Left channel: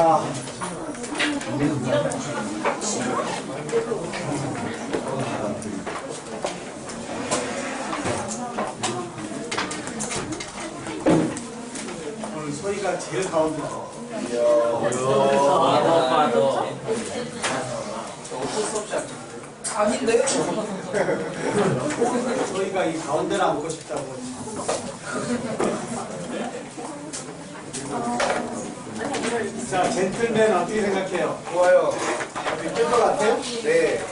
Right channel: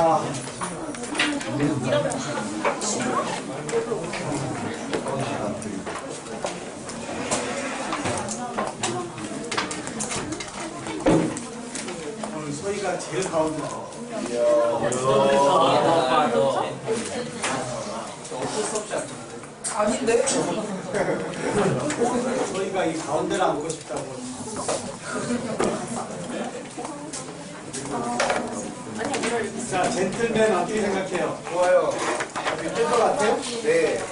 자, 오늘 소희가 제일 가운데. 아닌데? 소희가 이 가운데를 앉고 싶다고. 자, 젠틀맨 어떻게 생각해요? 좋아요. 될것 같아요? 네.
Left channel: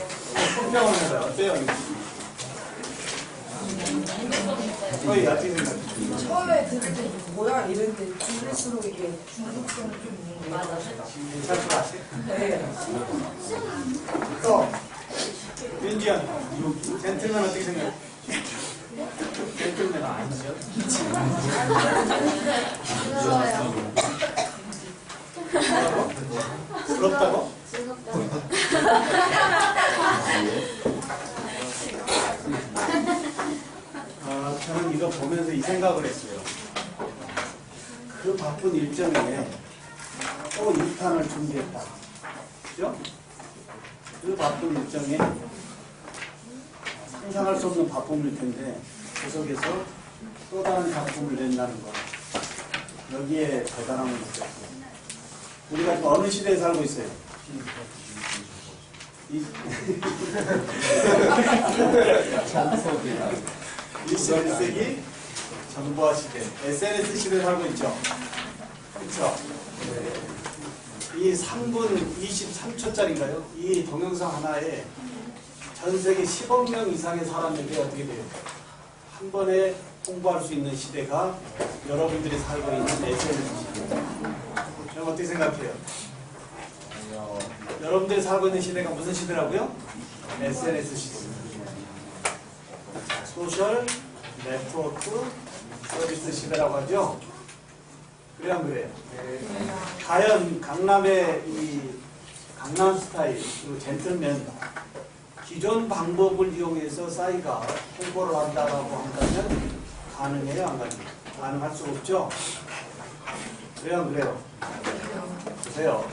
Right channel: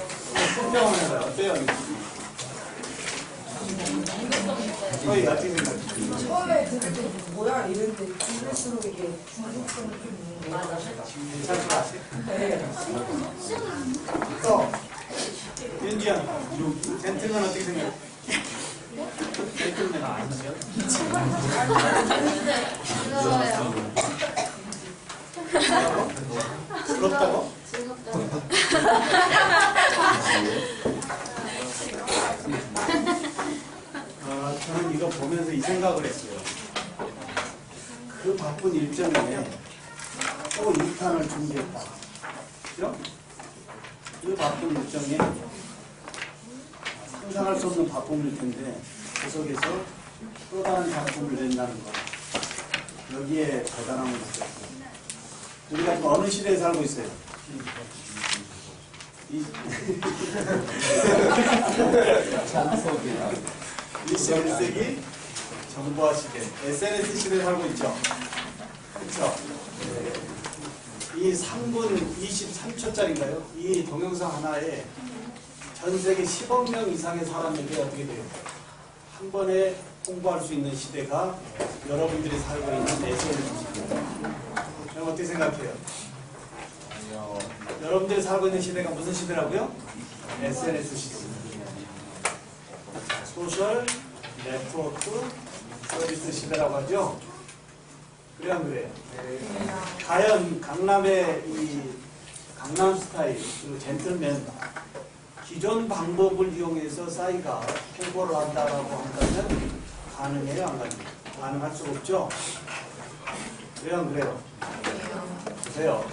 손평을 해봐요. 어때요? 소희 어떻게 생각해요? 처음에 들을 때 뭐야 이랬는데 들을수록 이게 중독성이 좀 있는 거 같아요. 괜찮을 것 같아요? 네. 또 윤지연 젠틀맨 어떻게 생각해? 젠틀맨 아니죠? 부럽다고? 저는 이거 보면서 이 생각을 했어요. 그 바쁜 일정에 또 2탄을 준비했다. 그죠? 그 바쁜 일정에 상상할 수 없는 바쁨일 텐데 그 속에서 또 다른 작품을 낸다는 거, 여기에 대단함을 느꼈어요. 우리가 지금 어느 시대에 살고 있어요? 21세기 정보화 시대, SNS 시대에 살고 있죠. 그렇죠? 이 3분 23초짜리인가요? 이 동영상 하나에 전 세계 10억 명 이상의 사람에게 어떻게 돼요? 한 번에 홍보할 수 있는 시대가 여러분들이 살고 있는 SNS 시대예요. 여러분 어떻게 생각해요? 여러분들이 살고 있는 시대가 무슨 시대라고요? SNS 시대. 소셜 네트워크 서비스 시대라고 하죠. 그래 안 그래요? 과연 강남의 이 강남 스타일 그리고 젠틀맨 기존 방법을 이용해서 싸이가 홍보를 한다고 한다면 가능해요? 안 가능해요? 가능할 수 없죠? 그래요 안 그래요? 보세요.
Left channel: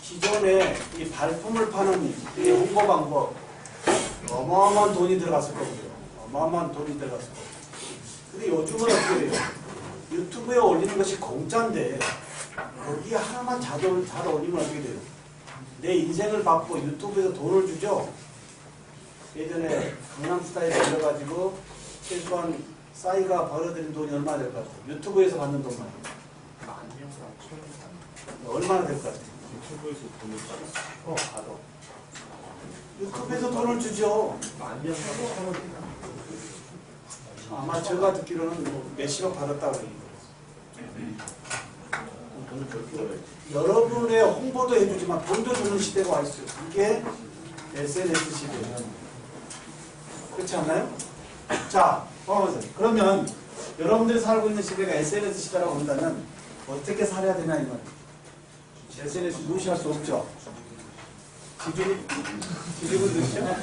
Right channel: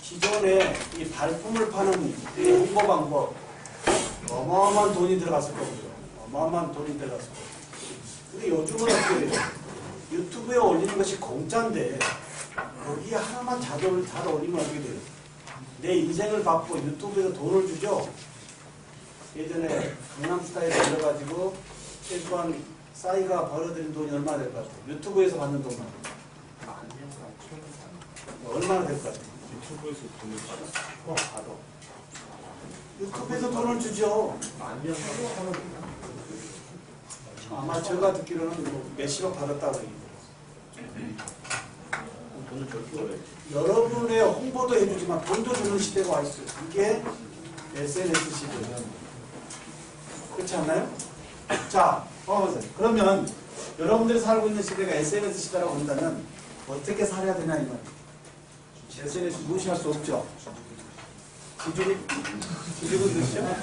기존에 이 발품을 파는 이 홍보 방법 어마어마한 돈이 들어갔을 거고요. 어마어마한 돈이 들어갔을 거고. 근데 요즘은 어떻게 돼요? 유튜브에 올리는 것이 공짜인데 거기 하나만 잘 올리면 어떻게 돼요? 내 인생을 받고 유튜브에서 돈을 주죠. 예전에 강남스타일에 올려가지고 최소한 싸이가 벌어들인 돈이 얼마나 될 것 같아요? 유튜브에서 받는 돈만 얼마나 될 것 같아요? 유튜브에서 돈을 받았어. 받아. 유튜브에서 돈을 주죠. 아마 제가 듣기로는 뭐 몇십억 받았다고 얘기해요. 돈을 덜 벌어야지. 여러분의 홍보도 해주지만 돈도 주는 시대가 와 있어요. 이게 SNS 시대예요. 그렇지 않나요? 자, 그러면 여러분들이 살고 있는 시대가 SNS 시대라고 한다면 어떻게 살아야 되나 이 말이에요. SNS 무시할 수 없죠. 지죽은 듯이요?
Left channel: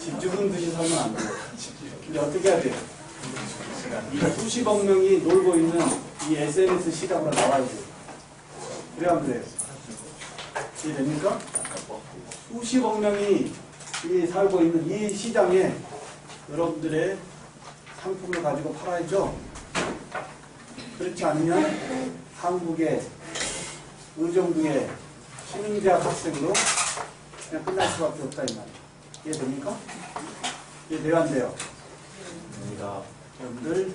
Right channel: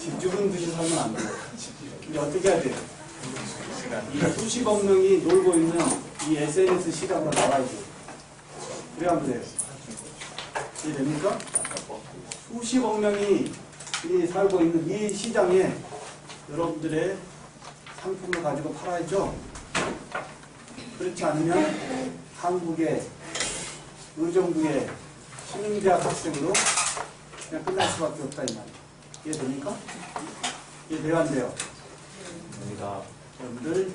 지죽은 듯이 살면 안 돼요. 근데 어떻게 해야 돼요? 이 수십억 명이 놀고 있는 이 SNS 시장으로 나와야 돼요. 그래야 안 그래요? 이해됩니까? 수십억 명이 살고 있는 이 시장에 여러분들의 상품을 가지고 팔아야죠. 그렇지 않으면 한국의 의정부의 시민대학 학생으로 그냥 끝날 수밖에 없다 이 말이에요. 이해됩니까? 이해돼요 안 돼요? 우리가 여러분들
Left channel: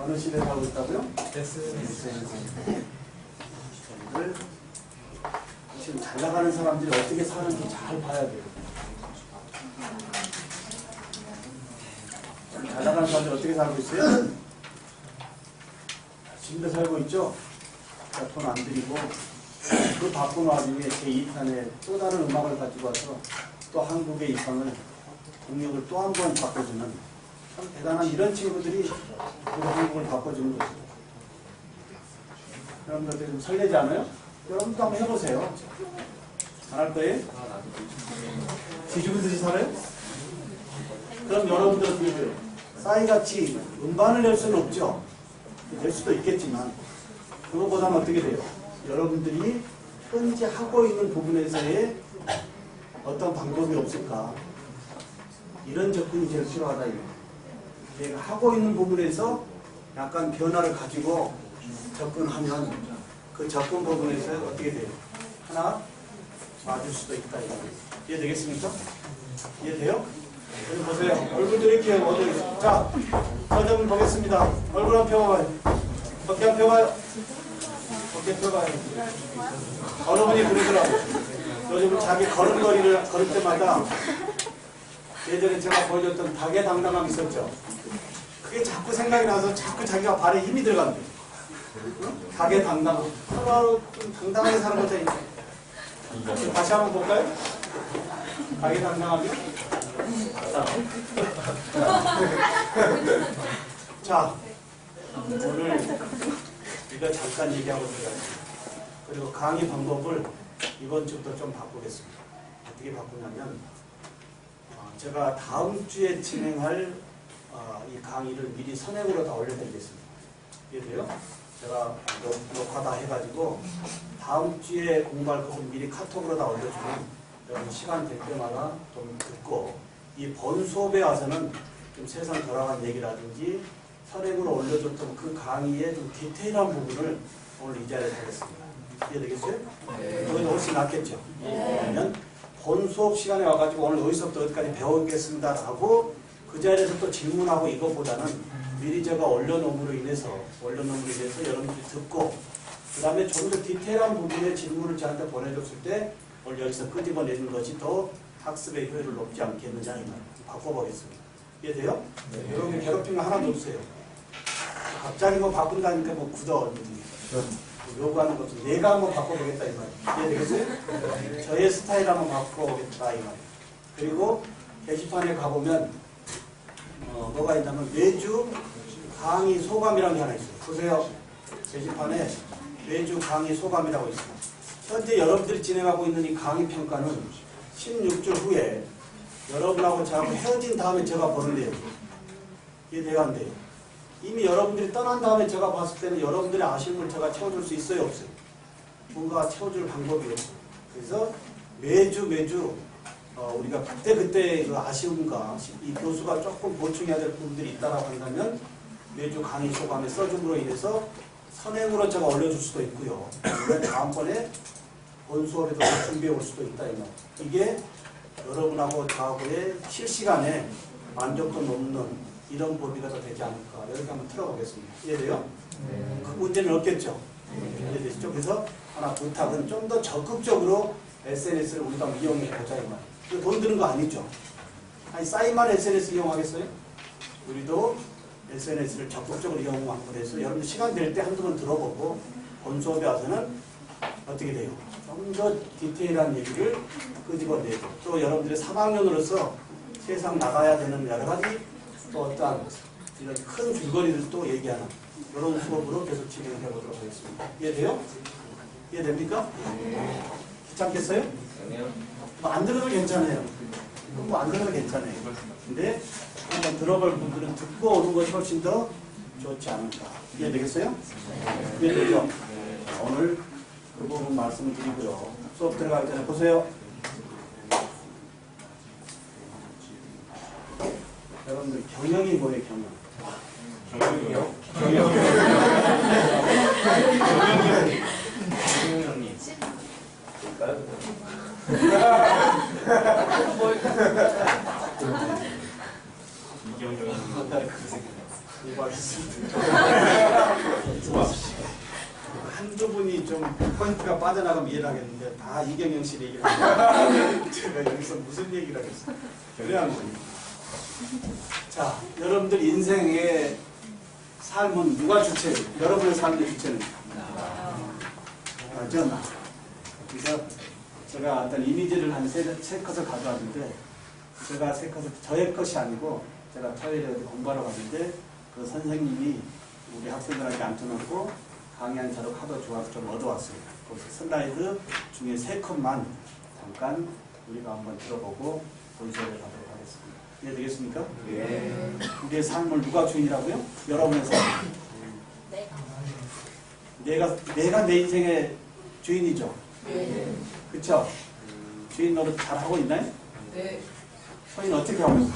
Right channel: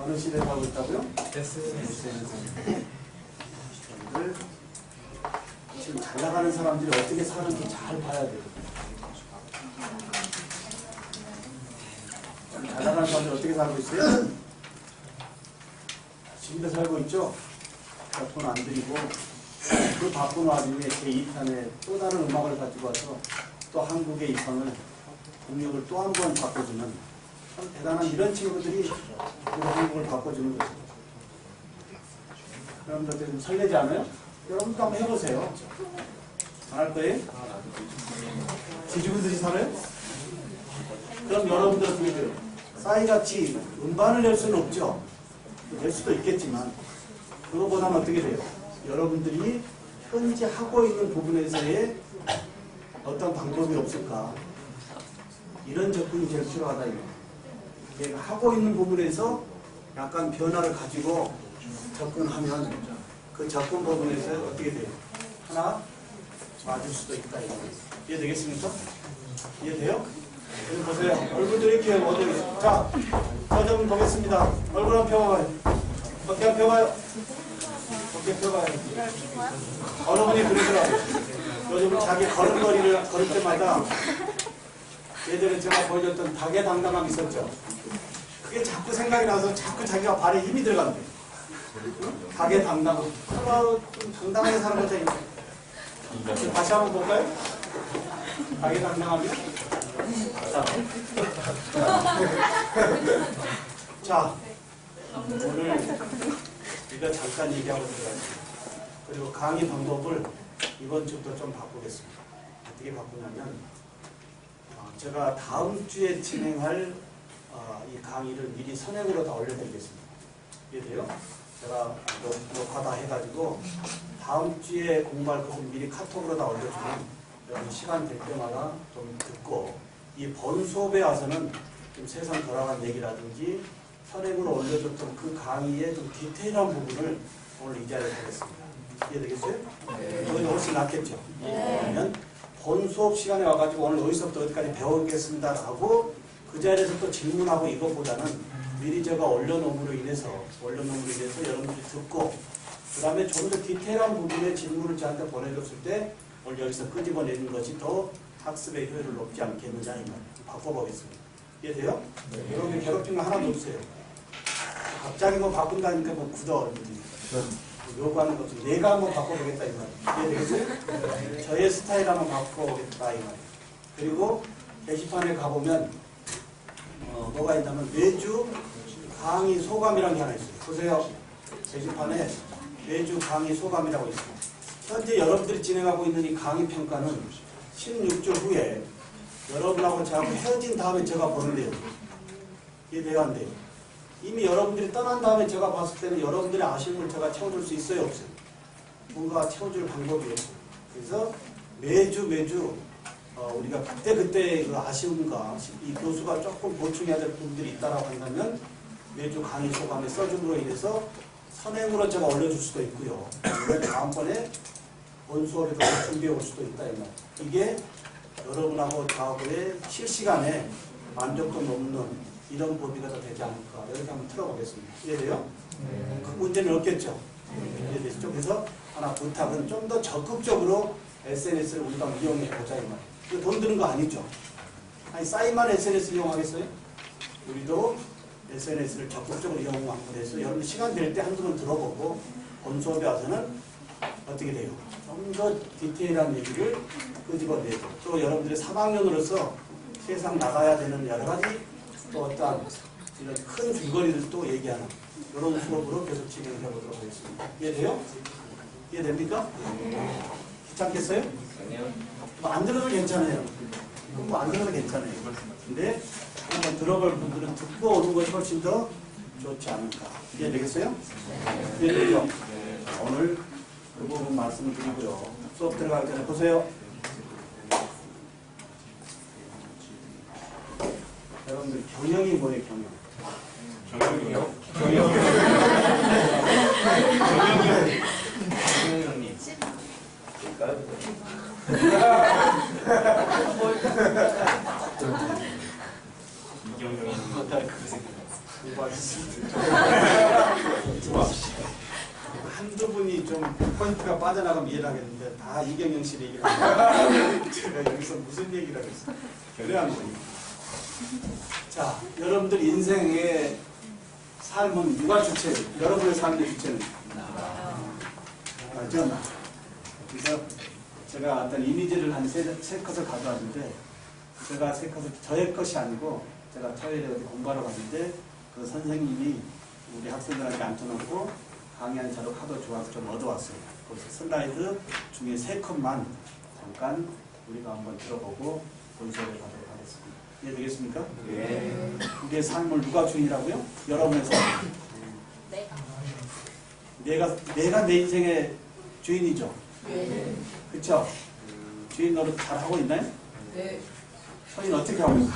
어느 시대에 살고 있다고요? SNS. 여러분들 지금 잘 나가는 사람들이 어떻게 사는지 잘 봐야 돼요. 잘 나가는 사람들 어떻게 살고 있어요? 지금도 살고 있죠? 돈 안 들이고 그 바쁜 와중에 제2탄에 또 다른 음악을 가지고 와서 또 한국의 이상을 국력을 또 한 번 바꿔주는 참 대단한 이런 친구들이 우리 한국을 바꿔주는 거죠. 여러분들 좀 설레지 않아요? 여러분도 한번 해보세요. 안 할 거예요? 뒤죽은 듯이 살아요? 그럼 여러분들 어떻게 돼요? 싸이같이 음반을 낼 수는 없죠. 낼 수도 있겠지만 그거보다는 어떻게 돼요? 여러분들이 현재 하고 있는 부분에서의 어떤 방법이 없을까? 이런 접근이 제일 필요하다. 이거. 내가 하고 있는 부분에서 약간 변화를 가지고 접근하면 그 접근 부분에서 어떻게 돼요? 하나 맞을 수도 있다. 이거. 이해되겠습니까? 이해돼요? 여기 보세요. 얼굴들 이렇게 어디 있어? 자, 저 좀 보겠습니다. 얼굴 한번 펴봐요. 어깨 한번 펴봐요. 어깨 펴봐요. 어느 분이 그러더라고요. 요즘 자기 걸음걸이를 걸을 때마다 예전에 제가 보여줬던 닭의 당당함이 있었죠. 그게 자꾸 생각이 나서 자꾸 자기가 발에 힘이 들어간대요. 응? 닭의 당당함. 좀 당당하게 사는 거죠. 다시 한번 볼까요? 닭의 당당함이요? 자, 오늘 우리가 잠깐 얘기하고 들어가겠습니다. 그리고 강의 방법을 이번 주부터 좀 바꾸겠습니다. 어떻게 바꾸냐면 제가 다음 주에 진행할 이 강의를 미리 선행으로 다 올려드리겠습니다. 이해돼요? 제가 녹화 다 해가지고 다음 주에 공부할 것을 미리 카톡으로 다 올려주면 여러분 시간 될 때마다 좀 듣고 이 본 수업에 와서는 좀 세상 돌아간 얘기라든지 선행으로 올려줬던 그 강의의 좀 디테일한 부분을 오늘 이 자리에서 하겠습니다. 이해되겠어요? 네. 그건 훨씬 낫겠죠? 그러면 본 수업 시간에 와가지고 오늘 어디서부터 어디까지 배우겠습니다 라고 그 자리에서 또 질문하고 이것보다는 미리 제가 올려놓음으로 인해서 여러분들이 듣고 그 다음에 좀 더 디테일한 부분의 질문을 저한테 보내줬을 때 오늘 여기서 끄집어내는 것이 더 학습의 효율을 높지 않겠느냐 이 말이에요. 바꿔보겠습니다. 이해돼요? 네. 여러분들 괴롭히는 거 하나도 없어요. 갑자기 뭐 바꾼다니까 뭐 굳어. 요구하는 것도 내가 한번 바꿔보겠다 이 말이에요. 이해되겠어요? 저의 스타일 한번 바꿔보겠다 이 말이에요. 그리고 게시판에 가보면 뭐가 있냐면 매주 강의 소감이라는 게 하나 있어요. 보세요. 게시판에 매주 강의 소감이라고 있어요. 현재 여러분들이 진행하고 있는 이 강의 평가는 16주 후에 여러분하고 저하고 헤어진 다음에 제가 보는데요. 이해돼야 안 돼요? 이미 여러분들이 떠난 다음에 제가 봤을 때는 여러분들의 아쉬움을 제가 채워줄 수 있어요, 없어요? 뭔가 채워줄 방법이 없어요. 그래서 매주 우리가 그때 그 아쉬움과 이 교수가 조금 보충해야 될 부분들이 있다라고 한다면 매주 강의 소감에 써줌으로 인해서 선행으로 제가 올려줄 수도 있고요. 다음번에 본 수업에도 준비해 올 수도 있다 이 말. 이게 여러분하고 저하고의 실시간에 만족도 높는 이런 법이가 더 되지 않을까. 이렇게 한번 틀어보겠습니다. 이해돼요? 네. 그 문제는 없겠죠? 이해되시죠? 그래서 하나 부탁은 좀 더 적극적으로 SNS를 우리가 이용해 보자 이 말이에요. 돈 드는 거 아니죠? 아니 싸이만 SNS 이용하겠어요? 우리도 SNS를 적극적으로 이용하고 해서 여러분 시간 될 때 한두 번 들어보고 본 수업에 와서는 어떻게 돼요? 좀 더 디테일한 얘기를 끄집어내고 또 여러분들의 3학년으로서 세상 나가야 되는 여러 가지 또 어떠한 이런 큰 줄거리들도 얘기하는 이런 수업으로 계속 진행을 해보도록 하겠습니다. 이해돼요? 이해됩니까? 귀찮겠어요? 뭐 안 들어도 괜찮아요. 뭐 안 들어도 괜찮아요. 근데 한번 들어볼 분들은 듣고 오는 것이 훨씬 더 좋지 않을까. 이해되겠어요? 이해되죠? 오늘 그 부분 말씀을 드리고요. 수업 들어가기 전에 보세요. 여러분들 경영이 뭐예요, 경영? 경영이요? 경영님. 한두 분이 좀 포인트가 빠져나가면 이해를 하겠는데 다 이경영 씨 얘기를 하고 제가 여기서 무슨 얘기를 하겠어요. 그래야 합니다. 자, 여러분들 인생의 삶은 누가 주체예요? 여러분의 삶의 주체는? 전. 그래서 제가 어떤 이미지를 한 세 컷을 가져왔는데 제가 세 컷을 저의 것이 아니고 제가 토요일에 어디 공부하러 갔는데 그 선생님이 우리 학생들한테 앉혀놓고 강의한 자료가 하도 좋아서 좀 얻어왔어요. 그래서 슬라이드 중에 3컷만 잠깐 우리가 한번 들어보고 본수업에 가도록 하겠습니다. 이해되겠습니까? 네. 우리의 삶을 누가 주인이라고요? 여러분의 삶. 내가 내 인생의 주인이죠. 네. 그쵸? 주인 노릇 잘 하고 있나요? 네. 서인 어떻게 하고 있어요?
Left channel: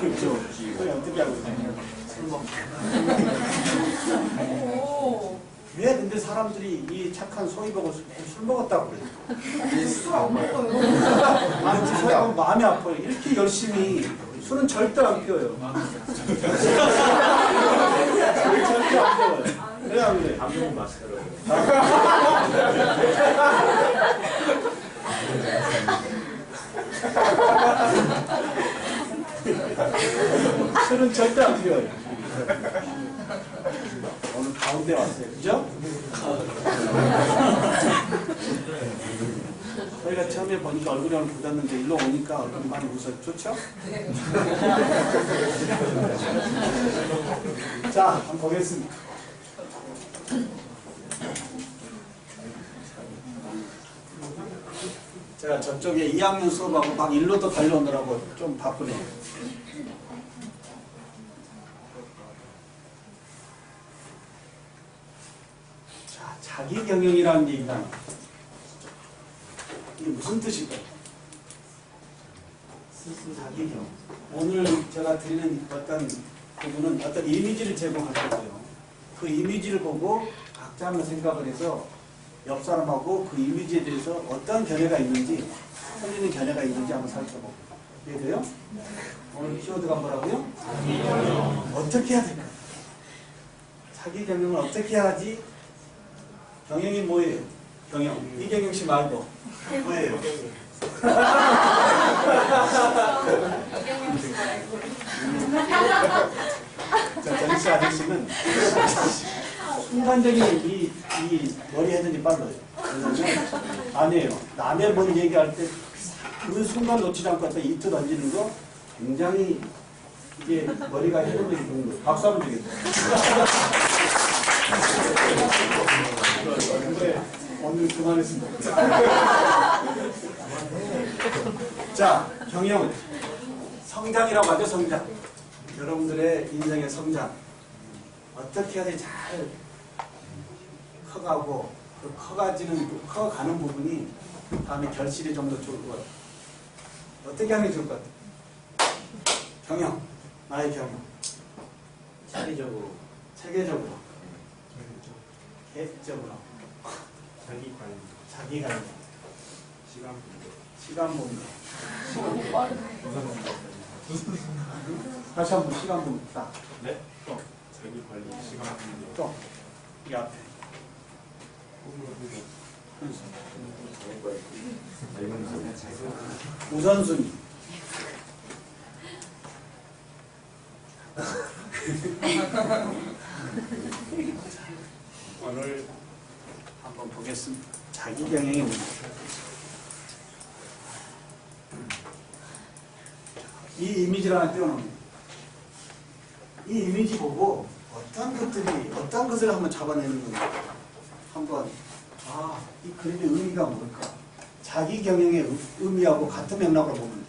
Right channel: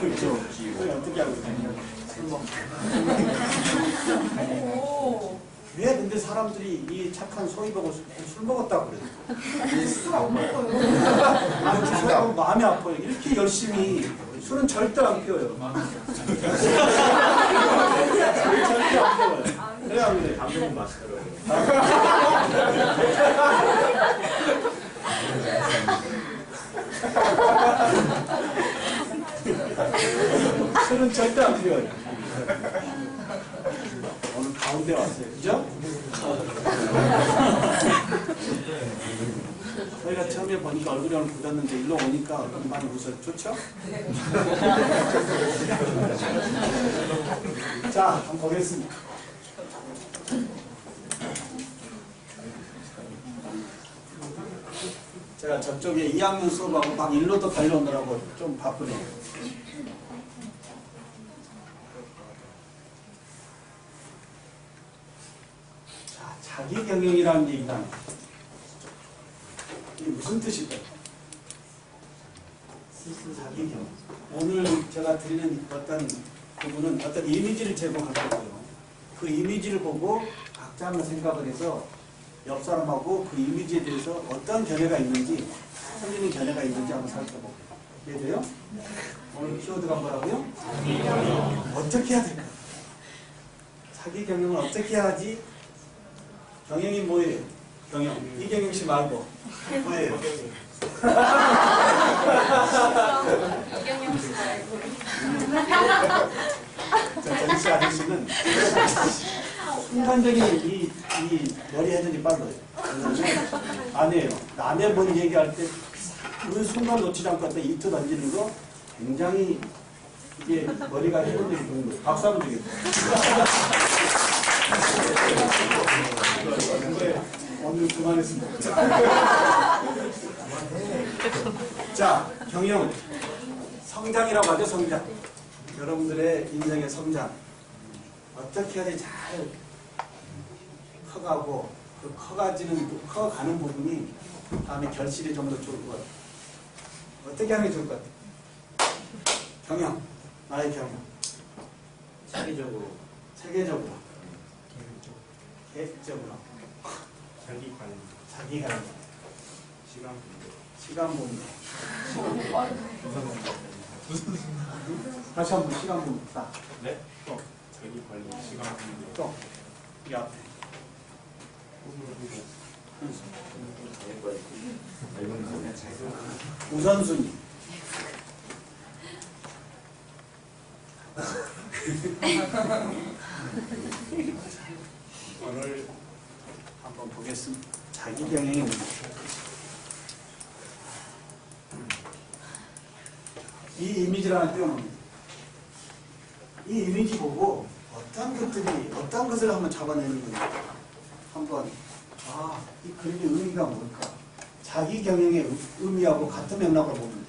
그렇죠. 서인 어떻게 하고 있나요? 술 먹고. 오. 왜 근데 사람들이 이 착한 소희 보고 술 먹었다고 그래요? 술안 먹어요. 아니, 그 소희 보면 마음이 아파요. 이렇게 열심히 술은 절대 안 피워요. 절대 안 피워요. 그래 안 그래? 방금 마스터로. 술은 절대 안 피워요. 오늘 가운데 왔어요. 그죠? 저희가 처음에 보니까 얼굴이 오늘 굳었는데 일로 오니까 얼굴이 많이 웃어요. 좋죠? 자, 한번 보겠습니다. 제가 저쪽에 2학년 수업하고 막 일로도 달려오느라고 좀 바쁘네요. 자, 자기경영이라는 얘기가 이게 무슨 뜻일까요? 자기경영. 오늘 제가 드리는 어떤 부분은 어떤 이미지를 제공할 거고요. 그 이미지를 보고 각자 한번 생각을 해서 옆 사람하고 그 이미지에 대해서 어떤 견해가 있는지, 틀리는 견해가 있는지 한번 살펴보고. 이해돼요? 오늘 키워드가 뭐라고요? 어떻게 해야 될까? 자기 경영을 어떻게 해야지? 경영이 뭐예요? 경영. 이경영 씨 말고 뭐예요? 이경영 씨 말고. 자, 정씨 아저씨는 순간적인 이 머리 헤드이 빨라요. 아니에요. 남의 머리 얘기할 때 그 순간 놓치지 않고 갖다 이트 던지는 거 굉장히 이게 머리가 헤드이 좋은 거예요. 박수 한번 주겠다. 그래, 오늘 그만했습니다. 자, 경영. 성장이라고 하죠, 성장. 여러분들의 인생의 성장. 어떻게 해야지 잘 커가고, 그 커가는 부분이 다음에 결실이 좀 더 좋을 것 같아요. 어떻게 하는 게 좋을 것 같아요? 경영. 나의 경영. 체계적으로. 체계적으로. 계획적으로. 자기 관리. 자기 관리. 시간 분배. 시간 분배. 다시 한번 시간 분배. 딱. 네? 또. 자기 관리. 시간 분배. 또. 이 앞에. 우선순위. 오늘 한번 보겠습니다. 자기 경영의 문제. 이 이미지를 띄워놓습니다. 이 이미지 보고 어떤 것을 한번 잡아내는 건지 한번 이 그림의 의미가 뭘까? 자기 경영의 의미하고 같은 맥락으로 보면 돼요.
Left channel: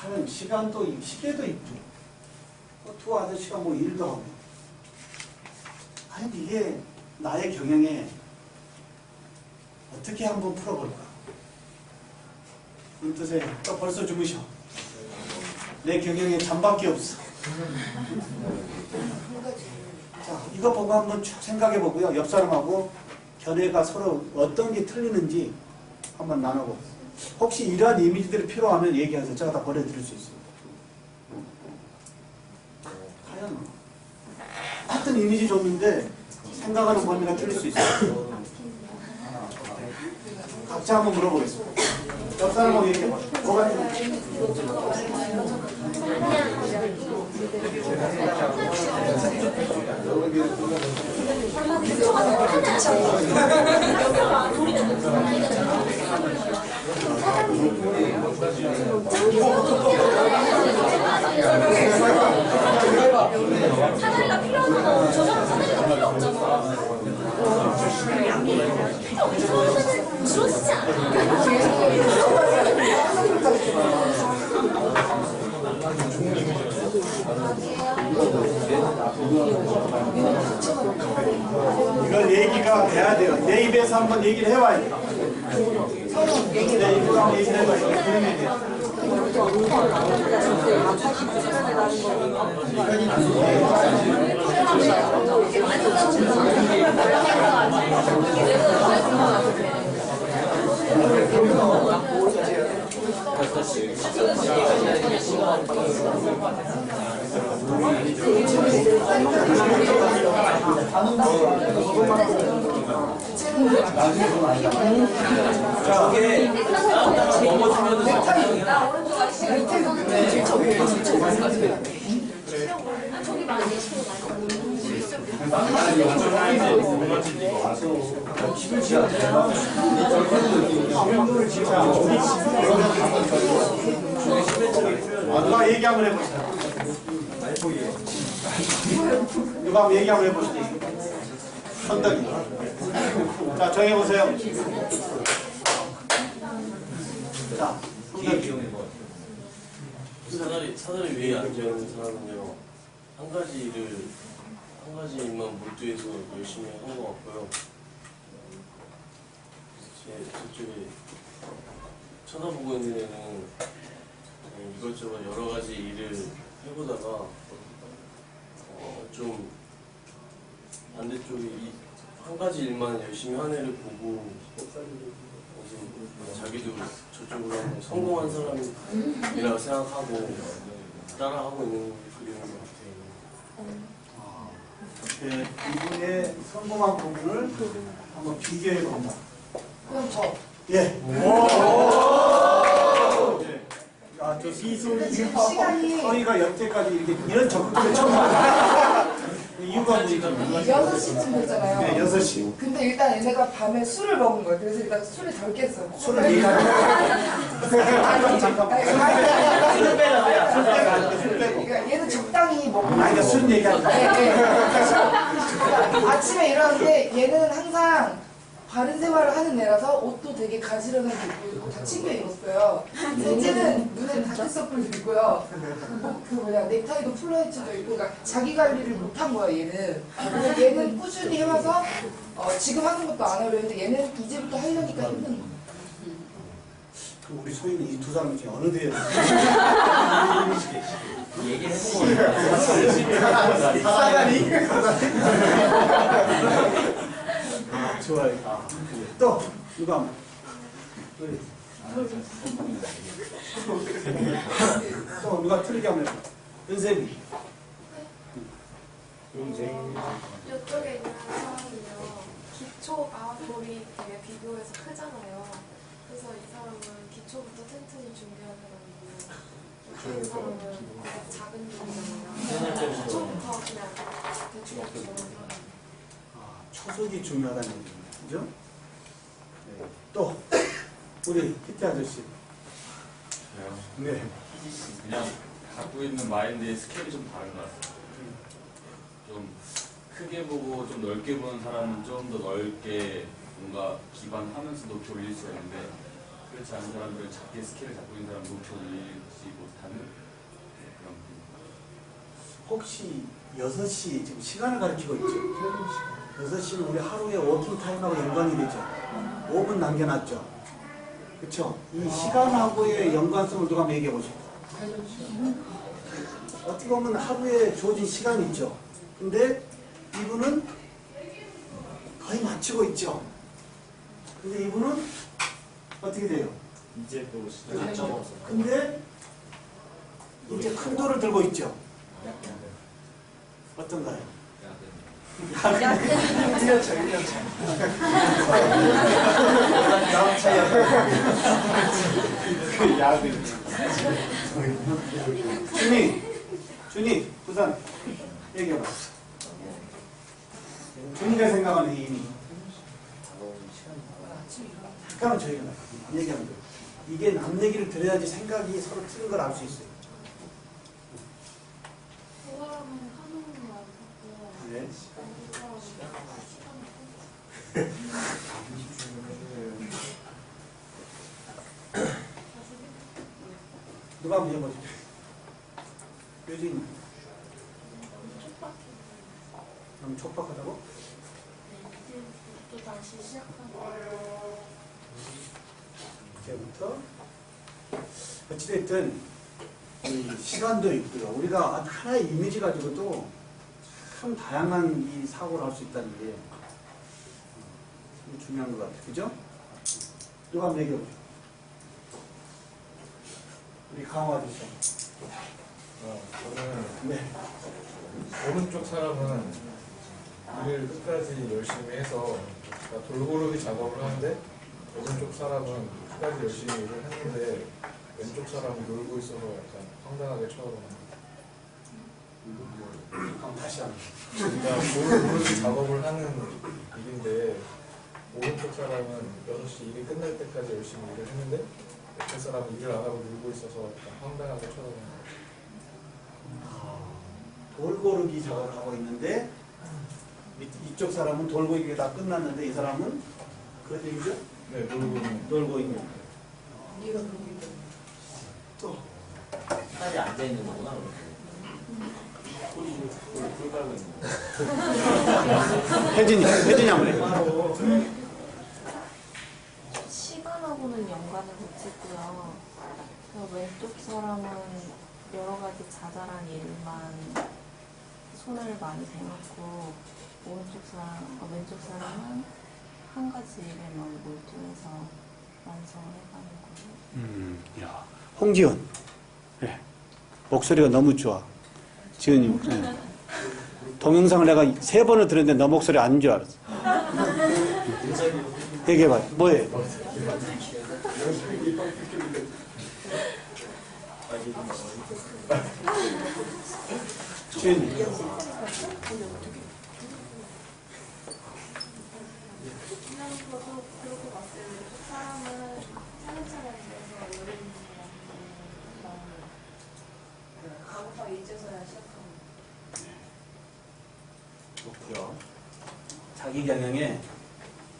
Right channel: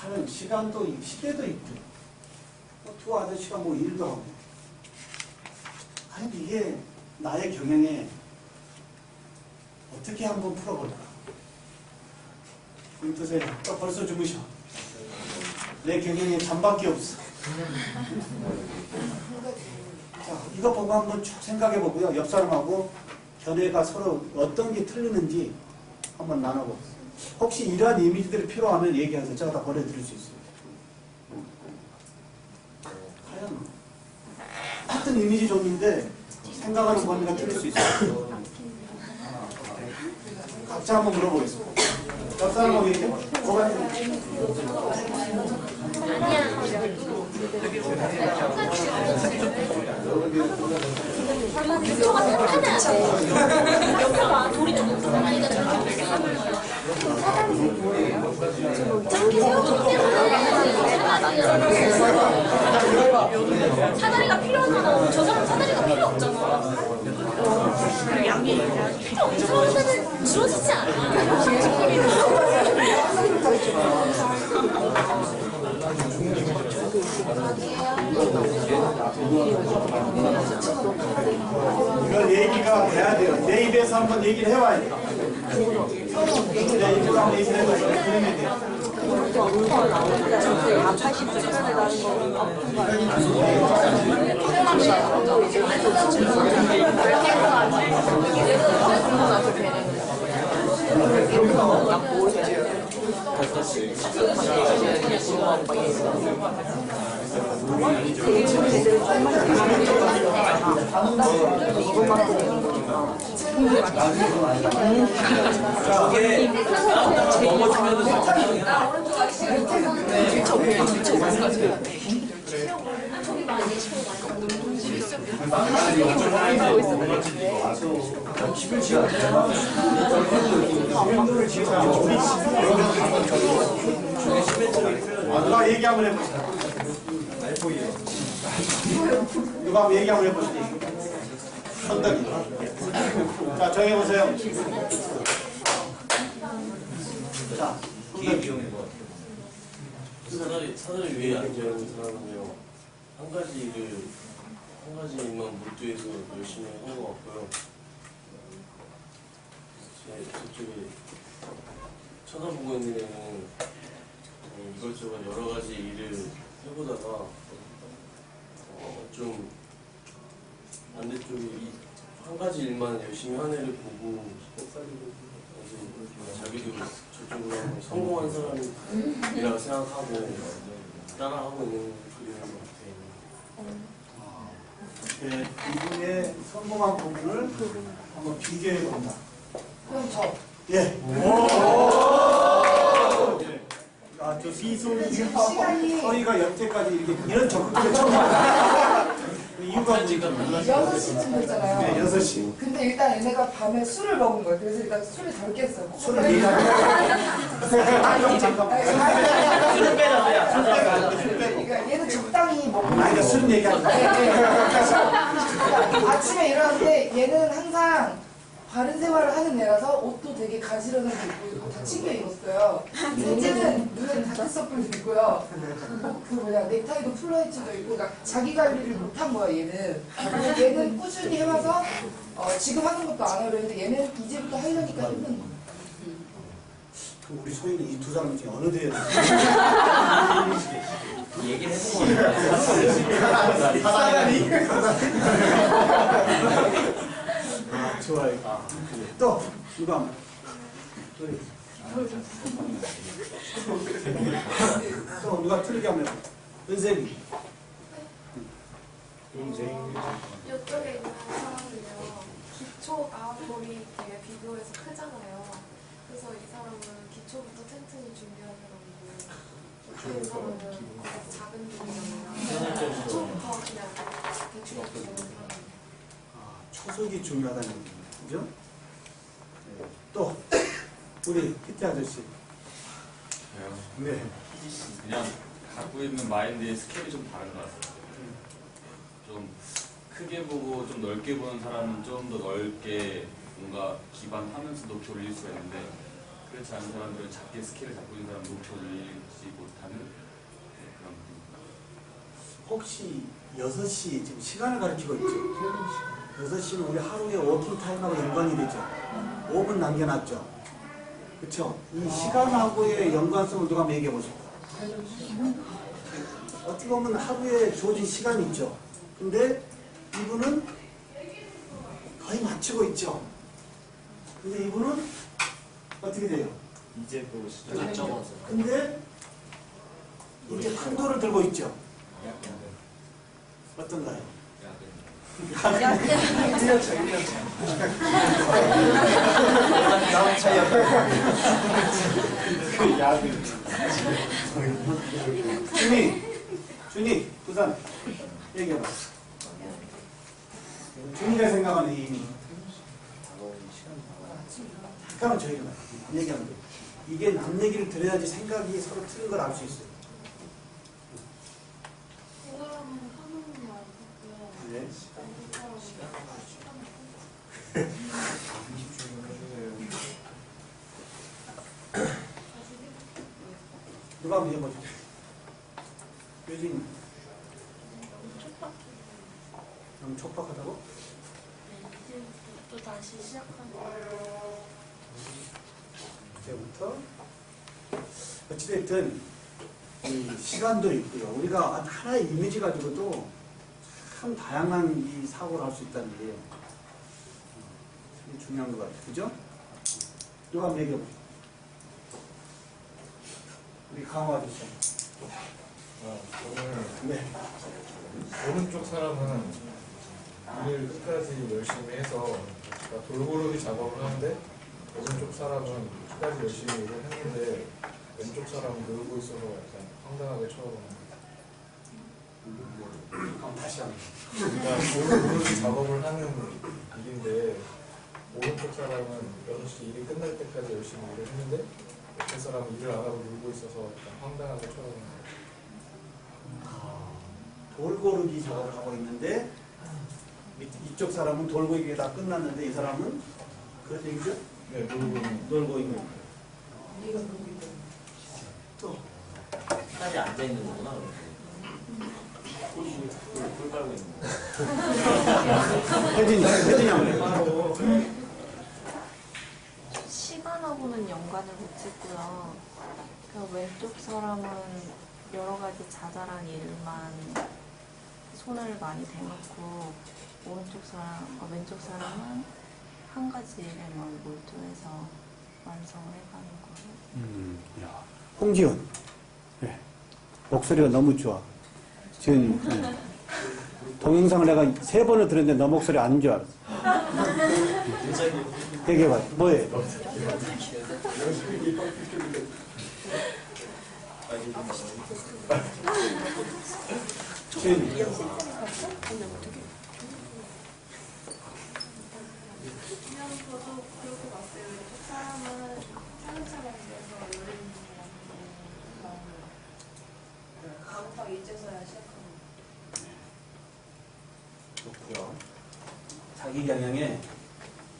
다른 시간도 시계도 있고 투어 아저씨가 뭐 일도 하고 아니 이게 나의 경영에 어떻게 한번 풀어볼까? 그 뜻에 또 벌써 주무셔. 내 경영에 잠밖에 없어. 자, 이거 보고 한번 쭉 생각해 보고요. 옆 사람하고 견해가 서로 어떤 게 틀리는지 한번 나눠보고. 혹시 이러한 이미지들이 필요하면 얘기하세요. 제가 다 보내드릴 수 있어요. 과연 같은 이미지 줬는데 생각하는 범위가 틀릴 수 있어요. 각자 한번 물어보겠습니다. 옆 사람하고 얘기해봐. 뭐가 틀린지. 사다리가 필요하잖아. 저 사람 사다리가 필요 없잖아. 양이 필요 없으면 주어지지 않아. 이걸 얘기가 돼야 돼요. 내 입에서 한번 얘기를 해봐야 돼요. 내 입으로 한번 얘기를 해봐야 돼요. 그러면 돼요. 누가 얘기 한번 해보시다. 누가 한번 얘기 한번 해보시다. 선덕이. 자, 정해보세요. 자, 사다리 위에 앉아있는 사람은요, 한 가지 일만 몰두해서 열심히 한 것 같고요. 저쪽에 쳐다보고 있는 애는 이것저것 여러 가지 일을 해보다가 좀 반대쪽에 한 가지 일만 열심히 한 애를 보고 이제 자기도 저쪽으로 한번 성공한 사람이라고 생각하고 따라하고 있는 그림인 것 같아요. 네, 이분의 성공한 부분을 한번 비교해 본다. 그럼 저. 예. 아, 저 서희가 여태까지 이렇게 이런 접근을 처음 봤어요. 이유가 뭐죠? 6시쯤 됐잖아요. 네, 6시. 근데 일단 얘네가 밤에 술을 먹은 거예요. 그래서 일단 술을 덜 깼어요. 술을 얘기하는 잠깐만. 술 빼라고요. 술 빼고. 그러니까 얘는 적당히 먹고. 아니, 술은 얘기하는 거야. 네. 그러니까 아침에 일어났는데 얘는 항상 바른 생활을 하는 애라서 옷도 되게 가지런하게 입고 있고 다 챙겨 입었어요. 셋째는 눈에는 다크서클도 있고요. 그 뭐냐 넥타이도 플라이츠도 있고 그러니까 자기 관리를 못한 거야 얘는. 그래서 얘는 꾸준히 해와서 지금 하는 것도 안 하려 했는데 얘는 이제부터 하려니까 힘든 거야. 그럼 우리 소희는 이 두 사람 중에 어느 대에 얘기를 해보고 사다리? 아, 좋아요. 또 누가 한번. 또 누가 틀리게 한번 해봐. 은쌤이. 이쪽에 있는 사람은요, 기초가 돌이 되게 비교해서 크잖아요. 그래서 이 사람은 기초부터 튼튼히 준비한 사람이고, 이 사람은 작은 돌이잖아요. 기초부터 그냥 대충 주는 사람. 아, 초석이 중요하다는 얘기네. 그죠? 네. 또 우리 PT 아저씨. 네. 그냥 갖고 있는 마인드의 스케일이 좀 다른 것 같아요. 좀 크게 보고 좀 넓게 보는 사람은 좀 더 넓게 뭔가 기반하면서 높이 올릴 수가 있는데 그렇지 않은 사람들은 작게 스케일을 잡고 있는 사람은 높이 올리지 못하는 그런 분입니다. 혹시 6시 지금 시간을 가리키고 있죠? 6시는 우리 하루의 워킹 타임하고 연관이 되죠? 5분 남겨놨죠? 그쵸? 이 시간하고의 연관성을 누가 한번 얘기해 보세요. 어떻게 보면 하루에 주어진 시간이 있죠? 근데 이분은 거의 맞추고 있죠? 근데 이분은 어떻게 돼요? 이제 또 시작. 근데 이제 큰 돌을 들고 있죠? 어떤가요? 준이, 부산 얘기해봐. 준이가 생각하는 의미. 잠깐만 저희가 얘기하면 돼. 이게 남 얘기를 들어야지 생각이 서로 틀린 걸 알 수 있어요. 이 사람은 하는 말고, 네. 누가 한번 해보죠. 요즘 너무 촉박하다고? 네, 또 다시 시작하는 거예요. 이제부터 어찌됐든 이 시간도 있고요. 우리가 하나의 이미지 가지고도 참 다양한 이 사고를 할 수 있다는 게 이게 중요한 것 같아요. 그죠? 누가 한번 얘기해 보죠. 우리 강화 주세요. 저는 네. 오른쪽 사람은 일을 끝까지 열심히 해서 그러니까 돌고르기 작업을 하는데 오른쪽 사람은 끝까지 열심히 일을 했는데 왼쪽 사람은 놀고 있어서 약간 황당하게 쳐다보는 그럼 다시 한번. 그러니까 돌고르기 작업을 하는 일인데 오른쪽 사람은 6시 일이 끝날 때까지 열심히 일을 했는데 옆에 사람은 일을 안 하고 놀고 있어서 약간 황당하게 쳐다보는 거예요. 돌고르기 작업을 하고 있는데 이쪽 사람은 돌고르기가 다 끝났는데 이 사람은 그 얘기죠? 네, 놀고 있는 거예요. 얘가 그러고 있다. 또 자리에 앉아있는 거구나. 꿀 빨고 있는 거. 혜진이 한번 해. 시간하고는 연관을 못 짓고요. 그 왼쪽 사람은 여러 가지 자잘한 일만 손을 많이 대놓고 왼쪽 사람은 한 가지 일에만 몰두해서 완성을 해가는 거예요. 야, 홍지연. 네. 목소리가 너무 좋아. 지은님. 네. 동영상을 내가 3번을 들었는데 너 목소리 아닌 줄 알았어. 얘기해봐. 뭐예요? 지은님. 그냥 저도 그렇게 봤어요. 그 사람은 차근차근 돼서 요리 가구가 이제서야 시작하는 좋고요. 자기 경영에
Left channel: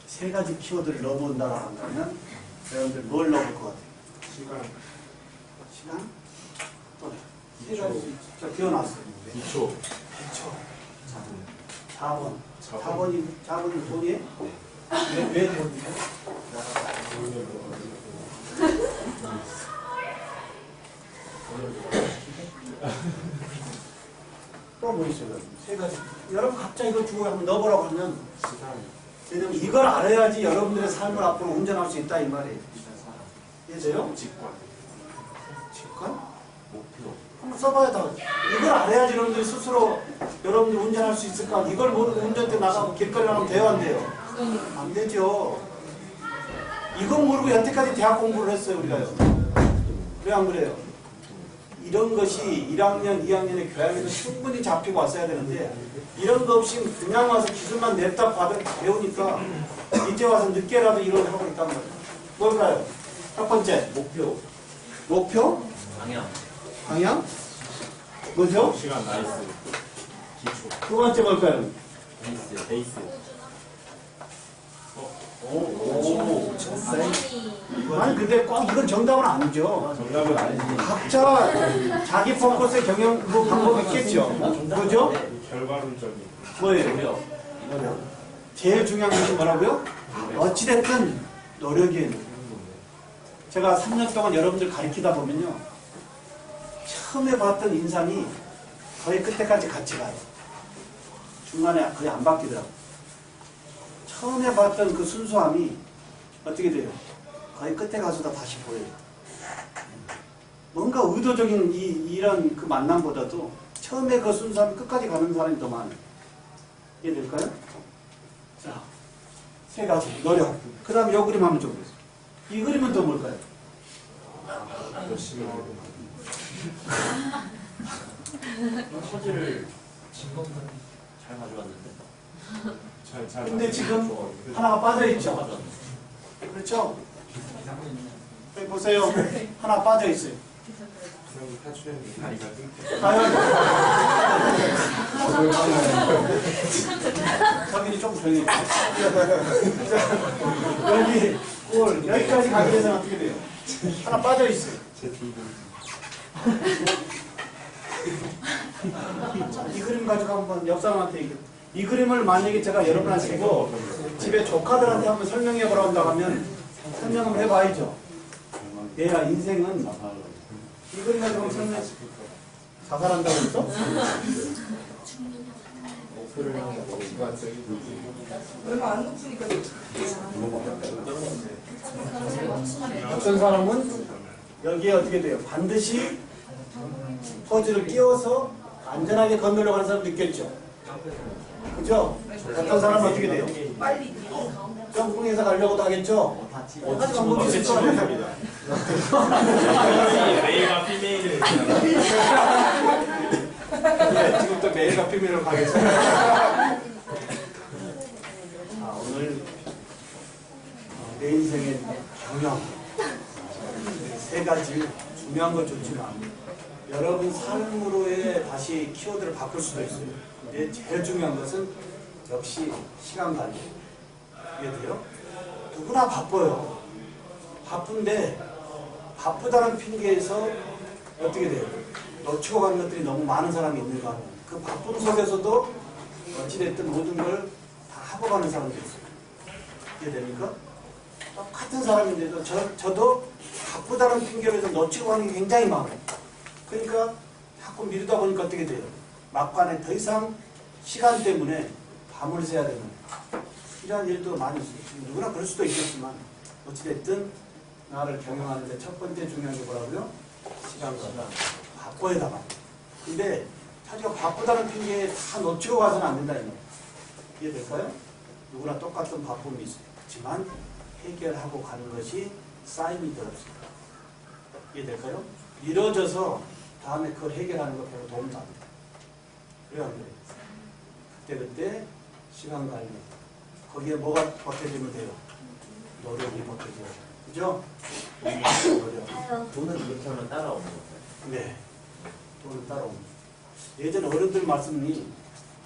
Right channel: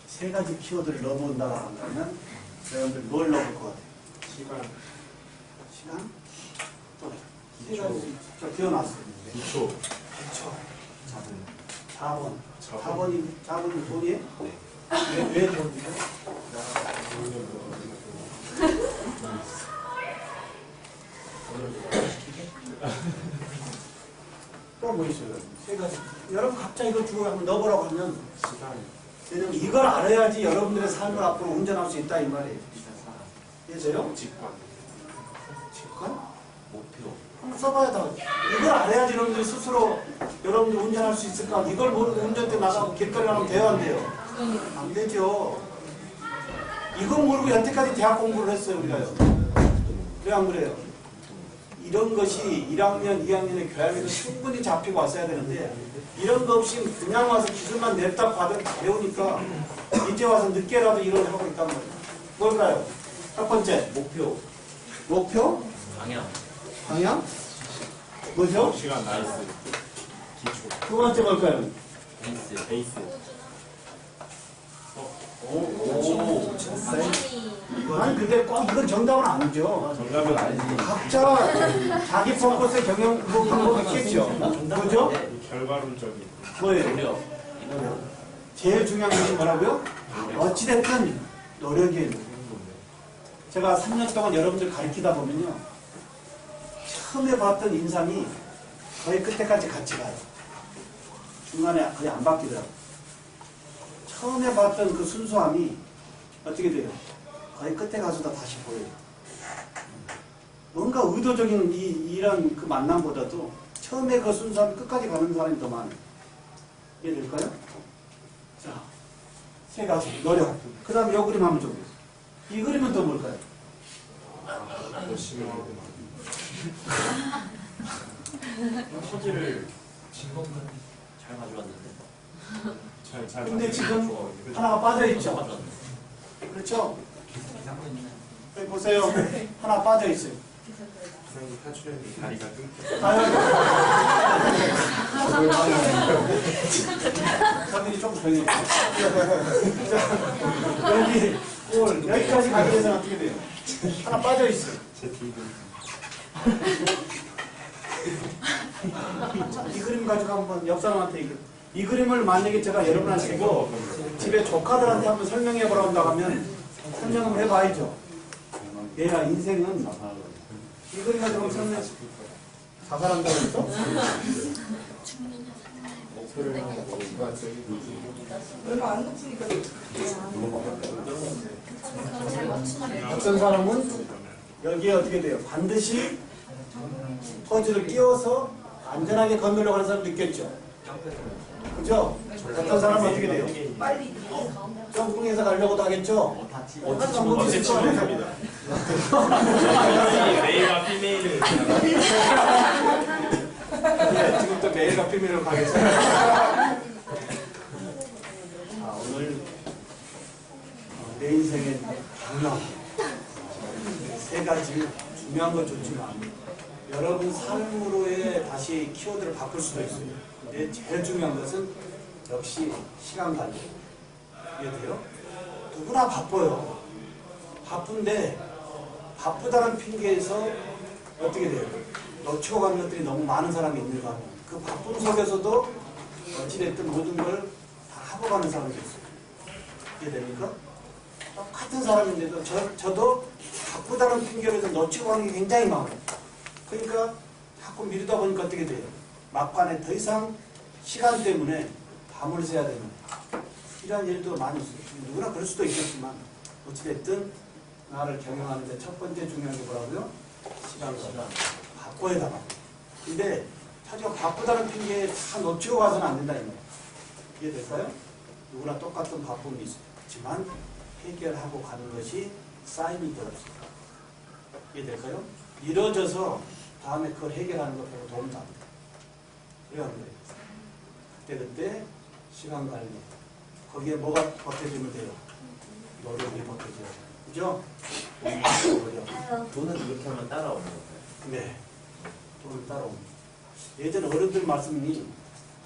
3가지 키워드를 넣어본다고 한다면 여러분들 뭘 넣을 것 같아요? 시간? 또 3가지. 저 기어놨어요. 2초. 2초. 4번. 4번이 돈이에요? 네. 왜 돈이에요? 또 뭐 있어요? 3가지. 여러분 각자 이걸 주고 한번 넣어보라고 하면 왜냐면 이걸 알아야지 여러분들의 삶을 앞으로 운전할 수 있다 이 말이에요. 이해돼요? 직관? 목표. 한번 써봐야 다. 이걸 알아야지 여러분들이 스스로 여러분들 운전할 수 있을까? 이걸 모르고 운전대 나가고 길거리 나가면 돼요, 안 돼요? 안 되죠. 이건 모르고 여태까지 대학 공부를 했어요, 우리가요. 그래, 안 그래요? 이런 것이 1학년, 2학년의 교양에도 충분히 잡히고 왔어야 되는데 이런 거 없이 그냥 와서 기술만 냅다 배우니까 이제 와서 늦게라도 이런 하고 있단 말이에요. 뭘까요? 첫 번째, 목표? 방향? 뭐죠? 시간 나이스. 기초. 두 번째 뭘까요? 베이스. 오, 아니 근데 꼭 이건 정답은 아니죠. 정답은 아니지. 각자 자기 펑크스의 경영 뭐 방법이 있겠죠. 그죠? 결과론적인. 뭐예요? 제일 중요한 것이 뭐라고요? 어찌됐든 노력이에요. 제가 3년 동안 여러분들 가르치다 보면요. 처음에 봤던 인상이 거의 끝에까지 같이 가요. 중간에 거의 안 바뀌더라고요. 처음에 봤던 그 순수함이 어떻게 돼요? 거의 끝에 가서도 다시 보여요. 뭔가 의도적인 이런 그 만남보다도 처음에 그 순수함이 끝까지 가는 사람이 더 많아요. 이해될까요? 자, 3가지. 노력. 그 다음에 이 그림 한번 좀 보세요. 이 그림은 또 뭘까요? 열심히 하고 소지를 잘 가져왔는데. 잘. 근데 지금 하나가 빠져있죠? 그렇죠? 여기 보세요. 하나 빠져있어요. 그런 탈출했는데 다리가 끊겨. 서민이 좀 조용히 해. 여기까지 가기 위해서는 어떻게 돼요? 하나 빠져있어요. 제 뒤도. 이 그림 가지고 한번 옆 사람한테 얘기해. 이 그림을 만약에 제가 여러분한테 주고 집에 조카들한테 한번 설명해 보라고 한다고 하면 설명을 해봐야죠. 얘가 인생은 이 그림 가지고 설명 자살한다고 했어? 얼마 안 높으니까 어떤 사람은 여기에 어떻게 돼요? 반드시 퍼즐을 끼워서 안전하게 건너려고 하는 사람도 있겠죠. 그죠? 어떤 사람은 어떻게 돼요? 빨리 점프해서 가려고도 하겠죠. 하지만 못 있을 거 아니에요. 메일과 피메일을 네, 지금부터 메일과 비밀로 가겠습니다. 오늘 내 인생의 경영 세 가지 중요한 건 좋지만 여러분 삶으로의 다시 키워드를 바꿀 수도 있어요. 근데 제일 중요한 것은 역시 시간 관리. 이해돼요? 누구나 바빠요. 바쁜데 바쁘다는 핑계에서 어떻게 돼요? 놓치고 가는 것들이 너무 많은 사람이 있는가 하면 그 바쁜 속에서도 어찌됐든 모든 걸 다 하고 가는 사람도 있어요. 이해됩니까? 똑같은 사람인데도 저도 바쁘다는 핑계로 해서 놓치고 가는 게 굉장히 많아요. 그러니까 자꾸 미루다 보니까 어떻게 돼요? 막판에 더 이상 시간 때문에 밤을 새야 되는 이러한 일도 많이 있어요. 누구나 그럴 수도 있겠지만 어찌됐든 나를 경영하는데 첫 번째 중요한 게 뭐라고요? 시간 관리. 바꿔야 다 바꿔. 근데 자기가 바쁘다는 핑계에 다 놓치고 가서는 안 된다 이 말이에요. 이해될까요? 누구나 똑같은 바쁨이 있어요. 그렇지만 해결하고 가는 것이 쌓임이 되었습니다. 이해될까요? 이뤄져서 다음에 그걸 해결하는 거 별로 도움도 안 돼요. 그래요, 안 그래요? 그때 시간 관리. 거기에 뭐가 보태지면 돼요? 노력이 보태져요. 그죠? 노력. 돈은 이렇게 하면 따라오는 거예요. 네. 돈을 따라옵니다. 예전 어른들 말씀이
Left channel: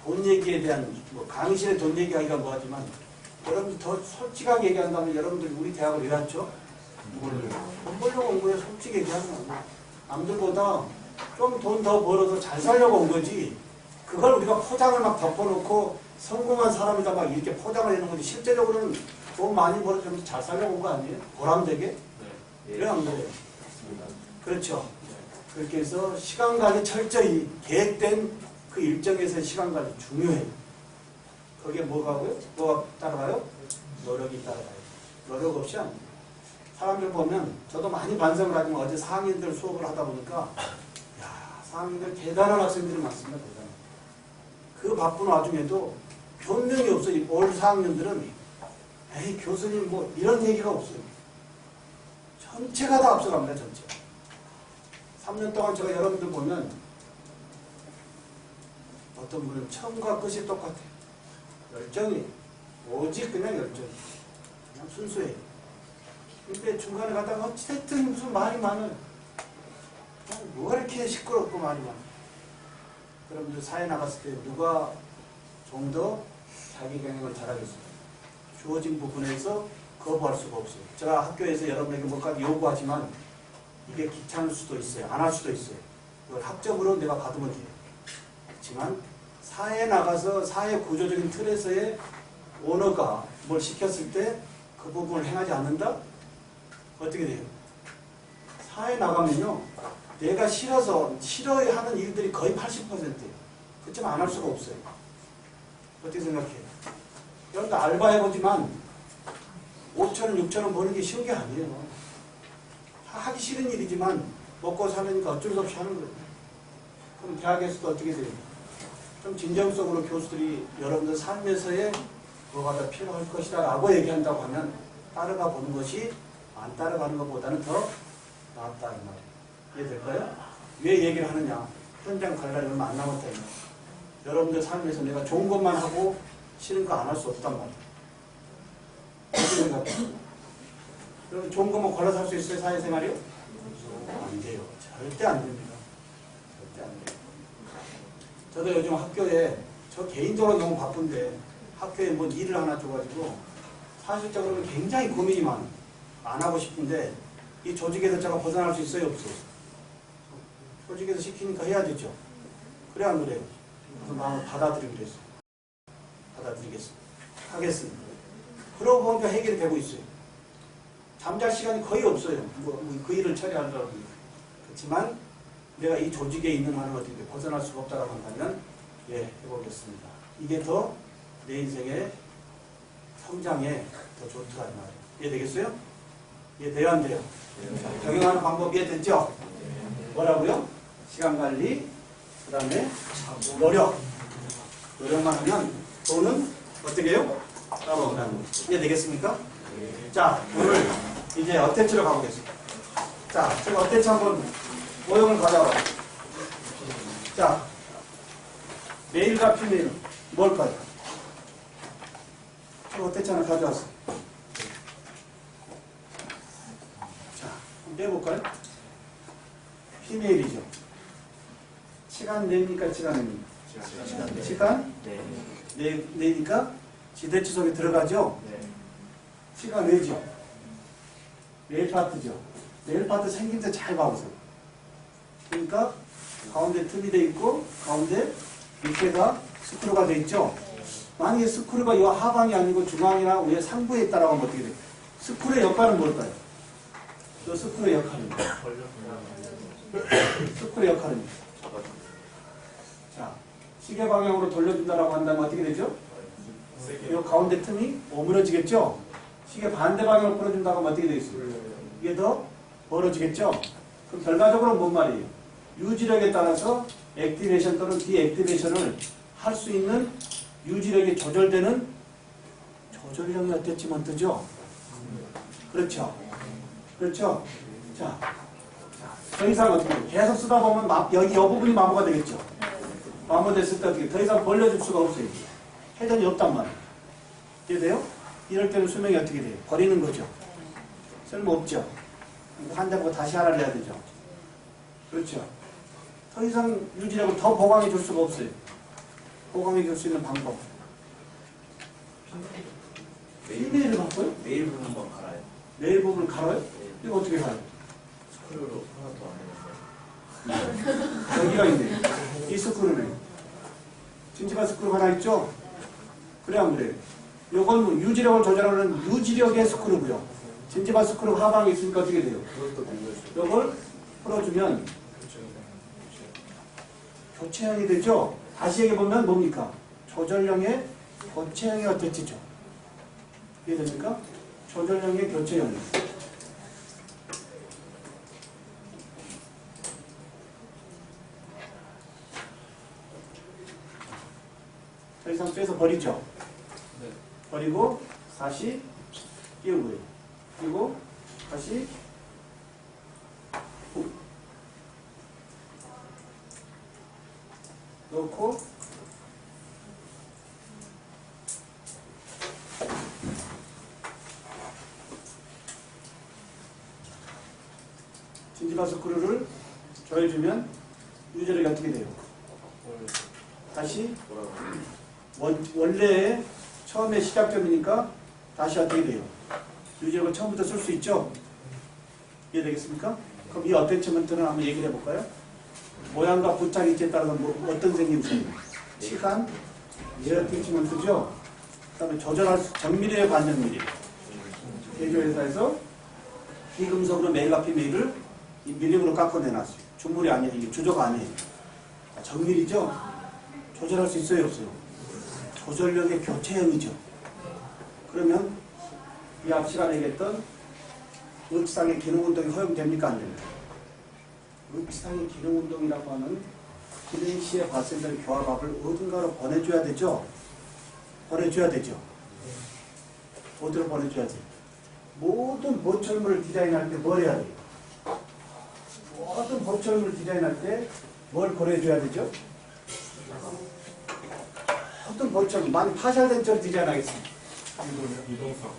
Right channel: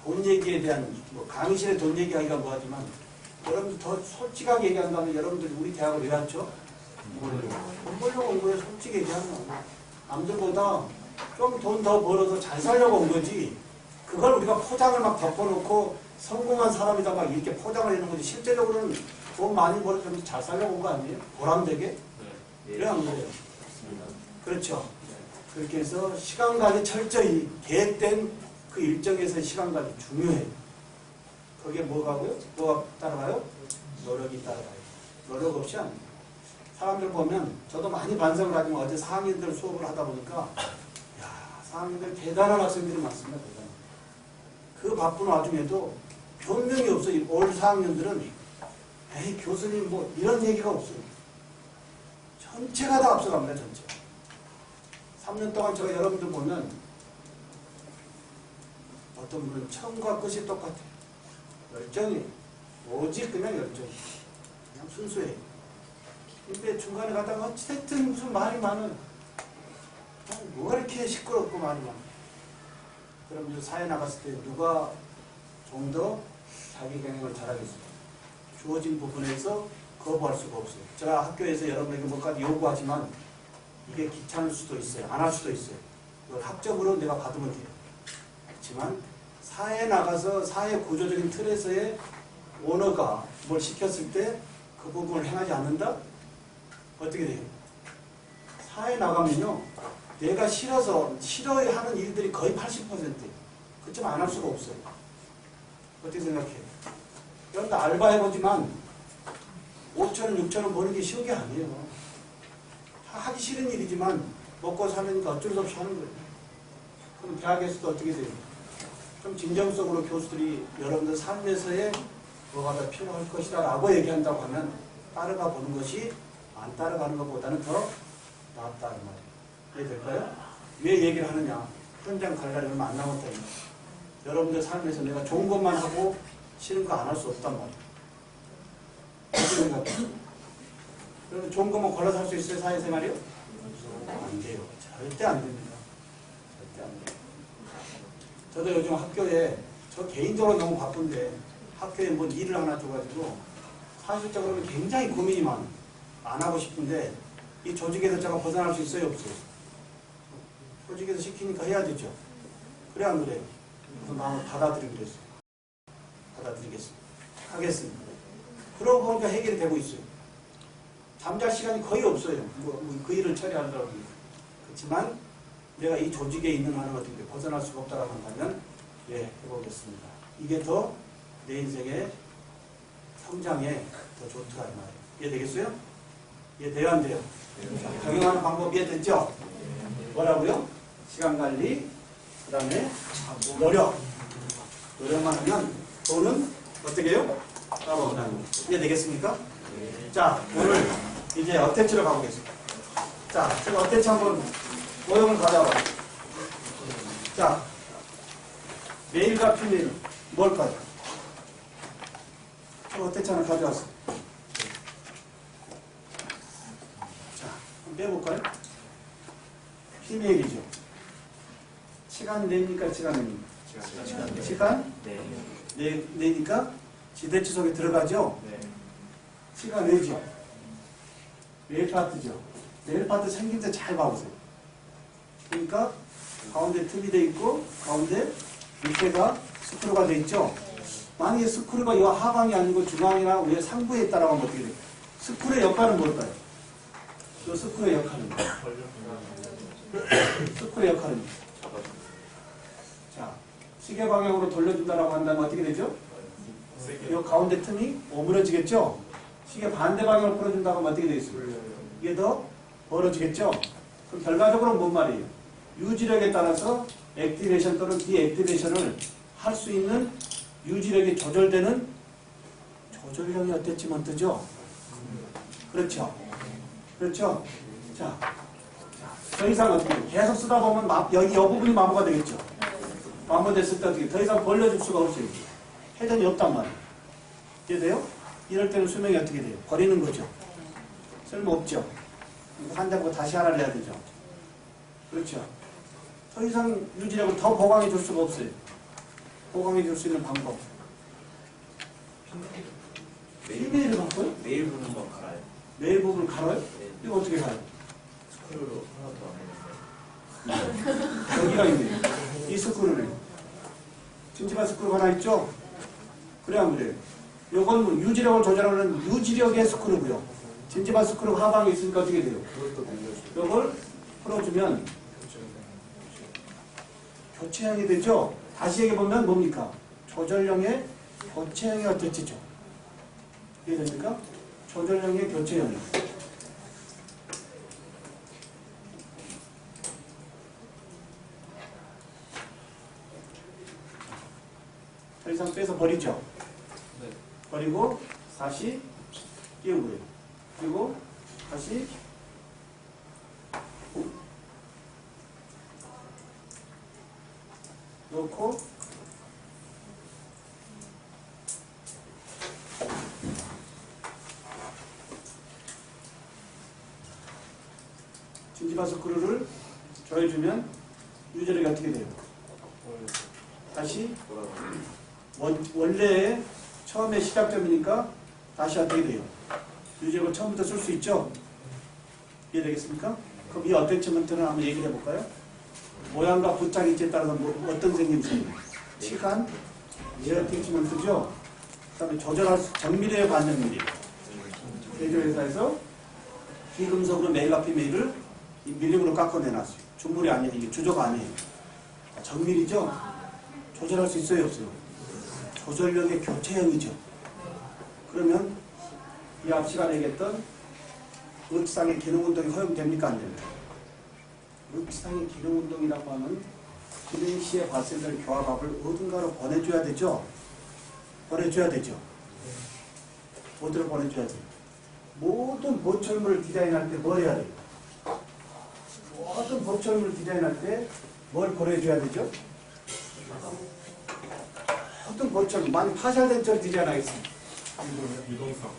돈 얘기에 대한 뭐 강의실에 돈 얘기하기가 뭐하지만 여러분들 더 솔직하게 얘기한다면 여러분들이 우리 대학을 왜 왔죠? 돈 벌려고 온 거예요. 솔직히 얘기하면 남들보다 좀 돈 더 벌어서 잘 살려고 온 거지 그걸 우리가 포장을 막 덮어놓고 성공한 사람이다 막 이렇게 포장을 해놓은 거지 실제적으로는 돈 많이 벌어서 잘 살려고 온 거 아니에요? 보람되게? 그래 안 그래요? 그렇죠. 그렇게 해서 시간 관리 철저히 계획된 그 일정에서의 시간 관리 중요해요. 거기에 뭐가고요? 뭐가 따라가요? 노력이 따라가요. 노력 없이 안 돼요. 사람들 보면 저도 많이 반성을 하지만 어제 4학년들 수업을 하다 보니까 야 4학년들 대단한 학생들이 많습니다. 대단한. 그 바쁜 와중에도 변명이 없어요. 올 4학년들은 에이 교수님 뭐 이런 얘기가 없어요. 전체가 다 앞서갑니다. 전체. 3년 동안 제가 여러분들 보면 어떤 분은 처음과 끝이 똑같아요. 열정이 오직 그냥 열정. 그냥 순수해요. 근데 중간에 가다가 어쨌든 무슨 말이 많아요. 뭐가 이렇게 시끄럽고 말이 많아요. 그럼 이제 사회 나갔을 때 누가 좀 더 자기 경영을 잘하겠어요? 주어진 부분에서 거부할 수가 없어요. 제가 학교에서 여러분에게 뭐까지 요구하지만 이게 귀찮을 수도 있어요. 안 할 수도 있어요. 이걸 학점으로 내가 받으면 돼요. 그렇지만 사회에 나가서 사회 구조적인 틀에서의 오너가 뭘 시켰을 때 그 부분을 행하지 않는다? 어떻게 돼요? 사회에 나가면요. 내가 싫어하는 일들이 거의 80%예요. 그렇지만 안 할 수가 없어요. 어떻게 생각해요? 여러분들 알바해보지만 5,000원, 6,000원 버는 게 쉬운 게 아니에요. 하기 싫은 일이지만 먹고 사려니까 어쩔 수 없이 하는 거예요. 그럼 대학에서도 어떻게 돼요? 좀 진정성으로 교수들이 여러분들 삶에서의 뭐가 더 필요할 것이다 라고 얘기한다고 하면 따라가 보는 것이 안 따라가는 것보다는 더 낫다는 말이에요. 이해될까요? 왜 얘기를 하느냐? 현장 갈 날이 얼마 안 남았다. 여러분들 삶에서 내가 좋은 것만 하고 싫은 거 안 할 수 없단 말이에요. 어떻게 생각해요? 여러분 좋은 것만 골라서 할 수 있어요? 사회생활이요? 안 돼요. 절대 안 됩니다. 절대 안 돼요. 저도 요즘 학교에 저 개인적으로 너무 바쁜데 학교에 뭔 일을 하나 줘가지고 사실적으로는 굉장히 고민이 많아요. 안 하고 싶은데 이 조직에서 제가 벗어날 수 있어요? 없어요? 조직에서 시키니까 해야 되죠. 그래 안 그래요? 그래서 마음을 받아들이기로 했어요. 하겠습니다. 그러고 보니까 해결이 되고 있어요. 잠잘 시간이 거의 없어요. 그 일을 처리하더라도. 그렇지만 내가 이 조직에 있는 한은 어떻게 벗어날 수가 없다라고 한다면 해보겠습니다. 이게 더 내 인생의 성장에 더 좋더라 이 말이에요. 이해되겠어요? 이해돼요 안 돼요? 적용하는 방법 이해됐죠? 뭐라고요? 시간관리, 그 다음에 노력만 하면 돈은 어떻게 해요? 따라온다는 거죠. 이해되겠습니까? 자, 오늘 이제 어태치로 가보겠습니다. 자, 제가 어태치 한번 모형을 가져와. 자, 메일과 피메일은 뭘까요? 저 어태치 하나 가져왔어. 자, 한번 빼볼까요? 피메일이죠. 시간 내니까 시간 냅니까? 시간? 내니까 지대치 속에 들어가죠? 시간 내죠? 메일 파트죠? 메일 파트 생긴 데 잘 봐보세요. 그러니까 가운데 틈이 돼 있고 가운데 밑에가 스크루가 돼 있죠? 만약에 스크루가 이 하방이 아니고 중앙이나 위에 상부에 있다라고 하면 어떻게 돼요? 스크루의 역할은 뭘까요? 이 스크루의 역할은 스크루의 역할은 자, 시계 방향으로 돌려준다라고 한다면 어떻게 되죠? 이 가운데 틈이 오므러지겠죠? 시계 반대 방향으로 풀어준다고 하면 어떻게 되겠어요? 이게 더 벌어지겠죠? 그럼 결과적으로 뭔 말이에요? 유지력에 따라서 액티베이션 또는 디액티베이션을 할 수 있는 유지력이 조절되는 조절력이 어땠지만 뜨죠? 그렇죠? 그렇죠? 자, 더 이상 어떻게 돼요? 계속 쓰다 보면 여기 이 부분이 마모가 되겠죠? 마모됐을 때 어떻게 더 이상 벌려줄 수가 없어요. 회전이 없단 말이에요. 이해돼요? 이럴 때는 수명이 어떻게 돼요? 버리는 거죠. 쓸모없죠. 한 장 거 다시 하나를 해야 되죠. 그렇죠. 더 이상 유지력을 더 보강해 줄 수가 없어요. 보강해 줄 수 있는 방법. 피메일을 바꿔요? 메일 부분 한번 갈아요. 메일 부분을 갈아요? 이거 어떻게 갈아요? 스크루로 하나 더 안 해요. 여기가 있네요. 이 스크루는 찜찜한 스크루가 하나 있죠? 그래 안 그래요? 이건 뭐 유지력을 조절하는 유지력의 스크루고요. 찜찜한 스크루 하방에 있으니까 어떻게 돼요? 이걸 풀어주면 교체형이 되죠? 다시 얘기해보면 뭡니까? 조절형의 교체형이 어땠지죠? 이해됩니까? 조절형의 교체형이. 더 이상 빼서 버리죠? 네. 버리고 다시 끼우고요. 그리고 다시 넣고 진지바 스크루를 조여주면 유지력이 어떻게 돼요? 다시 원래의 처음에 시작점이니까 다시 어떻게 돼요? 유지력을 처음부터 쓸 수 있죠? 이해되겠습니까? 그럼 이 어태치먼트는 한번 얘기를 해볼까요? 모양과 부착 위치에 따라서 어떤 생김 생겨요? 시간, 어태치먼트죠? 그 다음에 조절할 수, 정밀이에요, 반정밀이에요? 제조회사에서 비금속으로 메일과 피메일을 이 밀림으로 깎아내놨어요. 주물이 아니에요. 이게 주조가 아니에요. 정밀이죠? 조절할 수 있어요, 없어요? 조절력의 교체형이죠. 그러면 이 앞 시간에 얘기했던 읍상의 기능운동이 허용됩니까? 안 됩니까? 읍상의 기능운동이라고 하는 기능 시에 발생될 교합압을 어딘가로 보내줘야 되죠? 보내줘야 되죠? 어디로 보내줘야 돼요? 모든 보철물을 디자인할 때 뭘 해야 돼요? 모든 보철물을 디자인할 때 뭘 고려해줘야 되죠? 어떤 보철물, 많이 파쇄된 철 디자인하겠습니다. 유동성.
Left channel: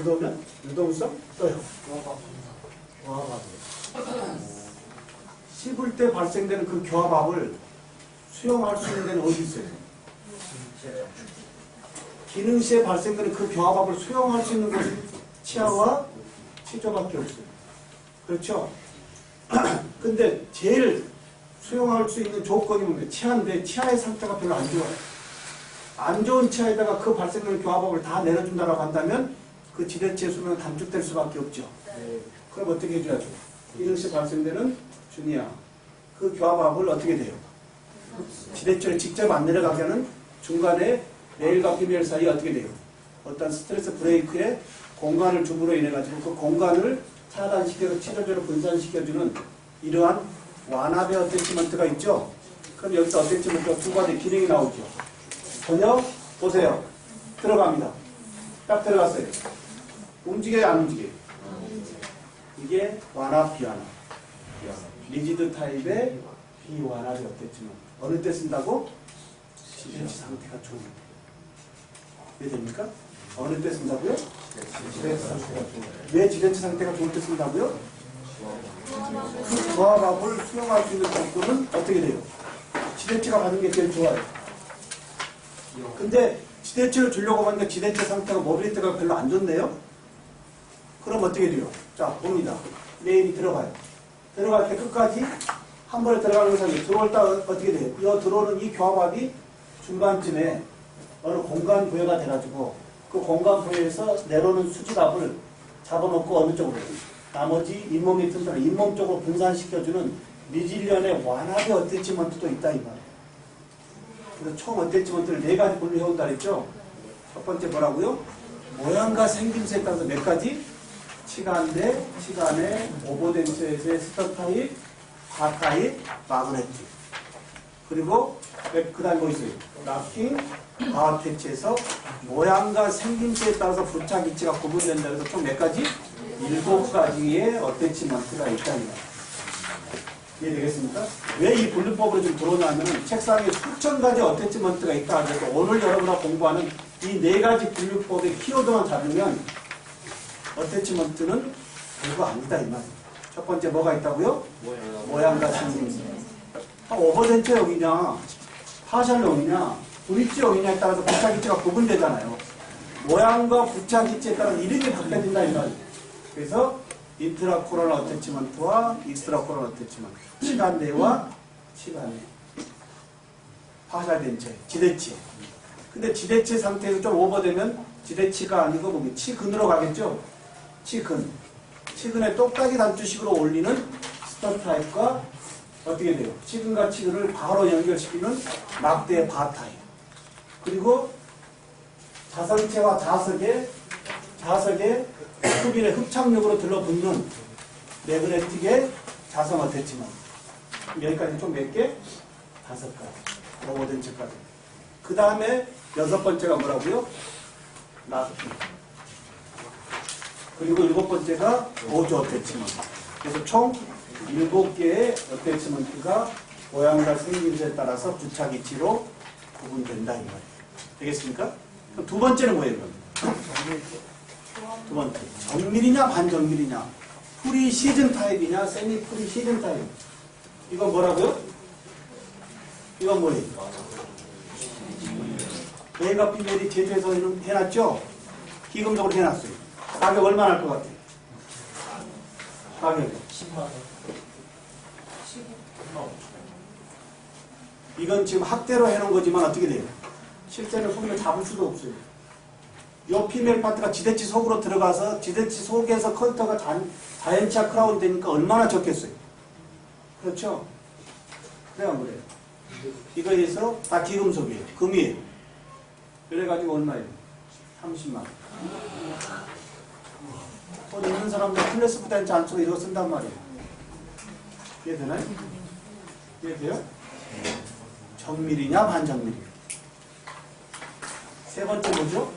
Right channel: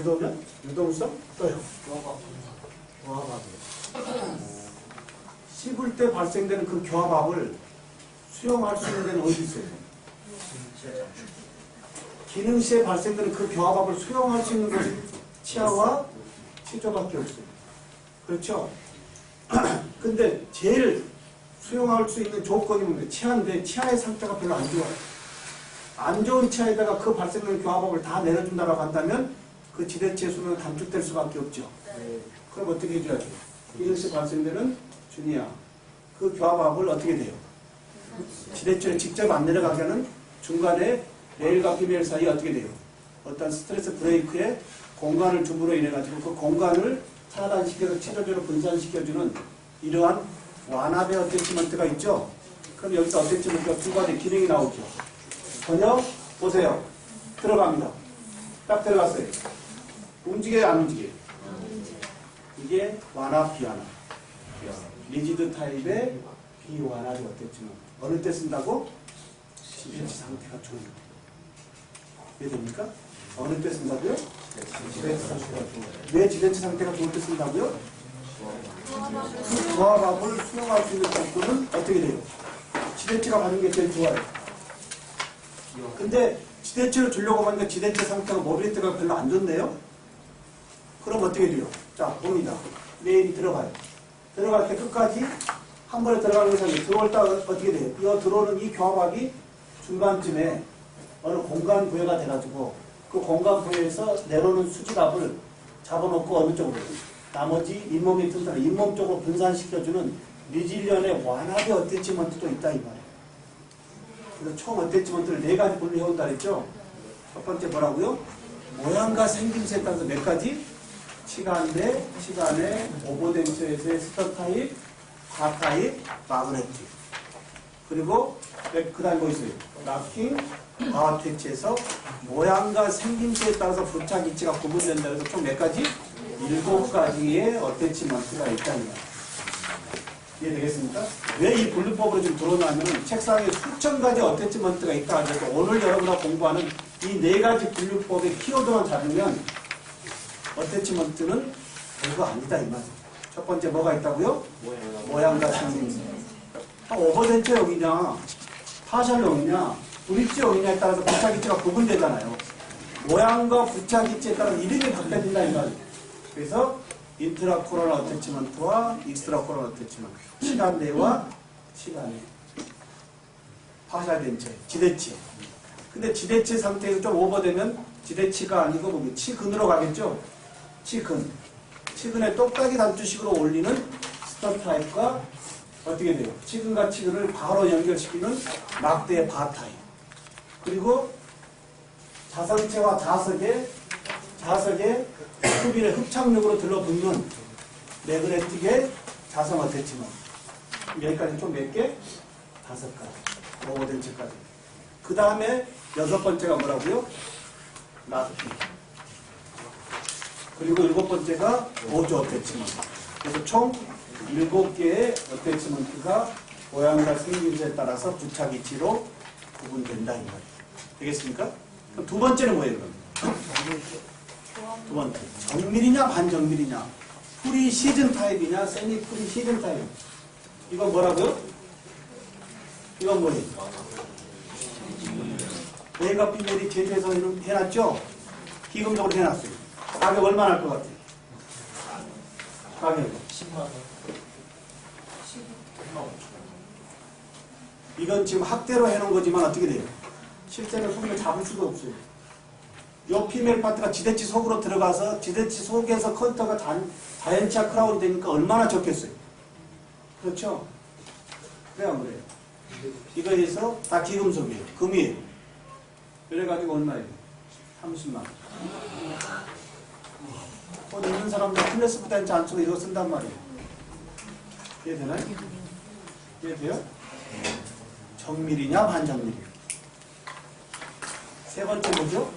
유도면? 유동성? 또요. 씹을 때 발생되는 그 교합압을 수용할 수 있는 데는 어디 있어요? 기능 시에 발생되는 그 교합압을 수용할 수 있는 것이 치아와 치조밖에 없어요. 그렇죠? 근데 제일 수용할 수 있는 조건이 뭔데? 치아인데 치아의 상태가 별로 안 좋아요. 안 좋은 치아에다가 그 발생되는 교합압을 다 내려준다라고 한다면 그 지대치의 수명은 단축될 수밖에 없죠. 그럼 어떻게 해줘야 돼? 이것이 발생되는 준이야. 그 교합압을 어떻게 돼요? 지대치를 직접 안 내려가게 하는 중간에 레일과 피메일 사이에 어떻게 돼요? 어떤 스트레스 브레이크에 공간을 줌으로 인해 가지고 그 공간을 차단시켜서 치료제로 분산시켜주는 이러한 완합의 어태치먼트가 있죠. 그럼 여기서 어태치먼트가 두 가지 기능이 나오죠. 번역 보세요. 들어갑니다. 딱 들어갔어요. 움직여요, 안 움직여요? 이게 완합, 비완합. 리지드 타입의 비완합의 어태치먼트. 어느 때 쓴다고? 지대치 상태가 좋을 때. 이해됩니까? 어느 때 쓴다고요? 지대치 상태가 좋을 때. 왜 지대치 상태가 좋을 때 쓴다고요? 그 조합압을 수용할 수 있는 조건은 어떻게 돼요? 지대치가 받는 게 제일 좋아요. 근데 지대치를 주려고 하니까 지대치 상태가 모빌리티가 별로 안 좋네요? 그럼 어떻게 돼요? 자, 봅니다. 메인이 들어가요. 들어갈 때 끝까지 한 번에 들어가는 것이 들어올 때 어떻게 돼요? 이 들어오는 이 교합압이 중간쯤에 어느 공간 부여가 돼가지고 그 공간 부여에서 내려오는 수직압을 잡아놓고 어느 쪽으로 나머지 잇몸이 튼튼한 잇몸 쪽으로 분산시켜주는 리질리언의 완합의 어태치먼트도 있다 이 말이에요. 그래서 총 어태치먼트를 네 가지 분류해온다 그랬죠. 첫 번째 뭐라고요? 모양과 생김새에 따라서 몇 가지? 치간대, 치간의 오버덴처에서의 스터 타입, 바 타입, 마그네틱. 그리고 그 다음에 뭐 있어요? 락킹, 과태치에서 모양과 생김새에 따라서 부착 위치가 구분된다 해서 총 몇 가지? 7가지의 어태치먼트가 있답니다. 이해되겠습니까? 왜 이 분류법으로 좀 들어오냐면 책상에 수천 가지 어태치먼트가 있다 하더라도 오늘 여러분과 공부하는 이 4가지 분류법의 키워드만 잡으면 어태치먼트는 별거 아니다 이 말이에요. 첫 번째 뭐가 있다고요? 모양과 생김새. 오버덴처 여기냐, 파셜 여기냐, 브릿지 여기냐에 따라서 부착위치가 구분되잖아요. 모양과 부착위치에 따라서 이름이 바뀌어진다 이 말이에요. 그래서 인트라코럴 어태치먼트와 익스트라코럴 어태치먼트, 치간대와 치간대, 파셜 덴처, 지대치. 근데 지대치 상태에서 좀 오버되면 지대치가 아니고 뭐 치근으로 가겠죠. 치근. 치근의 똑딱이 단추식으로 올리는 스터 타입과 어떻게 돼요? 치근과 치근을 바로 연결시키는 막대의 바 타입. 그리고 자성체와 자석의 흡인의 흡착력으로 들러붙는 매그네틱의 자성 어태치먼트. 여기까지 총 몇 개? 5가지. 오버덴처까지. 그 다음에 6번째가 뭐라고요? 락킹. 그리고 7번째가 보조 어태치먼트. 그래서 총 7개의 어태치먼트가 모양과 생김새에 따라서 부착 위치로 구분된다 이 말이에요. 되겠습니까? 그럼 두 번째는 뭐예요? 그럼? 두 번째. 정밀이냐 반정밀이냐. 프리 시즌 타입이냐 세미 프리 시즌 타입. 이건 뭐라고요? 이건 뭐예요? 메일과 피메일이 제조해서 해놨죠? 기금적으로 해놨어요. 가격 얼마나 할 것 같아요? 가격 10만원. 이건 지금 학대로 해놓은 거지만 어떻게 돼요? 실제는 손을 잡을 수도 없어요. 이 피메일 파트가 지대치 속으로 들어가서 지대치 속에서 컨터가 자연치아 크라운 되니까 얼마나 적겠어요? 그렇죠? 그래야 그래요. 이거에서 다 기금속이에요. 금이에요. 그래가지고 얼마예요? 30만 원. 돈 있는 사람들 클래스 부단지 안 쓰고 이거 쓴단 말이에요. 이해되나요? 이해돼요? 정밀이냐 반정밀이냐. 세 번째 뭐죠?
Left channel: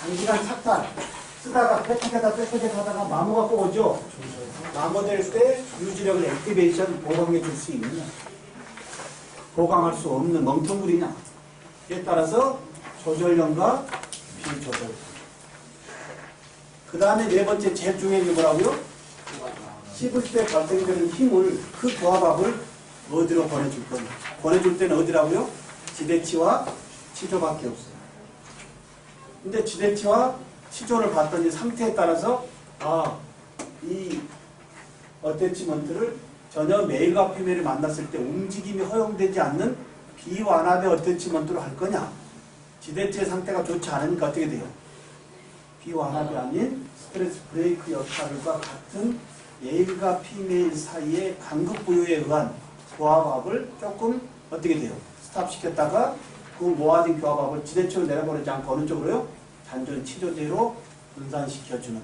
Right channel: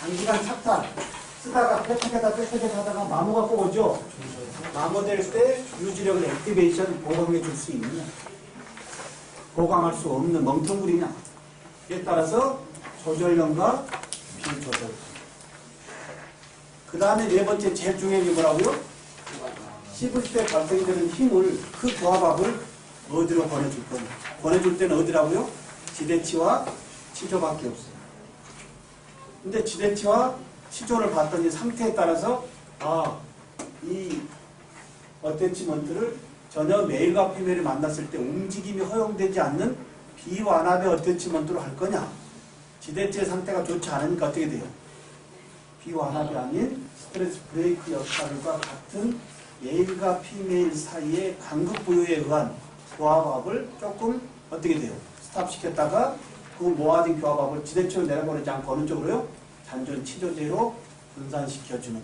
장기간 착탈. 쓰다가 빽빽하다 하다가 마모가 꼭 오죠? 마모될 때 유지력을 액티베이션 보강해 줄 수 있느냐, 보강할 수 없는 멍텅구리냐. 이에 따라서 조절력과 비조절. 그 다음에 네 번째 제일 중요한 게 뭐라고요? 씹을 때 발생되는 힘을, 그 교합압을 어디로 보내줄 거냐. 보내줄 때는 어디라고요? 지대치와 치조밖에 없어요. 근데 지대치와 치조를 봤더니 상태에 따라서 이 어태치먼트를 전혀 메일과 피메일을 만났을 때 움직임이 허용되지 않는 비완합의 어태치먼트로 할 거냐, 지대체의 상태가 좋지 않으니까 어떻게 돼요? 비완합이 아닌 스트레스 브레이크 역할과 같은 메일과 피메일 사이의 간극 부여에 의한 교합압을 조금 어떻게 돼요? 스탑시켰다가 그 모아진 교합압을 지대체로 내려보내지 않고 어느 쪽으로요? 잔존 치조제로 분산시켜주는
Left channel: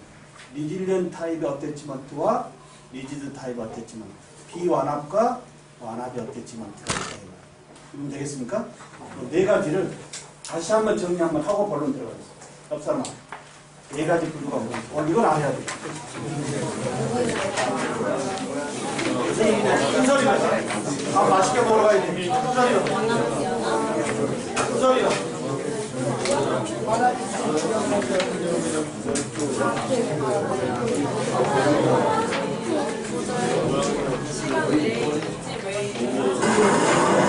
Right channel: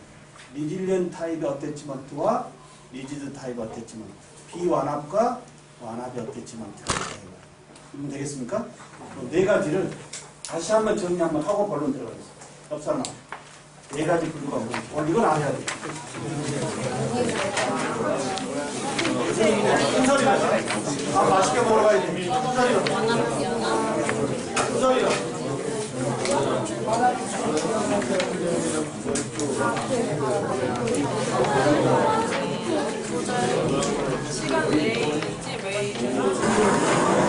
리질리언 타입의 어태치먼트와 리지드 타입의 어태치먼트, 비완합과 완합의 어태치먼트가 있다. 그럼 되겠습니까? 네 가지를 다시 한번 정리 한번 하고 본론 들어가겠습니다. 옆 사람아, 네 가지 분류가 뭐지? 이건 안 해야 돼. 순서리로 밥 맛있게 먹으러 가야 돼. 순서리로. 시간 내에 있지 왜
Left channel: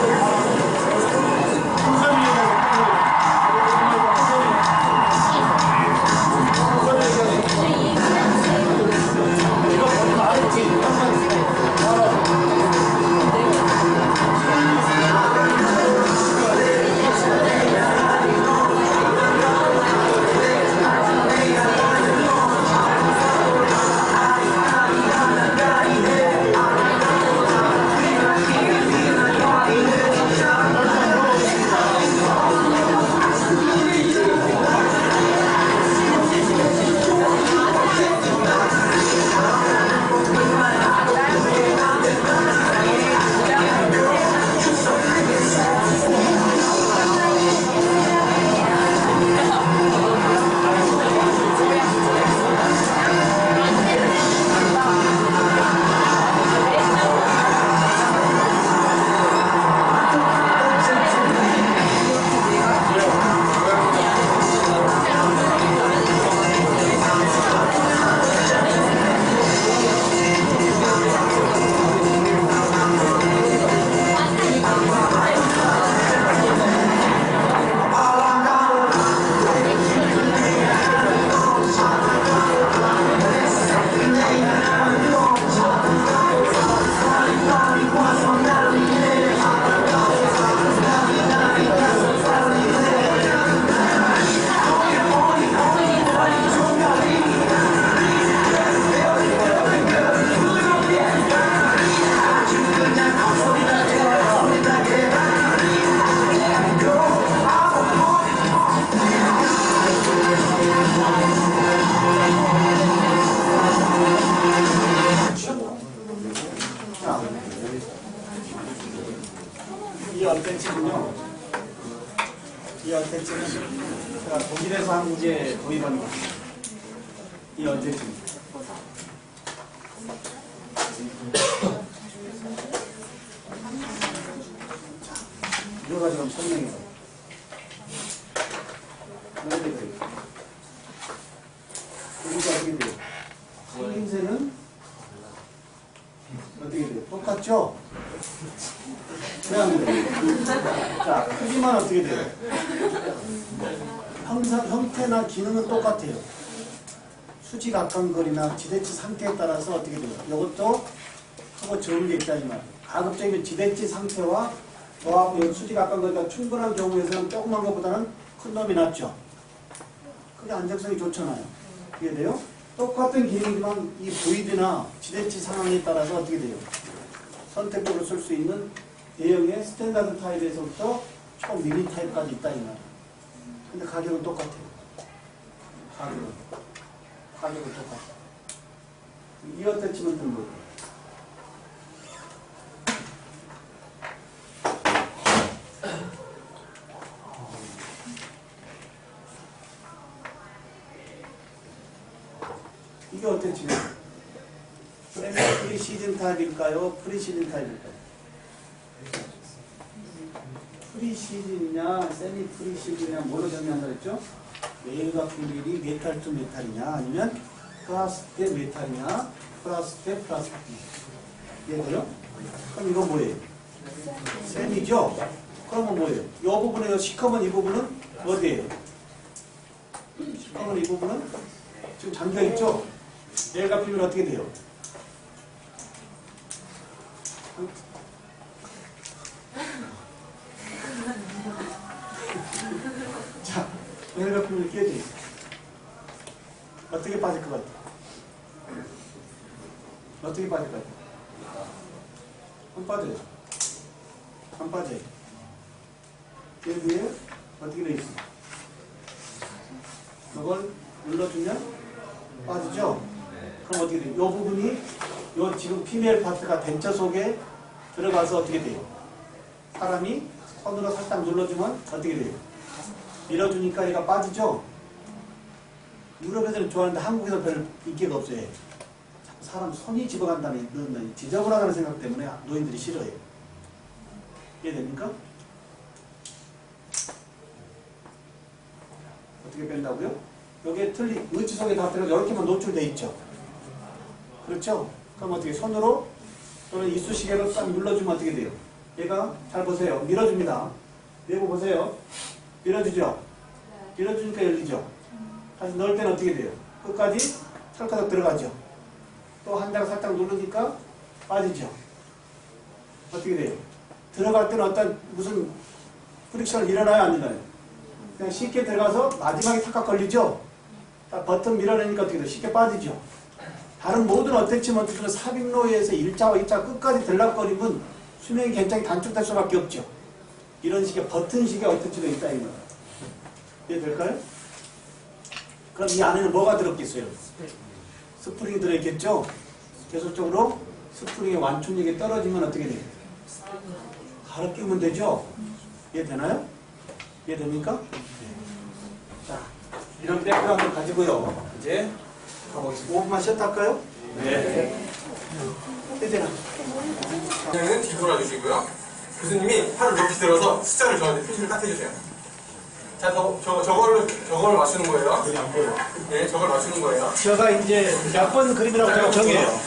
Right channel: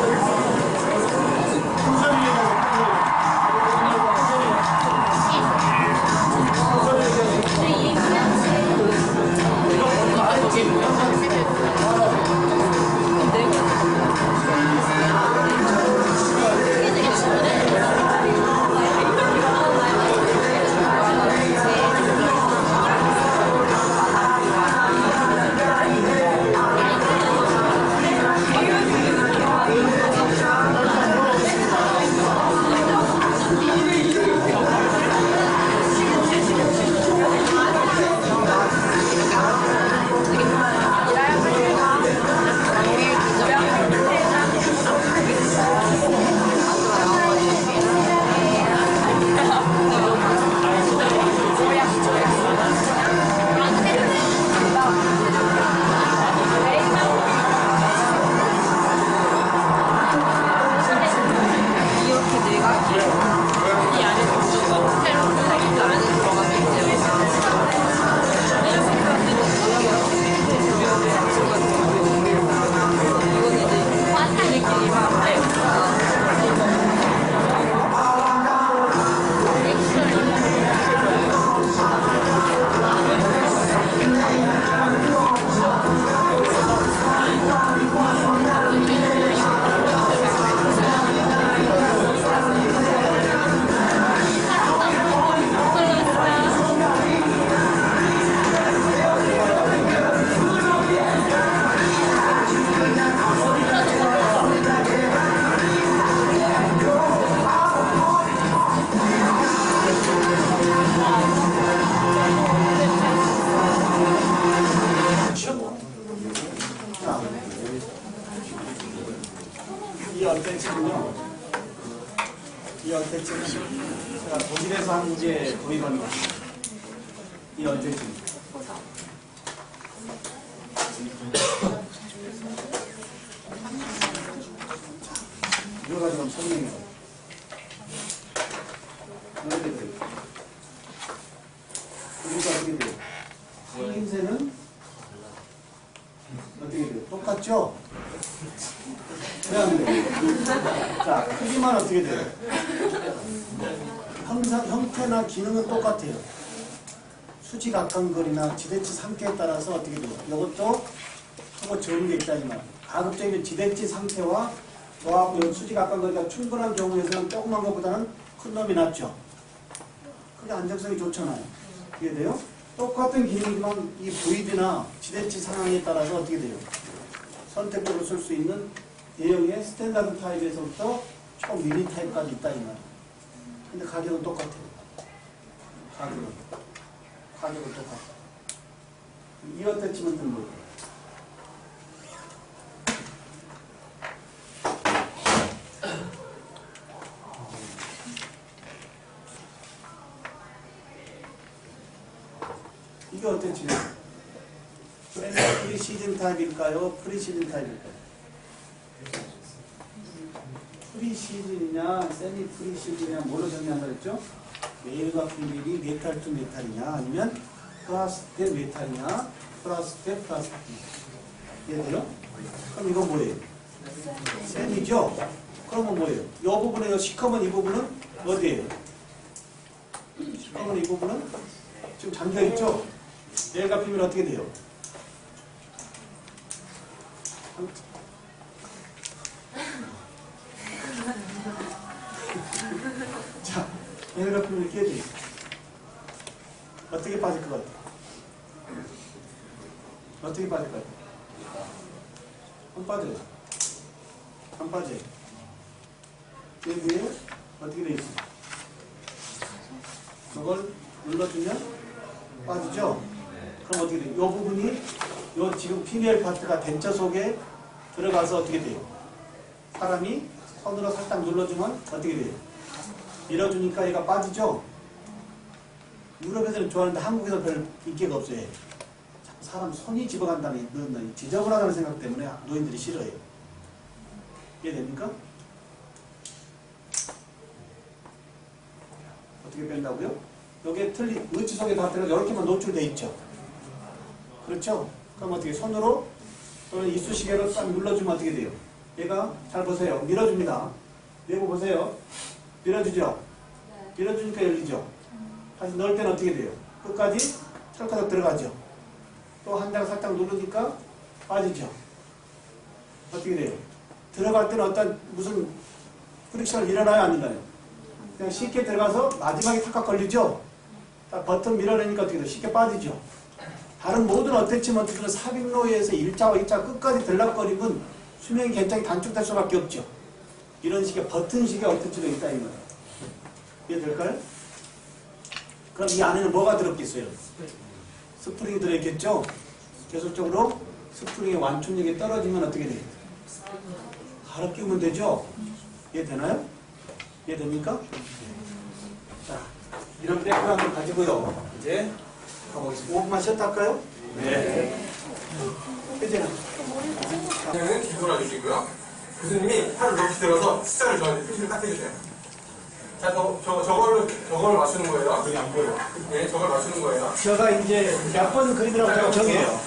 이 어태치는요, 이 어태치는 제가 독일에서 한국에 도입한 겁니다. 이 어태치는. 이거 가지고 설명해요. 너희들 우리가 어떻게 돼요? 생김새는 어떻게 돼요? 똑같죠? 왜 안 돼요? 자, 크기만 어떻게 돼요? 항상 형태나 기능은 똑같아요. 수직 악감거리나 지대치 상태에 따라서 어떻게 돼요? 이것도 하고 적은 게 있다 이 말이에요. 가급적이면 지대치 상태와 저하고 수직 악감거리가 충분한 경우에서는 조그만 것보다는 큰 놈이 낫죠. 그게 안정성이 좋잖아요. 그게 돼요? 똑같은 기능이지만 이 보이드나 지대치 상황에 따라서 어떻게 돼요? 선택적으로 쓸 수 있는 대형의 스탠다드 타입에서부터 총 미니 타입까지 있다 이 말이에요. 근데 가격은 똑같아요. 가격은 똑같아요. 이 어태치먼트는 뭐예요? 이게 어태치먼트? 프리 시즌 타입일까요? 프리 시즌 타입일까요? 프리 시즌이냐, 세미 프리 시즌이냐, 뭐로 정리한다 그랬죠? 메일과 피메일이 메탈 투 메탈이냐, 아니면 플라스 대 메탈이냐, 플라스 대 플라스틱. 이해돼요? 그럼 이건 뭐예요? 세미죠? 그러면 뭐예요? 이 부분에 시커먼 이 부분은 어디예요? 시커먼 이 부분은 지금 잠겨있죠? 메일과 피메일 어떻게 돼요? 괴롭힘을 끼게 돼 있어. 어떻게 빠질 것 같아? 어떻게 빠질 것 같아? 안 빠져요. 안 빠져요. 그 위에 어떻게 돼 있어? 그걸 눌러주면 빠지죠? 그럼 어떻게 돼요? 이 부분이 요 지금 피메일 파트가 덴처 속에 들어가서 어떻게 돼요? 사람이 손으로 살짝 눌러주면 어떻게 돼요? 밀어주니까 얘가 빠지죠? 유럽 애들은 좋아하는데 한국에서 별 인기가 없어요. 자꾸 사람 손이 집어간다는 지저분하다는 생각 때문에 노인들이 싫어해요. 이해됩니까? 어떻게 뺀다고요? 여기에 틀린 의치 속에 다 들어가 이렇게만 노출돼 있죠. 그렇죠? 그럼 어떻게 손으로 또는 이쑤시개로 딱 눌러주면 어떻게 돼요? 얘가 잘 보세요. 밀어줍니다. 내부 보세요. 밀어주죠? 밀어주니까 열리죠? 다시 넣을 때는 어떻게 돼요? 끝까지 찰칵 들어가죠? 또 한 장 살짝 누르니까 빠지죠? 어떻게 돼요? 들어갈 때는 어떤 무슨 프릭션을 일어나요? 안 일어나요? 그냥 쉽게 들어가서 마지막에 탁탁 걸리죠? 딱 버튼 밀어내니까 어떻게 돼요? 쉽게 빠지죠? 다른 모든 어택치먼트들은 삽입로에서 일자와 일자 끝까지 들락거리면 수명이 굉장히 단축될 수밖에 없죠. 이런 식의 버튼식의 어택치가 있다 이 말이에요. 이해될까요? 그럼 이 안에는 뭐가 들었겠어요? 스프링이 들어있겠죠? 계속적으로 스프링의 완충력이 떨어지면 어떻게 돼요? 갈아 끼우면 되죠? 이해되나요? 이해됩니까? 자, 이런 백그라운드 가지고요. 이제 가보겠습니다. 5분만 쉬었다 할까요? 네. 이제는 그냥은 뒤돌아주시고요. 교수님이 팔을 높이 들어서 숫자를 저한테 표시를 딱 해주세요. 자, 저걸 맞추는 거예요. 네, 저걸 맞추는 거예요. 제가 이제 몇 번 그림이라고 제가 정해요.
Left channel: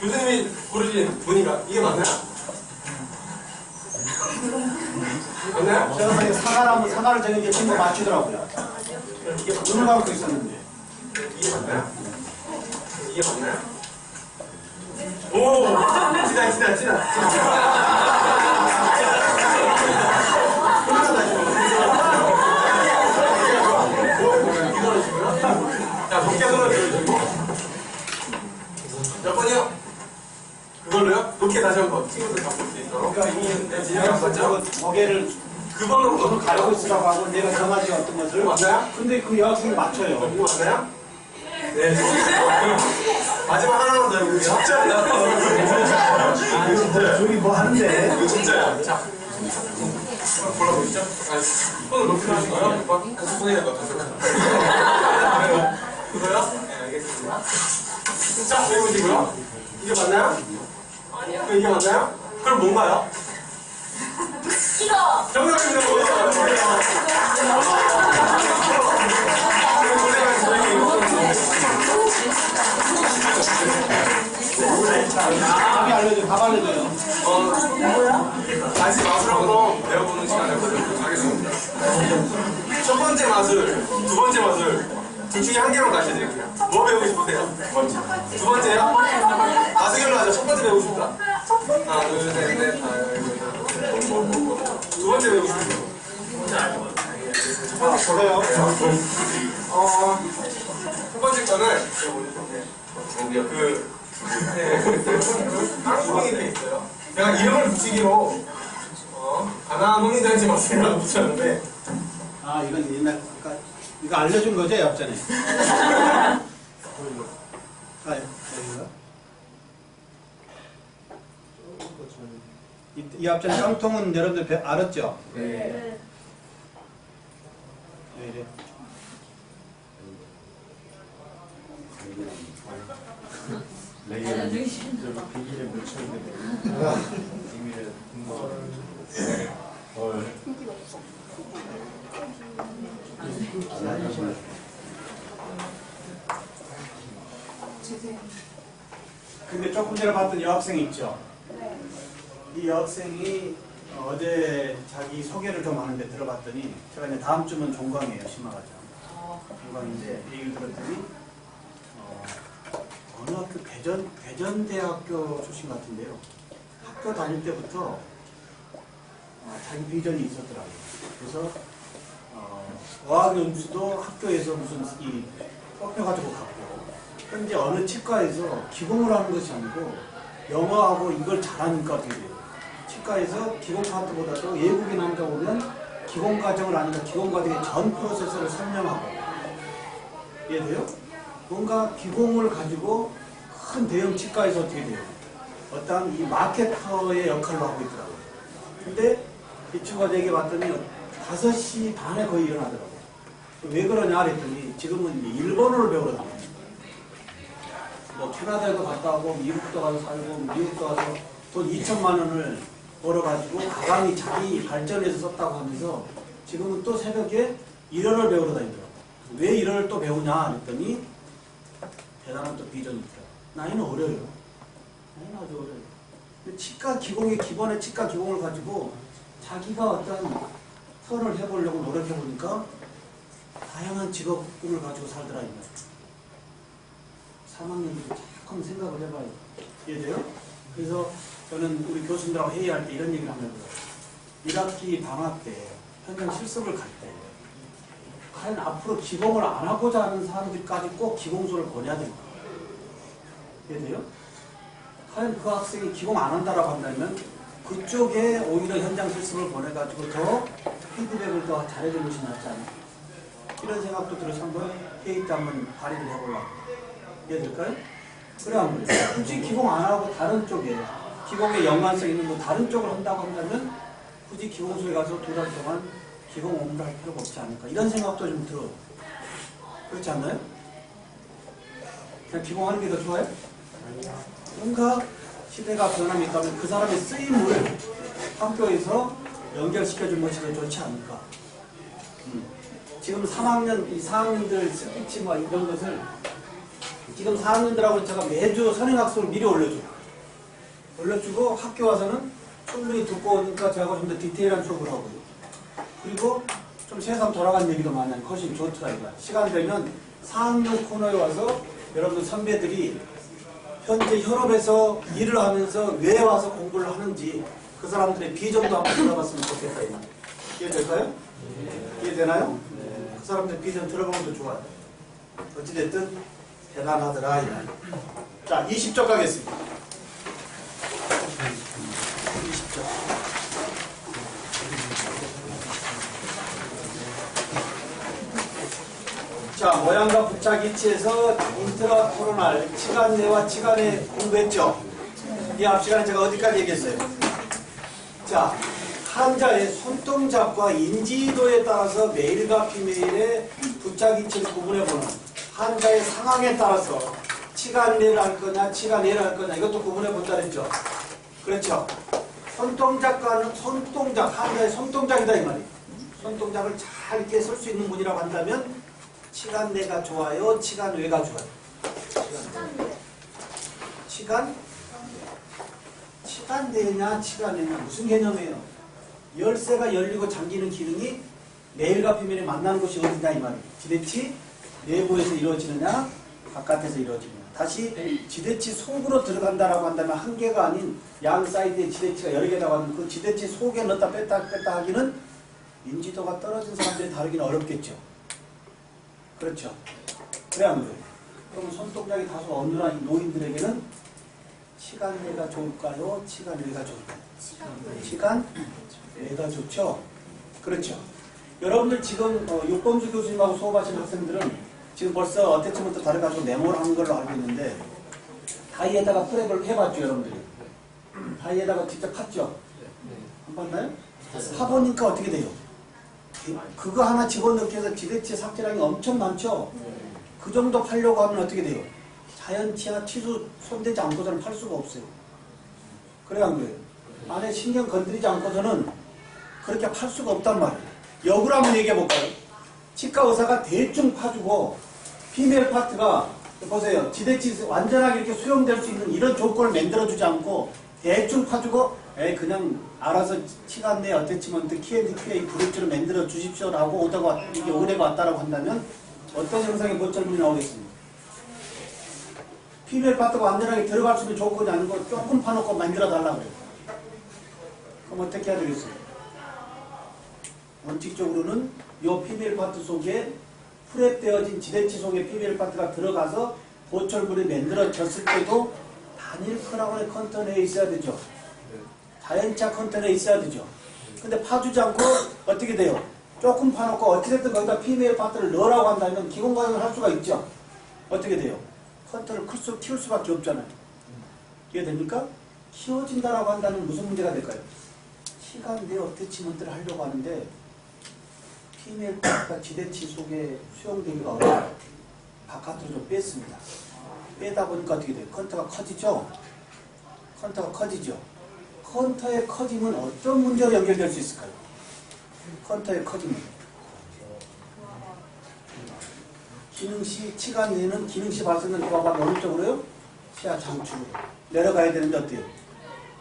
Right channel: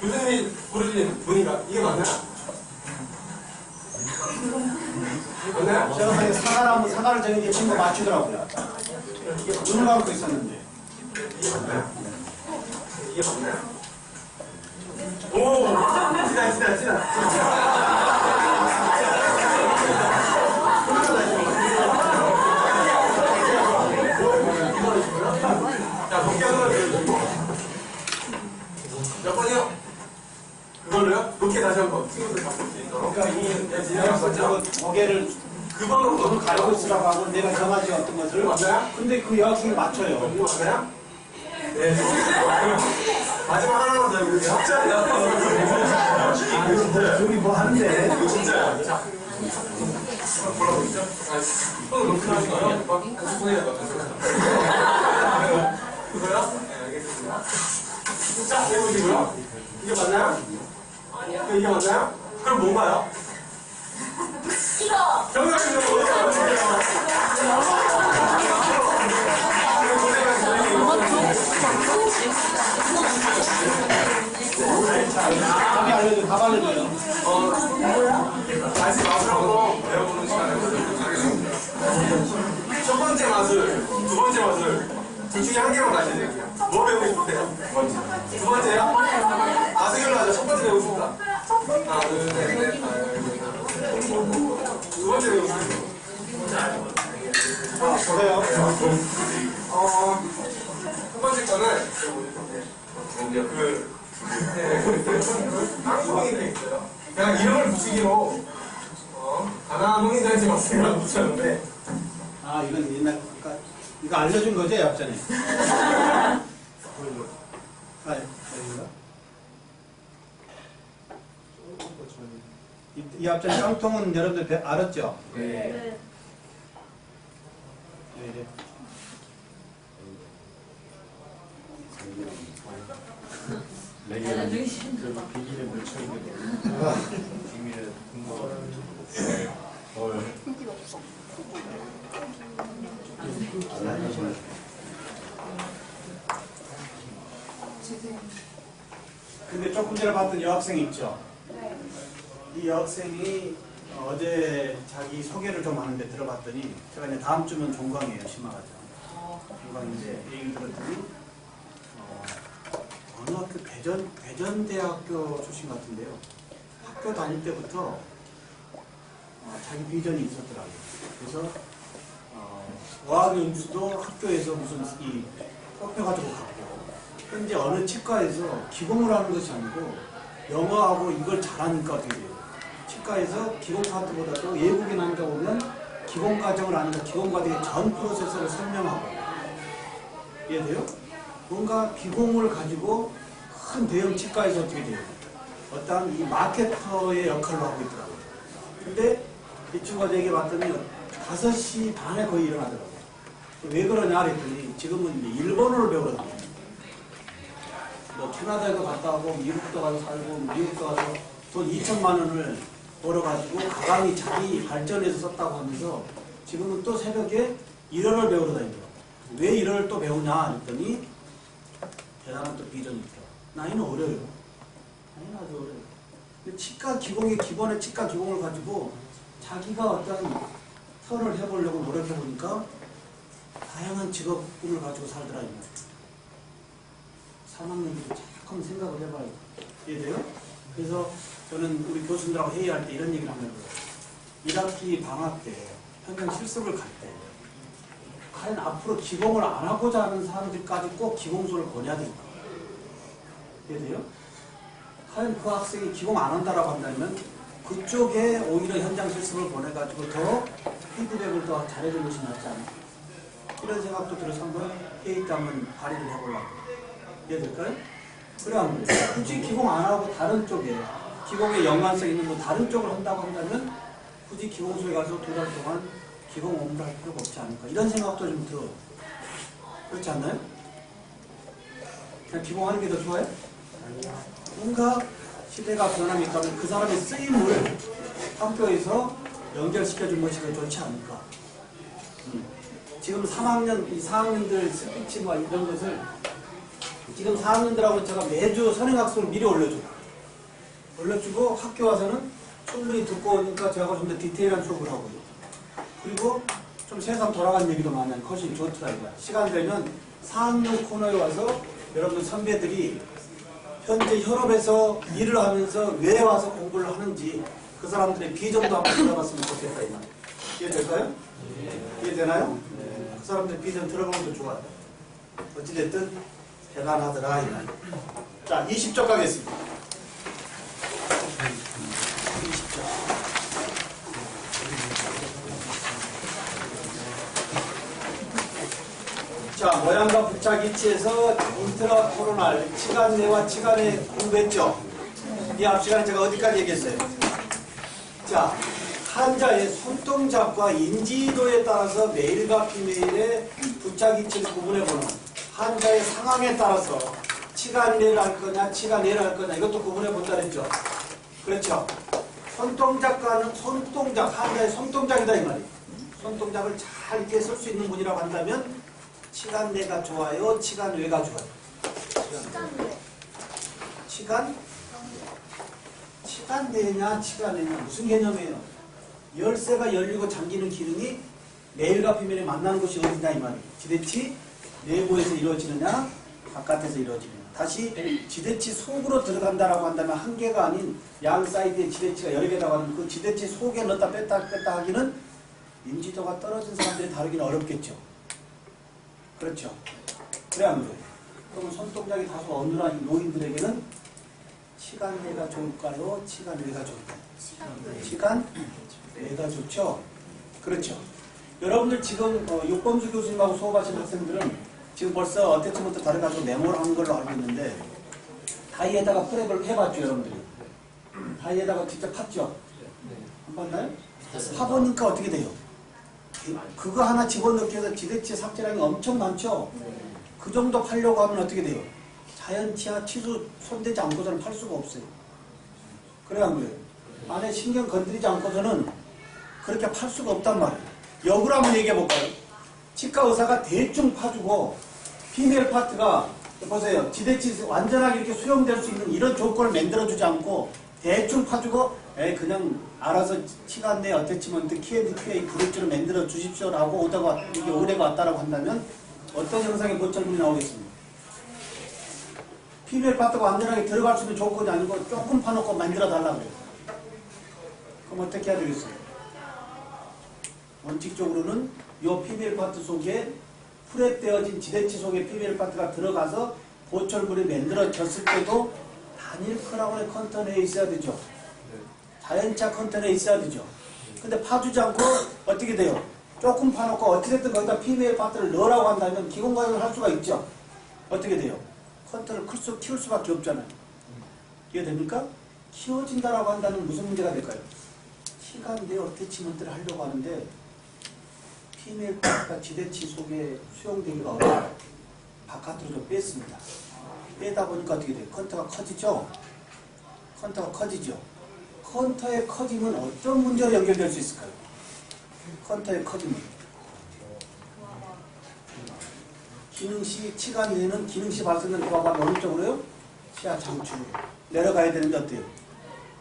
교수님이 고르신 보니까 이게 맞나요? 맞나요? 제가 만약에 사과라면 사과를 정해서 친구 맞추더라고요. 이게 눈을 감고 있었는데. 이게 맞나요? 이게 맞나요? 오! 지다. 자, 높게 손을 들어주시고. 몇 번이요? 그걸로요? 높게 다시 한번 친구들 잡을 수 있도록. 그러니까 이 고개를 그 번호로 눈을 가리고 있으라고 하고 내가 정하지 어떤 것을. 맞나요? 근데 그 여학생이 맞춰요. 이거 맞나요? 네. 마지막 하나만 더 해볼게요. 진짜요? 여기 뭐 하는데? 이거 진짜요? 자. 골라보시죠. 손을 높이 들으시고요. 손에 그거요? 네, 알겠습니다. 자, 해보시고요. 이게 맞나요? 아니요. 이게 맞나요? 그럼 뭔가요? 이거! 정답입니다. 답이 알려줘요. 답 알려줘요. 다시 마술하고 배워보는 시간을 갖도록 하겠습니다. 첫 번째 마술, 두 번째 마술 둘 중에 한 개만 가셔야 돼요. 뭐 배우고 싶으세요? 두 번째요? 마술로 하죠. 첫 번째 배우고 싶다. 하나, 둘, 셋, 넷, 두 번째 배우고 싶어요. 보세요. 첫 번째 거는 땅구멍이 되어 있어요. 제가 이름을 붙이기로 가난한 농민들한테 마술이라고 붙였는데 아, 이건 옛날, 그러니까 이거 알려준 거죠, 옆전에? 아, 여기가? 이 앞전에 깡통은 여러분들 알았죠? 네. 왜 이래? 비닐에 묻혀 있는 비밀에 근데 조금 전에 봤던 여학생이 있죠? 이 여학생이 어제 자기 소개를 좀 하는데 들어봤더니 제가 이제 다음 주면 종강이에요, 심화과정. 종강인데 얘기를 들었더니 어느 학교 대전대학교 출신 같은데요. 학교 다닐 때부터 자기 비전이 있었더라고요. 그래서 어학연수도 학교에서 무슨 이 뽑혀가지고 갔고, 현재 어느 치과에서 기공을 하는 것이 아니고 영어하고 이걸 잘하니까 어떻게 돼요? 치과에서 기공 파트보다도 외국인 환자 오면 기공 과정을 아니까 기공 과정의 전 프로세스를 설명하고, 이해돼요? 뭔가 기공을 가지고 큰 대형 치과에서 어떻게 돼요? 어떤 이 마케터의 역할을 하고 있더라고요. 근데 이 친구가 얘기 봤더니 5시 반에 거의 일어나더라고요. 왜 그러냐 그랬더니 지금은 이제 일본어를 배우러 다녀요. 뭐 캐나다에도 갔다 오고 미국도 가서 살고 미국도 가서 돈 2천만 원을 벌어가지고 가방이 자기 발전해서 썼다고 하면서 지금은 또 새벽에 일어를 배우러 다니더라고요. 왜 일어를 또 배우냐 그랬더니 대단한 또 비전이 있더라고요. 나이는 어려요. 나이는 아주 어려요. 치과 기공의 기본의 치과 기공을 가지고 자기가 어떤 턴을 해보려고 노력해보니까 다양한 직업군을 가지고 살더라. 3학년도 조금 생각을 해봐요. 이해돼요? 그래서 저는 우리 교수님들하고 회의할 때 이런 얘기를 하면 1학기 방학 때 현장 실습을 갈 때 과연 앞으로 기공을 안 하고자 하는 사람들까지 꼭 기공소를 보내야 될까? 이해돼요? 과연 그 학생이 기공 안 한다라고 한다면 그쪽에 오히려 현장 실습을 보내가지고 더 피드백을 더 잘해주는 것이 낫지 않을까? 이런 생각도 들어서 한번 회의 때 한번 발의를 해보려고. 이해될까요? 그래 안 그래요? 굳이 기공 안 하고 다른 쪽에 기공에 연관성 있는 뭐 다른 쪽을 한다고 한다면 굳이 기공소에 가서 2달 동안 기공 업무를 할 필요가 없지 않을까? 이런 생각도 좀 들어요. 그렇지 않나요? 그냥 기공하는 게 더 좋아요? 뭔가 시대가 변함이 있다면 그 사람의 쓰임을 학교에서 연결시켜준 것이 더 좋지 않을까? 지금 3학년, 이 4학년들 스피치 뭐 이런 것을 지금 4학년들하고 제가 매주 선행학습을 미리 올려주고 학교 와서는 충분히 듣고 오니까 저하고 좀 더 디테일한 수업을 하고요. 그리고 좀 세상 돌아가는 얘기도 많이 하니까 훨씬 좋더라 이거야. 시간 되면 4학년 코너에 와서 여러분 선배들이 현재 현업에서 일을 하면서 왜 와서 공부를 하는지 그 사람들의 비전도 한번 들어봤으면 좋겠다 이 말이에요. 이해될까요? 이해되나요? 그 사람들의 비전 들어보면 더 좋아요. 어찌됐든 대단하더라 이 말이에요. 자, 20쪽 가겠습니다. 20쪽. 자, 모양과 부착 위치에서 인트라코로날 치간 내와 치간에 공부했죠. 이 앞 시간에 제가 어디까지 얘기했어요? 자, 환자의 손동작과 인지도에 따라서 메일과 피메일의 부착 위치를 구분해보는 환자의 상황에 따라서 치간 내를 할 거냐 치간 내를 할 거냐 이것도 구분해본다 그랬죠. 그렇죠. 손동작과는 손동작, 환자의 손동작이다 이 말이에요. 손동작을 잘 이렇게 쓸 수 있는 분이라고 한다면 치간 내가 좋아요? 치간 외가 좋아요? 치간 내냐 치간 내냐 무슨 개념이에요? 열쇠가 열리고 잠기는 기능이 메일과 피면에 만나는 곳이 어디냐 이 말이에요. 지대치 내부에서 이루어지느냐 바깥에서 이루어지느냐. 다시 지대치 속으로 들어간다라고 한다면 한 개가 아닌 양 사이드에 지대치가 여러 개라고 하는 그 지대치 속에 넣었다 뺐다 하기는 인지도가 떨어진 사람들이 다루기는 어렵겠죠. 그렇죠. 그래 안 그래요? 그럼 손동작이 다소 어눌한 노인들에게는 치간 내가 좋을까요? 치간 외가 좋을까요? 치간 외가 좋죠. 그렇죠. 여러분들 지금 육범수 교수님하고 수업하시는 학생들은 지금 벌써 어때쯤부터 다뤄가지고 메모를 한 걸로 알고 있는데 다이에다가 프랩을 해봤죠 여러분들이. 다이에다가 직접 팠죠. 안 봤나요? 파보니까 어떻게 돼요? 그거 하나 집어넣기 해서 지대치 삭제량이 엄청 많죠? 그 정도 팔려고 하면 어떻게 돼요? 자연치아 치수 손대지 않고서는 팔 수가 없어요. 그래 안 그래요? 안에 신경 건드리지 않고서는 그렇게 팔 수가 없단 말이에요. 역으로 한번 얘기해 볼까요? 치과 의사가 대충 파주고 피메일 파트가 보세요. 지대치 완전하게 이렇게 수용될 수 있는 이런 조건을 만들어주지 않고 대충 파주고 그냥 알아서 치간 내 어태치먼트 Q&A 그룹들을 만들어 주십시오라고 오다가 이게 의뢰가 왔다라고 한다면 어떤 형상의 모철문이 나오겠습니까? 피메일 파트가 완전하게 들어갈 수 있는 조건이 아니고 조금 파놓고 만들어 달라고 그래요. 그럼 어떻게 해야 되겠어요? 원칙적으로는 이 PBL 파트 속에 프랩되어진 지대치 속에 PBL 파트가 들어가서 보철물이 만들어졌을 때도 단일 크라운의 컨테너에 있어야 되죠. 자연차 컨테너에 있어야 되죠. 근데 파주지 않고 어떻게 돼요? 조금 파놓고 어찌됐든 거기다 PBL 파트를 넣으라고 한다면 기공과정을 할 수가 있죠. 어떻게 돼요? 컨테너를 키울 수밖에 없잖아요. 이해됩니까? 키워진다라고 한다는 무슨 문제가 될까요? 시간 내 어태치먼트를 하려고 하는데 PBL 파트가 지대치 속에 수용되기가 어려워요. 바깥으로 좀 뺐습니다. 빼다 보니까 어떻게 돼요? 컨터가 커지죠? 컨터가 커지죠? 컨터의 커짐은 어떤 문제로 연결될 수 있을까요? 컨터의 커짐은 기능시, 치가 내는 기능시 발생은 누가 어느 쪽으로요? 치아 장축으로 내려가야 되는데 어때요?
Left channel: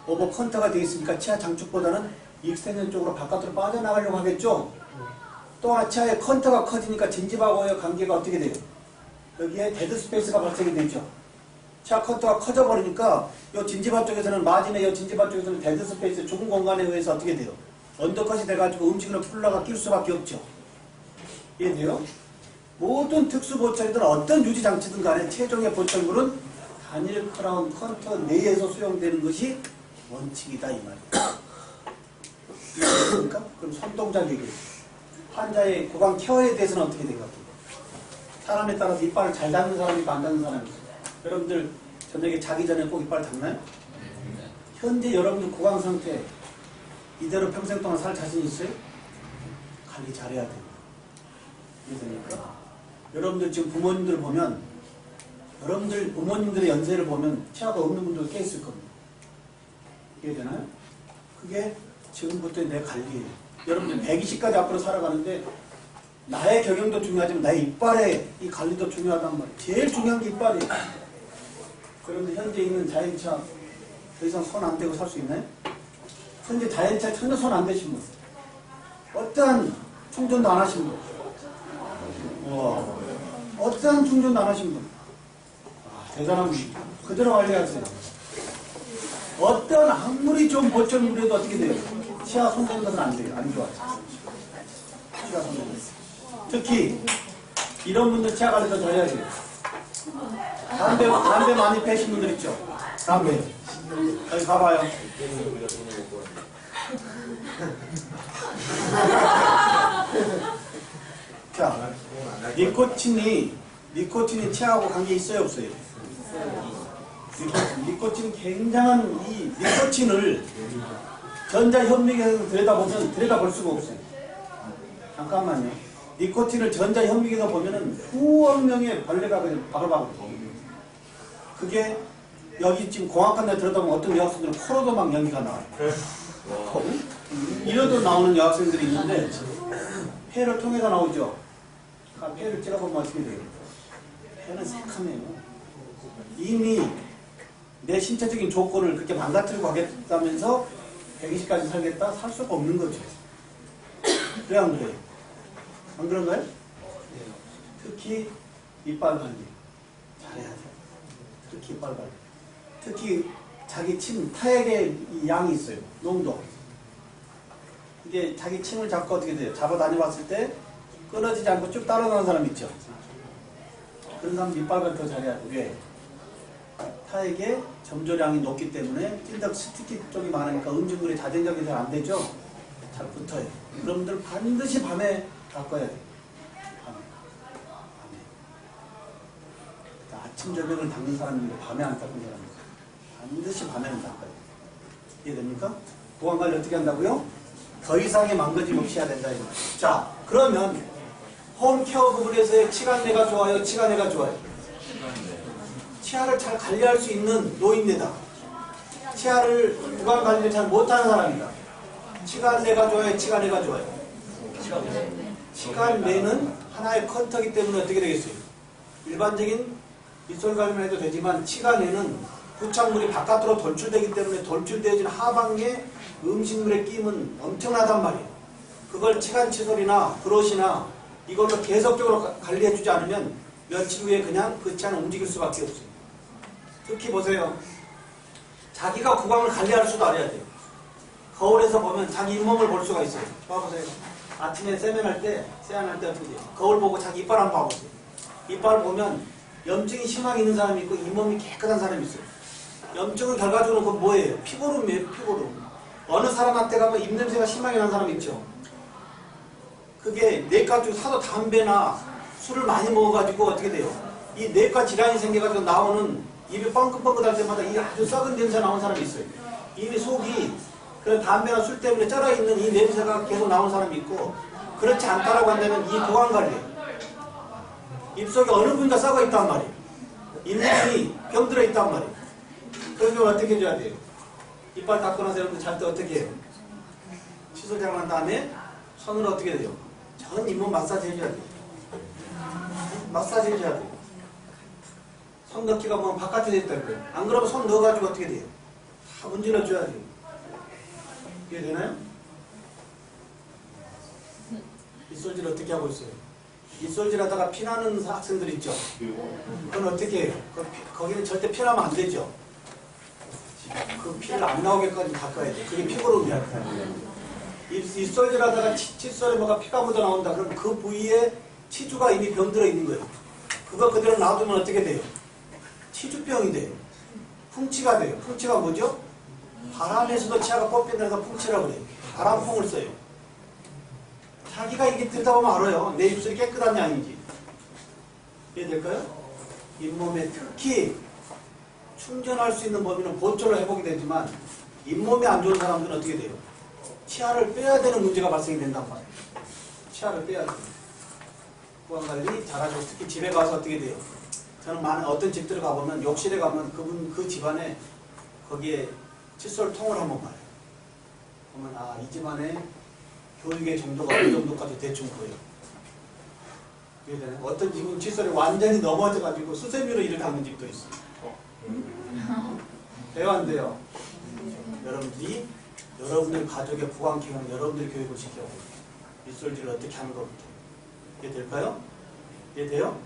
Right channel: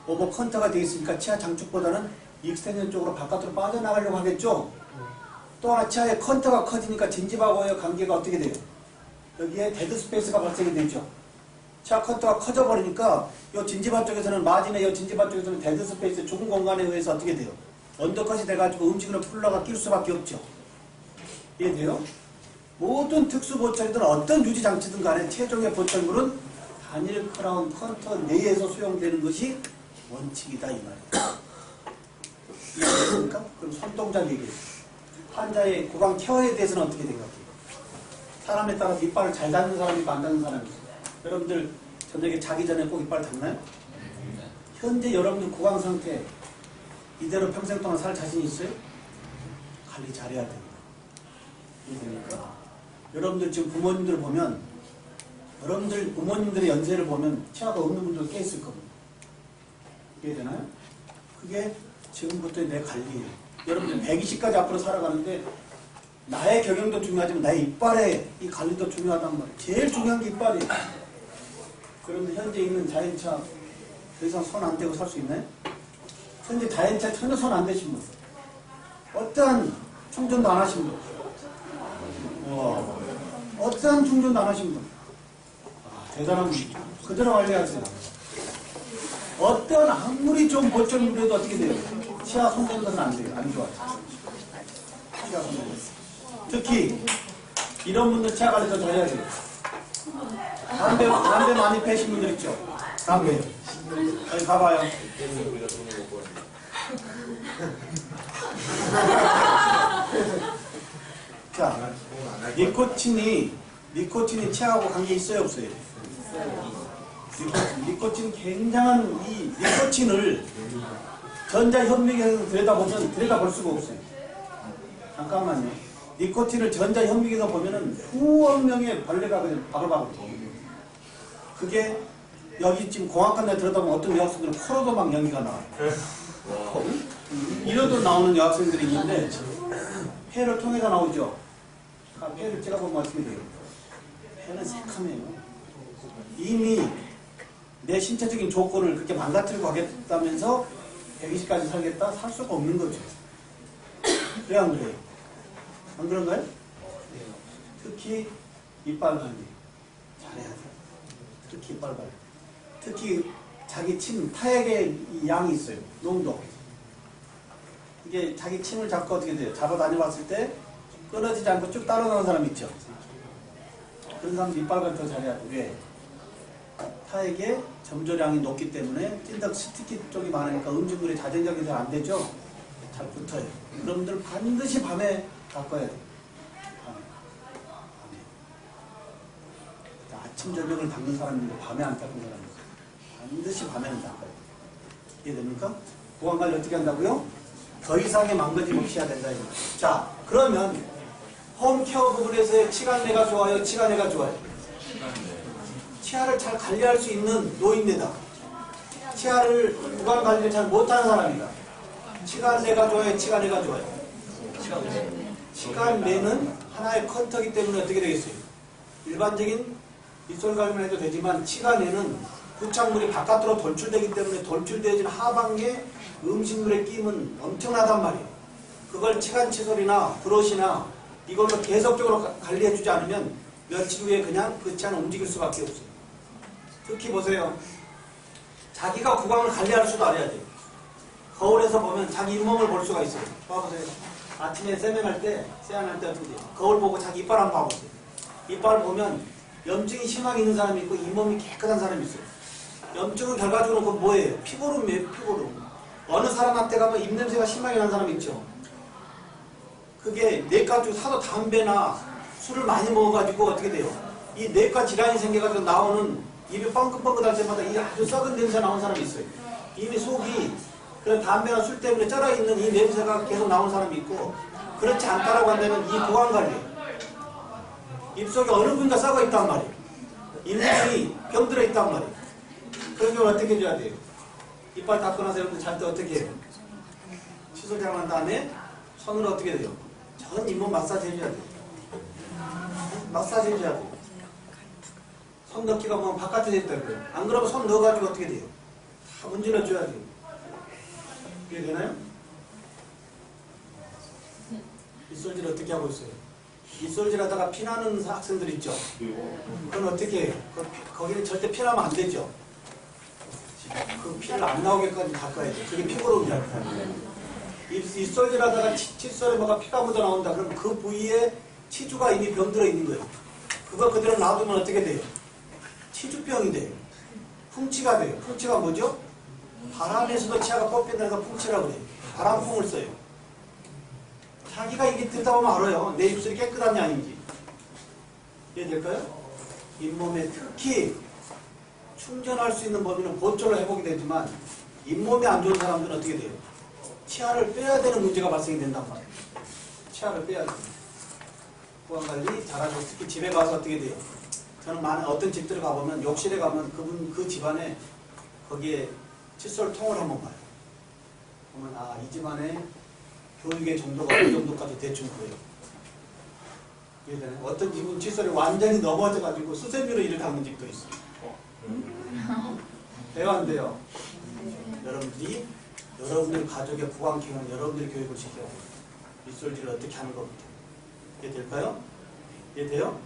오버 컨터가 되어 있으니까 치아 장축보다는 익스텐션 쪽으로 바깥으로 빠져나가려고 하겠죠? 또 하나 치아의 컨터가 커지니까 진집하고의 관계가 어떻게 돼요? 여기에 데드 스페이스가 발생이 되죠. 치아 컨터가 커져버리니까 이 진지바 쪽에서는 마진의 이 진지바 쪽에서는 데드 스페이스 좁은 공간에 의해서 어떻게 돼요? 언더컷이 돼가지고 음식으로 풀러가 낄 수밖에 없죠. 이해돼요? 모든 특수 보철이든 어떤 유지 장치든 간에 최종의 보철물은 단일 크라운 컨터 내에서 수용되는 것이 원칙이다 이 말이에요. 이해됩니까? 그럼 손동작 얘기해요. 환자의 구강 케어에 대해서는 어떻게 생각해요? 사람에 따라서 이빨을 잘 닦는 사람이 있고 안 닦는 사람이 있어요. 여러분들 저녁에 자기 전에 꼭 이빨 닦나요? 현재 여러분들 구강 상태 이대로 평생 동안 살 자신 있어요? 관리 잘해야 됩니다. 이해됩니까? 여러분들 지금 부모님들 보면 여러분들 부모님들의 연세를 보면 치아가 없는 분들도 꽤 있을 겁니다. 이해되나요? 그게 지금부터의 내 관리예요. 여러분들 120까지 앞으로 살아가는데 나의 경영도 중요하지만 나의 이빨의 이 관리도 중요하단 말이에요. 제일 중요한 게 이빨이에요. 그러면 현재 있는 자연차 더 이상 손 안 대고 살 수 있나요? 현재 자연차 전혀 손 안 대신 분, 어떠한 충전도 안 하신 분, 어떠한 충전도 안 하신 분, 대단한 분이죠. 그대로 관리하세요. 어떤 아무리 좀 보철물이라도 어떻게 돼요? 치아 손대는 것은 안 돼요. 안 좋아요. 치아 손대는 것. 특히 이런 분들 치아 관리 더 잘해야 돼요. 담배 많이 패신 분들 있죠? 담배. 여기 가봐요. 자, 니코틴이 치아하고 관계 있어요, 없어요? 니코틴 굉장한 이 니코틴을 전자현미경에서 들여다볼 수가 없어요. 잠깐만요. 니코틴을 전자현미경에서 보면은 수억 명의 벌레가 그냥 바글바글. 그게 여기 지금 공학관 내 들여다보면 어떤 여학생들은 코로도 막 연기가 나와요. 이러도 나오는 여학생들이 있는데 폐를 통해서 나오죠. 폐를 찍어보면 어떻게 돼요? 폐는 새카매요. 이미 내 신체적인 조건을 그렇게 망가뜨리고 하겠다면서 120까지 살겠다? 살 수가 없는 거죠. 그래 안 그래요? 안 그런가요? 특히 이빨 관리 잘해야 돼요. 특히 이빨 관리. 특히 자기 침, 타액의 이 양이 있어요. 농도. 이게 자기 침을 잡고 어떻게 돼요? 잡아 다녀봤을 때 끊어지지 않고 쭉 따라가는 사람 있죠? 그런 사람 이빨 관리 더 잘해야 돼요. 왜? 타액의 점조량이 높기 때문에 찐덕 스티키 쪽이 많으니까 음식물이 자생적이 잘 안 되죠? 잘 붙어요. 여러분들 반드시 밤에 닦아야 돼요. 밤에. 아침, 저녁을 닦는 사람인데 밤에 안 닦는 사람이 있어요. 반드시 밤에는 닦아야 돼요. 이해됩니까? 보관 관리 어떻게 한다고요? 더 이상의 망가짐 없이 해야 된다. 자, 그러면 홈케어 부분에서의 치간내가 좋아요? 치간내가 좋아요? 치아를 잘 관리할 수 있는 노인네다. 치아를 구강 관리를 잘 못하는 사람이다. 치간내가 좋아요? 치간내가 좋아요? 치간내는 하나의 컨터기 때문에 어떻게 되겠어요? 일반적인 입술 관리만 해도 되지만 치간내는 부착물이 바깥으로 돌출되기 때문에 돌출되어진 하방에 음식물의 끼임은 엄청나단 말이에요. 그걸 치간 칫솔이나 브러쉬나 이걸로 계속적으로 관리해주지 않으면 며칠 후에 그냥 그 치아는 움직일 수밖에 없어요. 특히 보세요. 자기가 구강을 관리할 수도 알아야 돼요. 거울에서 보면 자기 잇몸을 볼 수가 있어요. 봐보세요. 아침에 세면할 때 어떻게 돼요? 거울 보고 자기 이빨 한번 봐보세요. 이빨 보면 염증이 심하게 있는 사람이 있고 잇몸이 깨끗한 사람이 있어요. 염증은 결과적으로 그 뭐예요? 피고름이에요, 피고름. 어느 사람한테 가면 입냄새가 심하게 나는 사람 있죠. 그게 내과 쪽 하도 담배나 술을 많이 먹어가지고 어떻게 돼요? 이 내과 질환이 생겨가지고 나오는 입이 뻥긋뻥긋할 때마다 이 아주 썩은 냄새 나오는 사람이 있어요. 이미 속이 그런 담배나 술 때문에 쩔어있는 이 냄새가 계속 나오는 사람이 있고, 그렇지 않다라고 한다면 이 보관관리예요. 입속에 어느 부위가 썩어 있단 말이에요. 잇몸이 병들어 있단 말이에요. 그런 경우는 어떻게 해줘야 돼요? 이빨 닦고 나서 여러분들 잘 때 어떻게 해요? 칫솔 잘한 다음에 손으로 어떻게 돼요? 전 잇몸 마사지 해줘야 돼요. 마사지 해줘야 돼요. 손 넣기가 뭐 바깥에 있다는 거예요. 안 그러면 손 넣어가지고 어떻게 돼요? 다 문질러줘야 돼요. 이해되나요? 입솔질 어떻게 하고 있어요? 입솔질 하다가 피나는 학생들 있죠? 그건 어떻게 해요? 거기는 절대 피나면 안 되죠? 그 피를 안 나오게까지 닦아야 돼. 그게 피고름이야. 입솔질 하다가 칫솔에 뭐가 피가 묻어 나온다. 그럼 그 부위에 치주가 이미 병들어 있는 거예요. 그거 그대로 놔두면 어떻게 돼요? 치주병이 돼요. 풍치가 돼요. 풍치가 뭐죠? 바람에서도 치아가 뽑힌다서 풍치라고 그래요. 바람풍을 써요. 자기가 이게 들다 보면 알아요. 내 입술이 깨끗한지 아닌지. 이해될까요? 잇몸에 특히 충전할 수 있는 범위는 보초로 회복이 되지만 잇몸이 안 좋은 사람들은 어떻게 돼요? 치아를 빼야 되는 문제가 발생이 된단 말이에요. 치아를 빼야 돼요. 보안관리 잘하시고 특히 집에 가서 어떻게 돼요? 저는 많은 어떤 집들 가보면 욕실에 가면 그 집안에 거기에 칫솔 통을 한번 봐요. 보면 이 집안에 교육의 정도가 어느 정도까지 대충 보여요. 이해되나요? 어떤 집은 칫솔이 완전히 넘어져가지고 수세미로 이를 닦는 집도 있어요. 돼요 안 돼요? 여러분들이 여러분들 가족의 구강기능 여러분들이 교육을 시켜요. 입솔질을 어떻게 하는 것부터. 이해될까요? 이해돼요?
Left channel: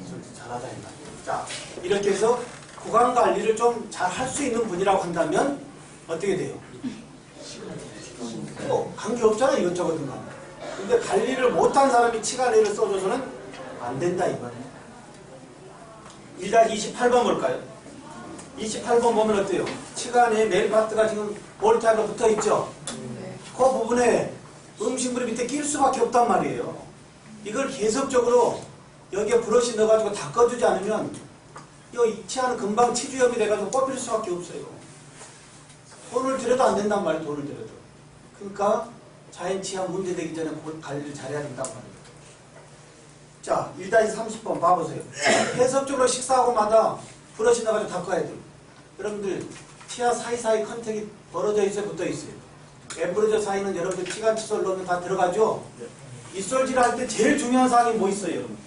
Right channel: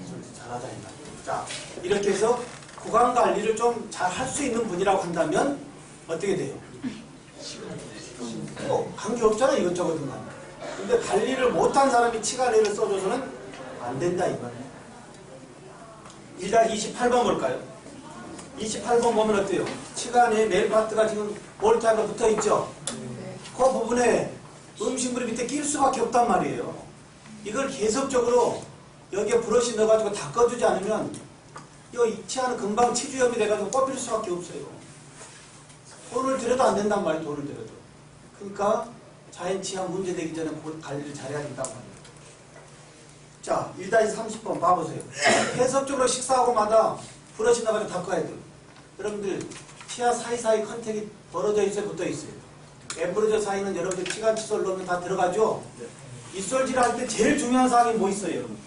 입솔질 잘하자 이 말이에요. 자, 이렇게 해서 구강관리를 좀 잘 할 수 있는 분이라고 한다면 어떻게 돼요? 관계없잖아 이것저것은 간에. 근데 관리를 못한 사람이 치관리를 써줘서는 안 된다 이 말이에요. 일단 28번 볼까요? 28번 보면 어때요? 치관에 메일 파트가 지금 볼트하고 붙어있죠? 그 부분에 음식물이 밑에 낄 수밖에 없단 말이에요. 이걸 계속적으로 여기에 브러쉬 넣어가지고 닦아주지 않으면 이 치아는 금방 치주염이 돼가지고 뻗을 수밖에 없어요. 돈을 들여도 안 된단 말이에요. 돈을 들여도. 그러니까 자연치아 문제되기 전에 관리를 잘해야 된단 말이에요. 자, 1-30번 봐보세요. 계속적으로 식사하고마다 브러쉬 넣어가지고 닦아야 돼요. 여러분들 치아 사이사이 컨택이 벌어져 있어요? 붙어 있어요? 엠브레저 사이는 여러분들 치간 칫솔 넣으면 다 들어가죠? 입솔질 할 때 제일 중요한 사항이 뭐 있어요? 여러분?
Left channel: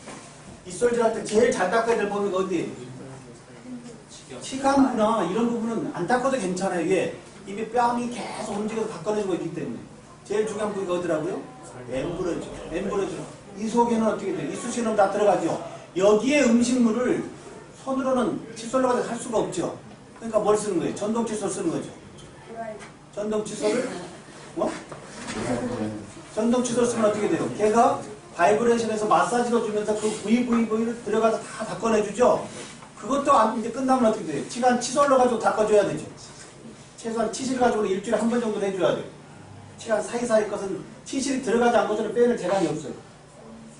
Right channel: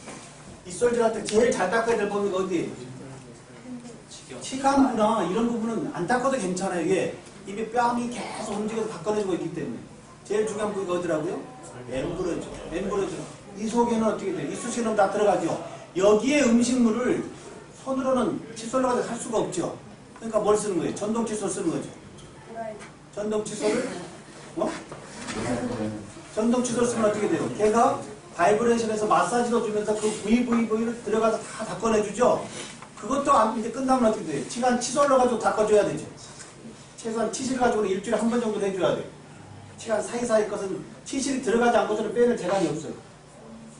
입솔질 할 때 제일 잘 닦아야 될 부분이 어디? 치간부나 이런 부분은 안 닦아도 괜찮아요. 이게 입에 뺨이 계속 움직여서 닦아내주고 있기 때문에. 제일 중요한 부위가 어디라고요? 엠브레저. 엠브레저. 이 속에는 어떻게 돼요? 이쑤시개는 다 들어가죠. 여기에 음식물을 손으로는 칫솔로 가지고 할 수가 없죠. 그러니까 뭘 쓰는 거예요? 전동 칫솔 쓰는 거죠. 전동 칫솔을 전동 칫솔 쓰면 어떻게 돼요? 걔가 바이브레이션에서 마사지도 주면서 그 부위를 들어가서 다 닦아내주죠. 그것도 이제 끝나면 어떻게 돼요? 치간 칫솔로 가지고 닦아줘야 되죠. 최소한 치실 가지고 일주일에 한 번 정도 해줘야 돼요. 치간 사이사이 것은 치실이 들어가지 않고서는 빼낼 재간이 없어요.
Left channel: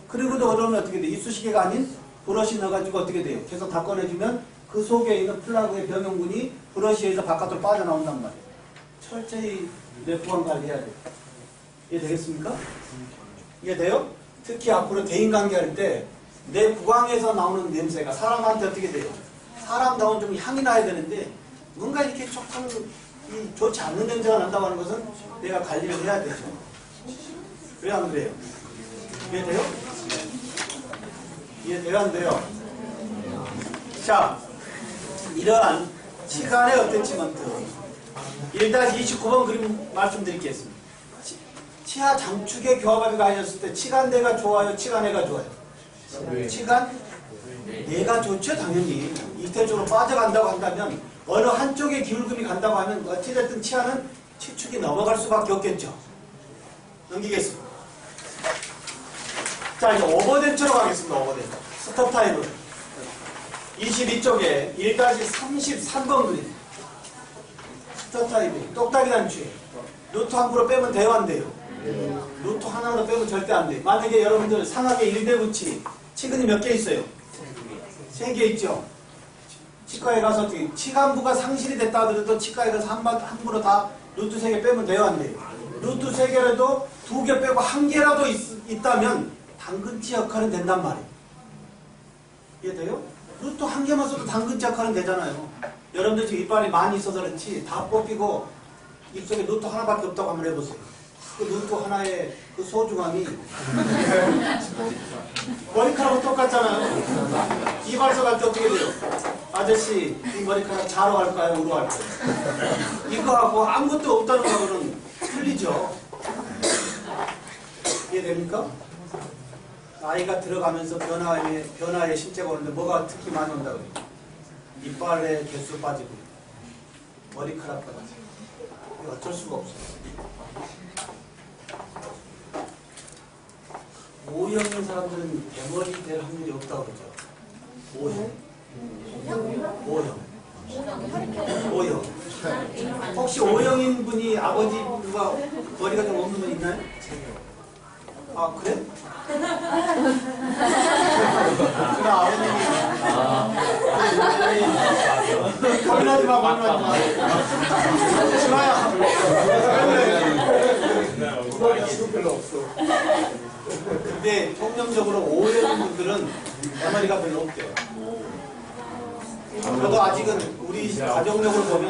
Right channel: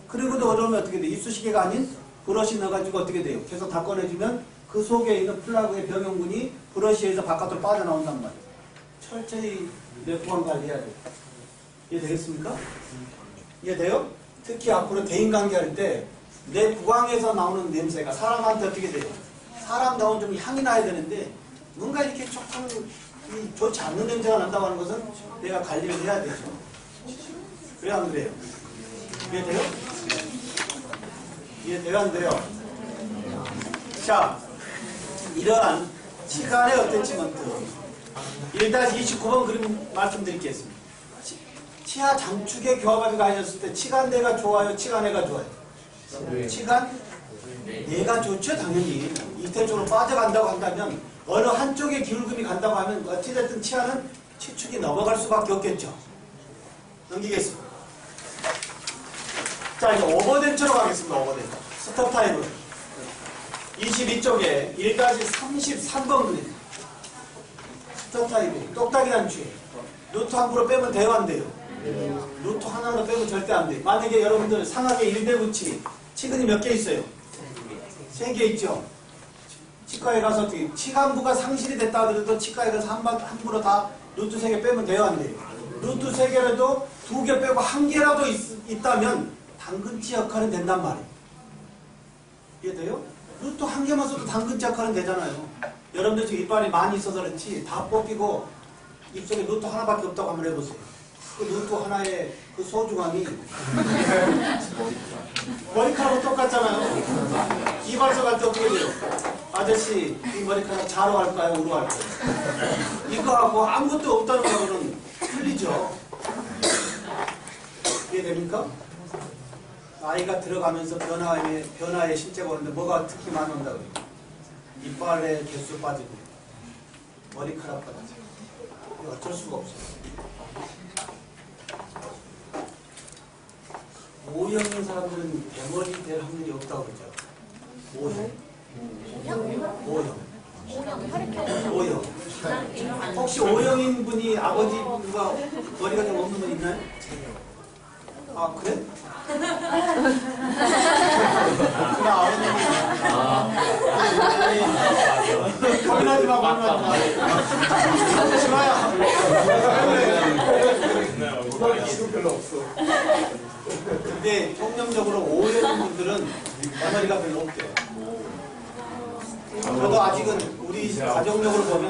그리고도 어려우면 어떻게 돼요? 이쑤시개가 아닌 브러쉬 넣어가지고 어떻게 돼요? 계속 닦아내주면 그 속에 있는 플라그의 병용군이 브러쉬에서 바깥으로 빠져나온단 말이에요. 철저히 내 구강 관리해야 돼요. 이해되겠습니까? 이해돼요? 특히 앞으로 대인관계 할 때 내 구강에서 나오는 냄새가 사람한테 어떻게 돼요? 사람다운 좀 향이 나야 되는데 뭔가 이렇게 조금 좋지 않는 냄새가 난다고 하는 것은 내가 관리를 해야 되죠. 왜 안 그래요? 이해돼요? 이해돼요? 안 돼요? 자, 이러한 치간의 어태치먼트 1-29번 그림 말씀드리겠습니다. 치아 장축의 교합압이 가해졌을 때 치간내가 좋아요? 치간내가 좋아요? 치간내가 좋죠 당연히. 이태쪽으로 빠져간다고 한다면 어느 한쪽에 기울금이 간다고 하면 어찌됐든 치아는 치축이 넘어갈 수밖에 없겠죠. 넘기겠습니다. 자, 이제 오버덴처로 가겠습니다. 오버덴처. 스톱 타입은 22쪽에 1-33번 그림. 스톱 타입이 똑딱이 단추에 루트 함부로 빼면 돼요, 안 돼요? 루트 하나로 빼면 절대 안 돼요. 만약에 여러분들 상하게 1대9치 치근이 몇 개 있어요? 3개 있죠? 치과에 가서 어떻게 치간부가 상실이 됐다 하더라도 치과에 가서 함부로 다 루트 3개 빼면 돼요, 안 돼요? 루트 3개라도 2개 빼고 1개라도 있다면 당근치 역할은 된단 말이에요. 이해돼요? 루트 1개만 써도 당근치 역할은 되잖아요. 여러분들 지금 이빨이 많이 있어서 그렇지 다 뽑히고 입속에 루트 하나밖에 없다고 한번 해보세요. 그 루트 하나의 그 소중함이 머리카락하고 똑같잖아요. 이발소 갈 때 어떻게 돼요? 아저씨 이 머리카락 자로 갈까요? 우로 갈까요? 이거하고 아무것도 없다는 거는 틀리죠. 이해됩니까? 나이가 들어가면서 변화의 신체가 오는데 뭐가 특히 많이 온다고 해요? 이빨의 개수 빠지고 머리카락 빠지고 이거 어쩔 수가 없어요. O형인 사람들은 대머리 될 확률이 없다고 그러죠. O형. 혹시 O형인 분이 아버지가 머리가 좀 없는 분 있나요? 아, 그래? 그래, 아버님이. 고민하지 마, 고민하지 마. 지마야. 지금 별로 없어. 근데 통념적으로 O형 분들은 대머리가 별로 없대요. 저도 아직은 우리 가정적으로 보면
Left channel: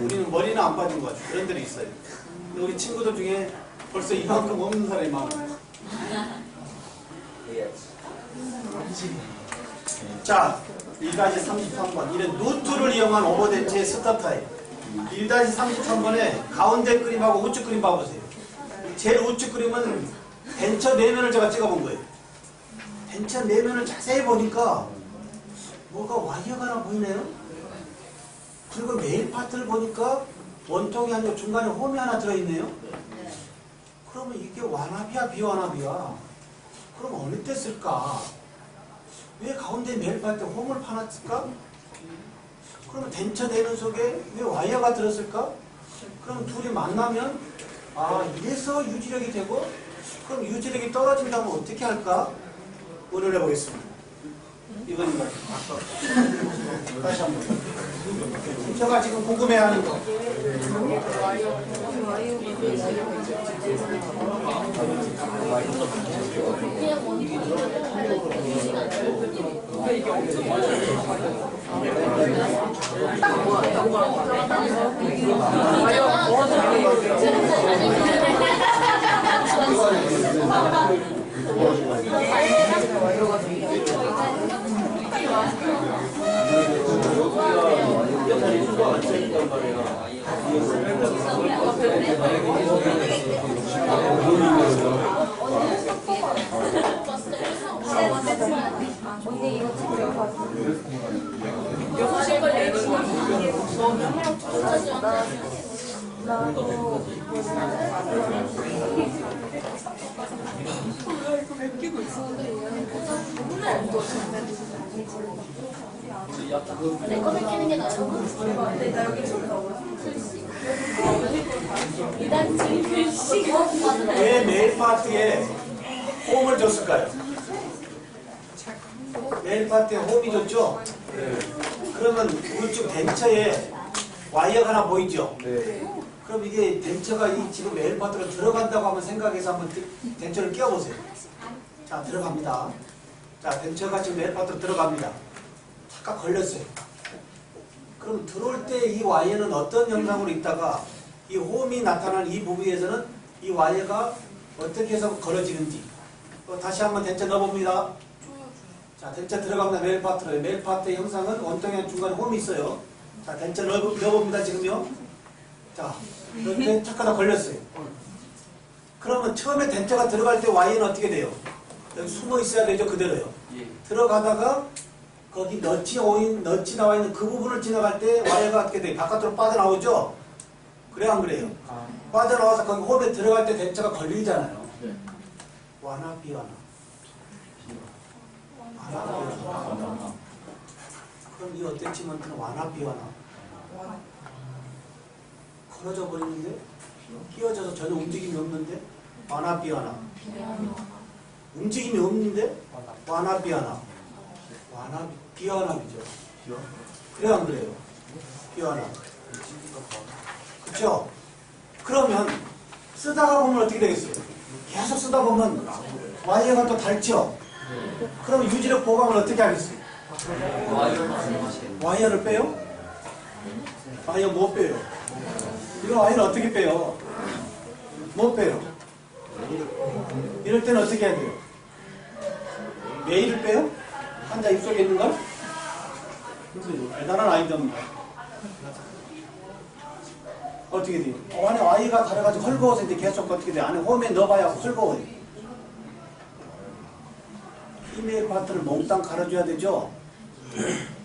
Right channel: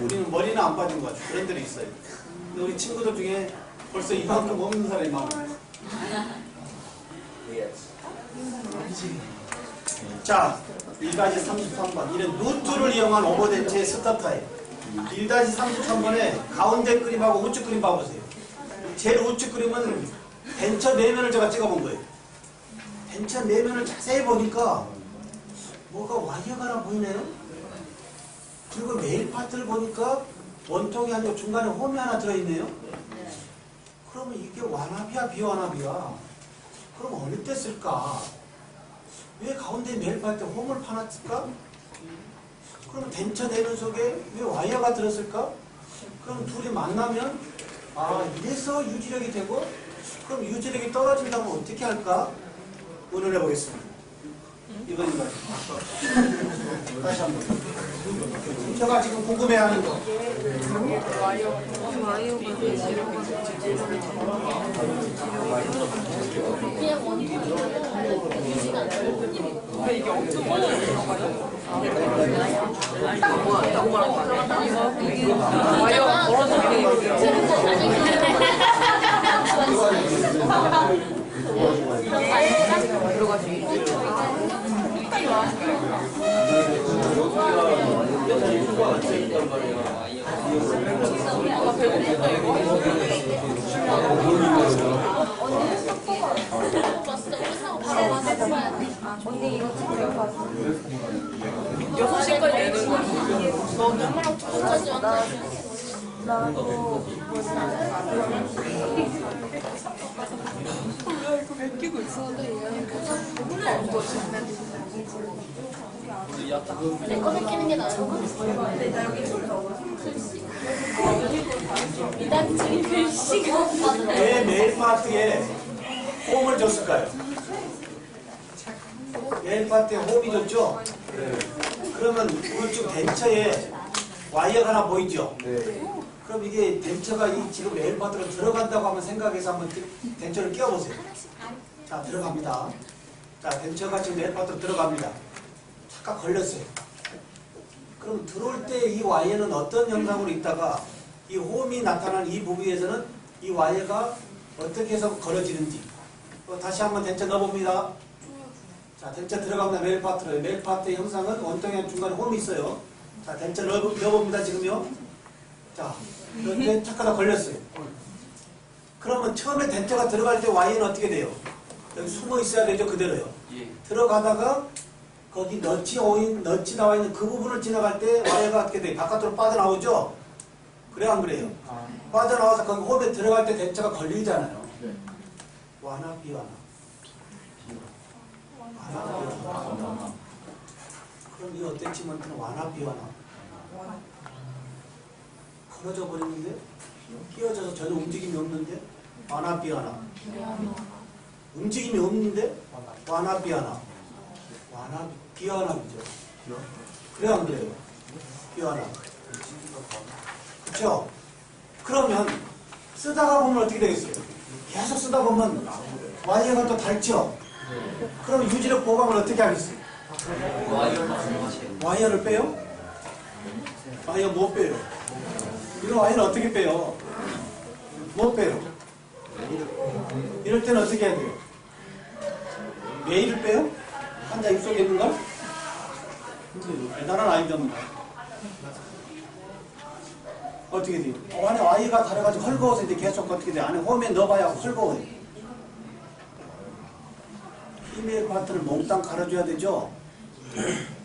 우리는 머리는 안 빠진 것 같아요. 그런 데도 있어요. 근데 우리 친구들 중에 벌써 이만큼 없는 사람이 많아요. 자, 1-33번. 이런 루트를 이용한 오버덴체의 스톱 타입. 1-33번에 가운데 그림하고 우측 그림 봐보세요. 제일 우측 그림은 덴처 내면을 제가 찍어본 거예요. 덴처 내면을 자세히 보니까 뭐가 와이어가 하나 보이네요. 그리고 메일 파트를 보니까 원통이 아니고 중간에 홈이 하나 들어있네요. 그러면 이게 완합이야 비완합이야? 그럼 어느 때 쓸까? 왜 가운데 메일 파트에 홈을 파놨을까? 그러면 덴처 내면 속에 왜 와이어가 들었을까? 그럼 둘이 만나면 아 이래서 유지력이 되고 그럼 유지력이 떨어진다면 어떻게 할까? 오늘 해보겠습니다. 이건 다시 한번. 제가 지금 궁금해하는 거. 언니 이거 챙겨가지고 6시까지 내는 나도 내 거 베끼는 게 나아요. 이단지 글씨가 왜 메일 파트에 홈을 줬을까요? 메일 파트에 홈이 줬죠? 그러면 우측 덴처에 와이어가 하나 보이죠? 그럼 이게 덴처가 이 지금 메일 파트로 들어간다고 하면 생각해서 한번 덴처를 끼워보세요. 자, 들어갑니다. 자, 덴처가 지금 메일 파트로 들어갑니다. 잠깐 걸렸어요. 그럼 들어올 때 이 와이어는 어떤 형상으로 있다가 이 홈이 나타나는 이 부분에서는 이 와이어가 어떻게 해서 걸어지는지 다시 한번 덴처 넣어봅니다. 자, 덴처 들어갑니다. 메일 파트로. 메일 파트의 형상은 원통의 중간에 홈이 있어요. 자, 덴처 넣어봅니다. 지금요. 자, 이렇게 착하다 걸렸어요. 그러면 처음에 덴처가 들어갈 때 와이어는 어떻게 돼요? 여기 숨어 있어야 되죠. 그대로요. 들어가다가 거기 넛이 나와 있는 그 부분을 지나갈 때 와이어가 어떻게 돼요? 바깥으로 빠져나오죠? 그래요? 안 그래요? 빠져나와서 거기 홈에 들어갈 때 덴처가 걸리잖아요. 완화, 비완화. 이 어태치먼트는 완화 비완화? 걸어져 버리는데 끼어져서 전혀 움직임이 없는데 완화 비완화? 움직임이 없는데 완화 비완화? 완화 비완화이죠. 그래 안 그래요? 비완화. 그렇죠? 그러면 쓰다가 보면 어떻게 되겠어요? 계속 쓰다 보면 와이어가 또 닳죠? 그러면 유지력 보강을 어떻게 하겠어요? 와이어를 빼요? 와이어 못 빼요. 이런 와이어를 어떻게 빼요? 못 빼요. 이럴 때는 어떻게 해야 돼요? 메일을 빼요? 환자 입속에 있는 걸? 대단한 아이디어입니다. 어떻게 돼요? 안에 와이어가 달아가지고 헐거워서 이제 계속 어떻게 돼요? 안에 홈에 넣어봐야 헐거워요. 피메일 파트를 몽땅 갈아줘야 되죠?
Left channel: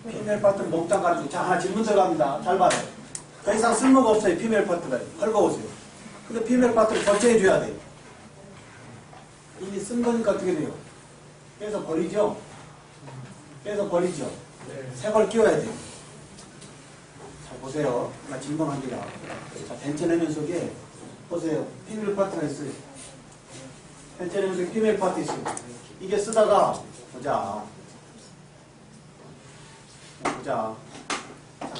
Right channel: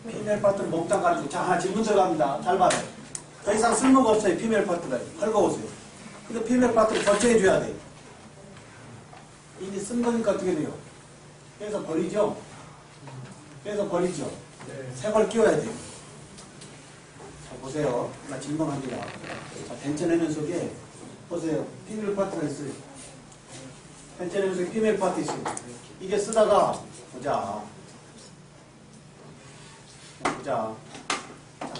피메일 파트를 몽땅 갈아주고. 자, 하나 질문 들어갑니다. 잘 봐요. 더 이상 쓸모가 없어요. 피메일 파트가 헐거워서요. 근데 피메일 파트를 교체해줘야 돼요. 이미 쓴 거니까 어떻게 돼요? 빼서 버리죠? 빼서 버리죠? 새 걸 끼워야 돼요. 자, 보세요. 나 질문합니다. 자, 벤처내는 속에 보세요. 피메일 파트가 있어요. 벤처내는 속에 피메일 파트 있어요. 이게 쓰다가 보자. 자,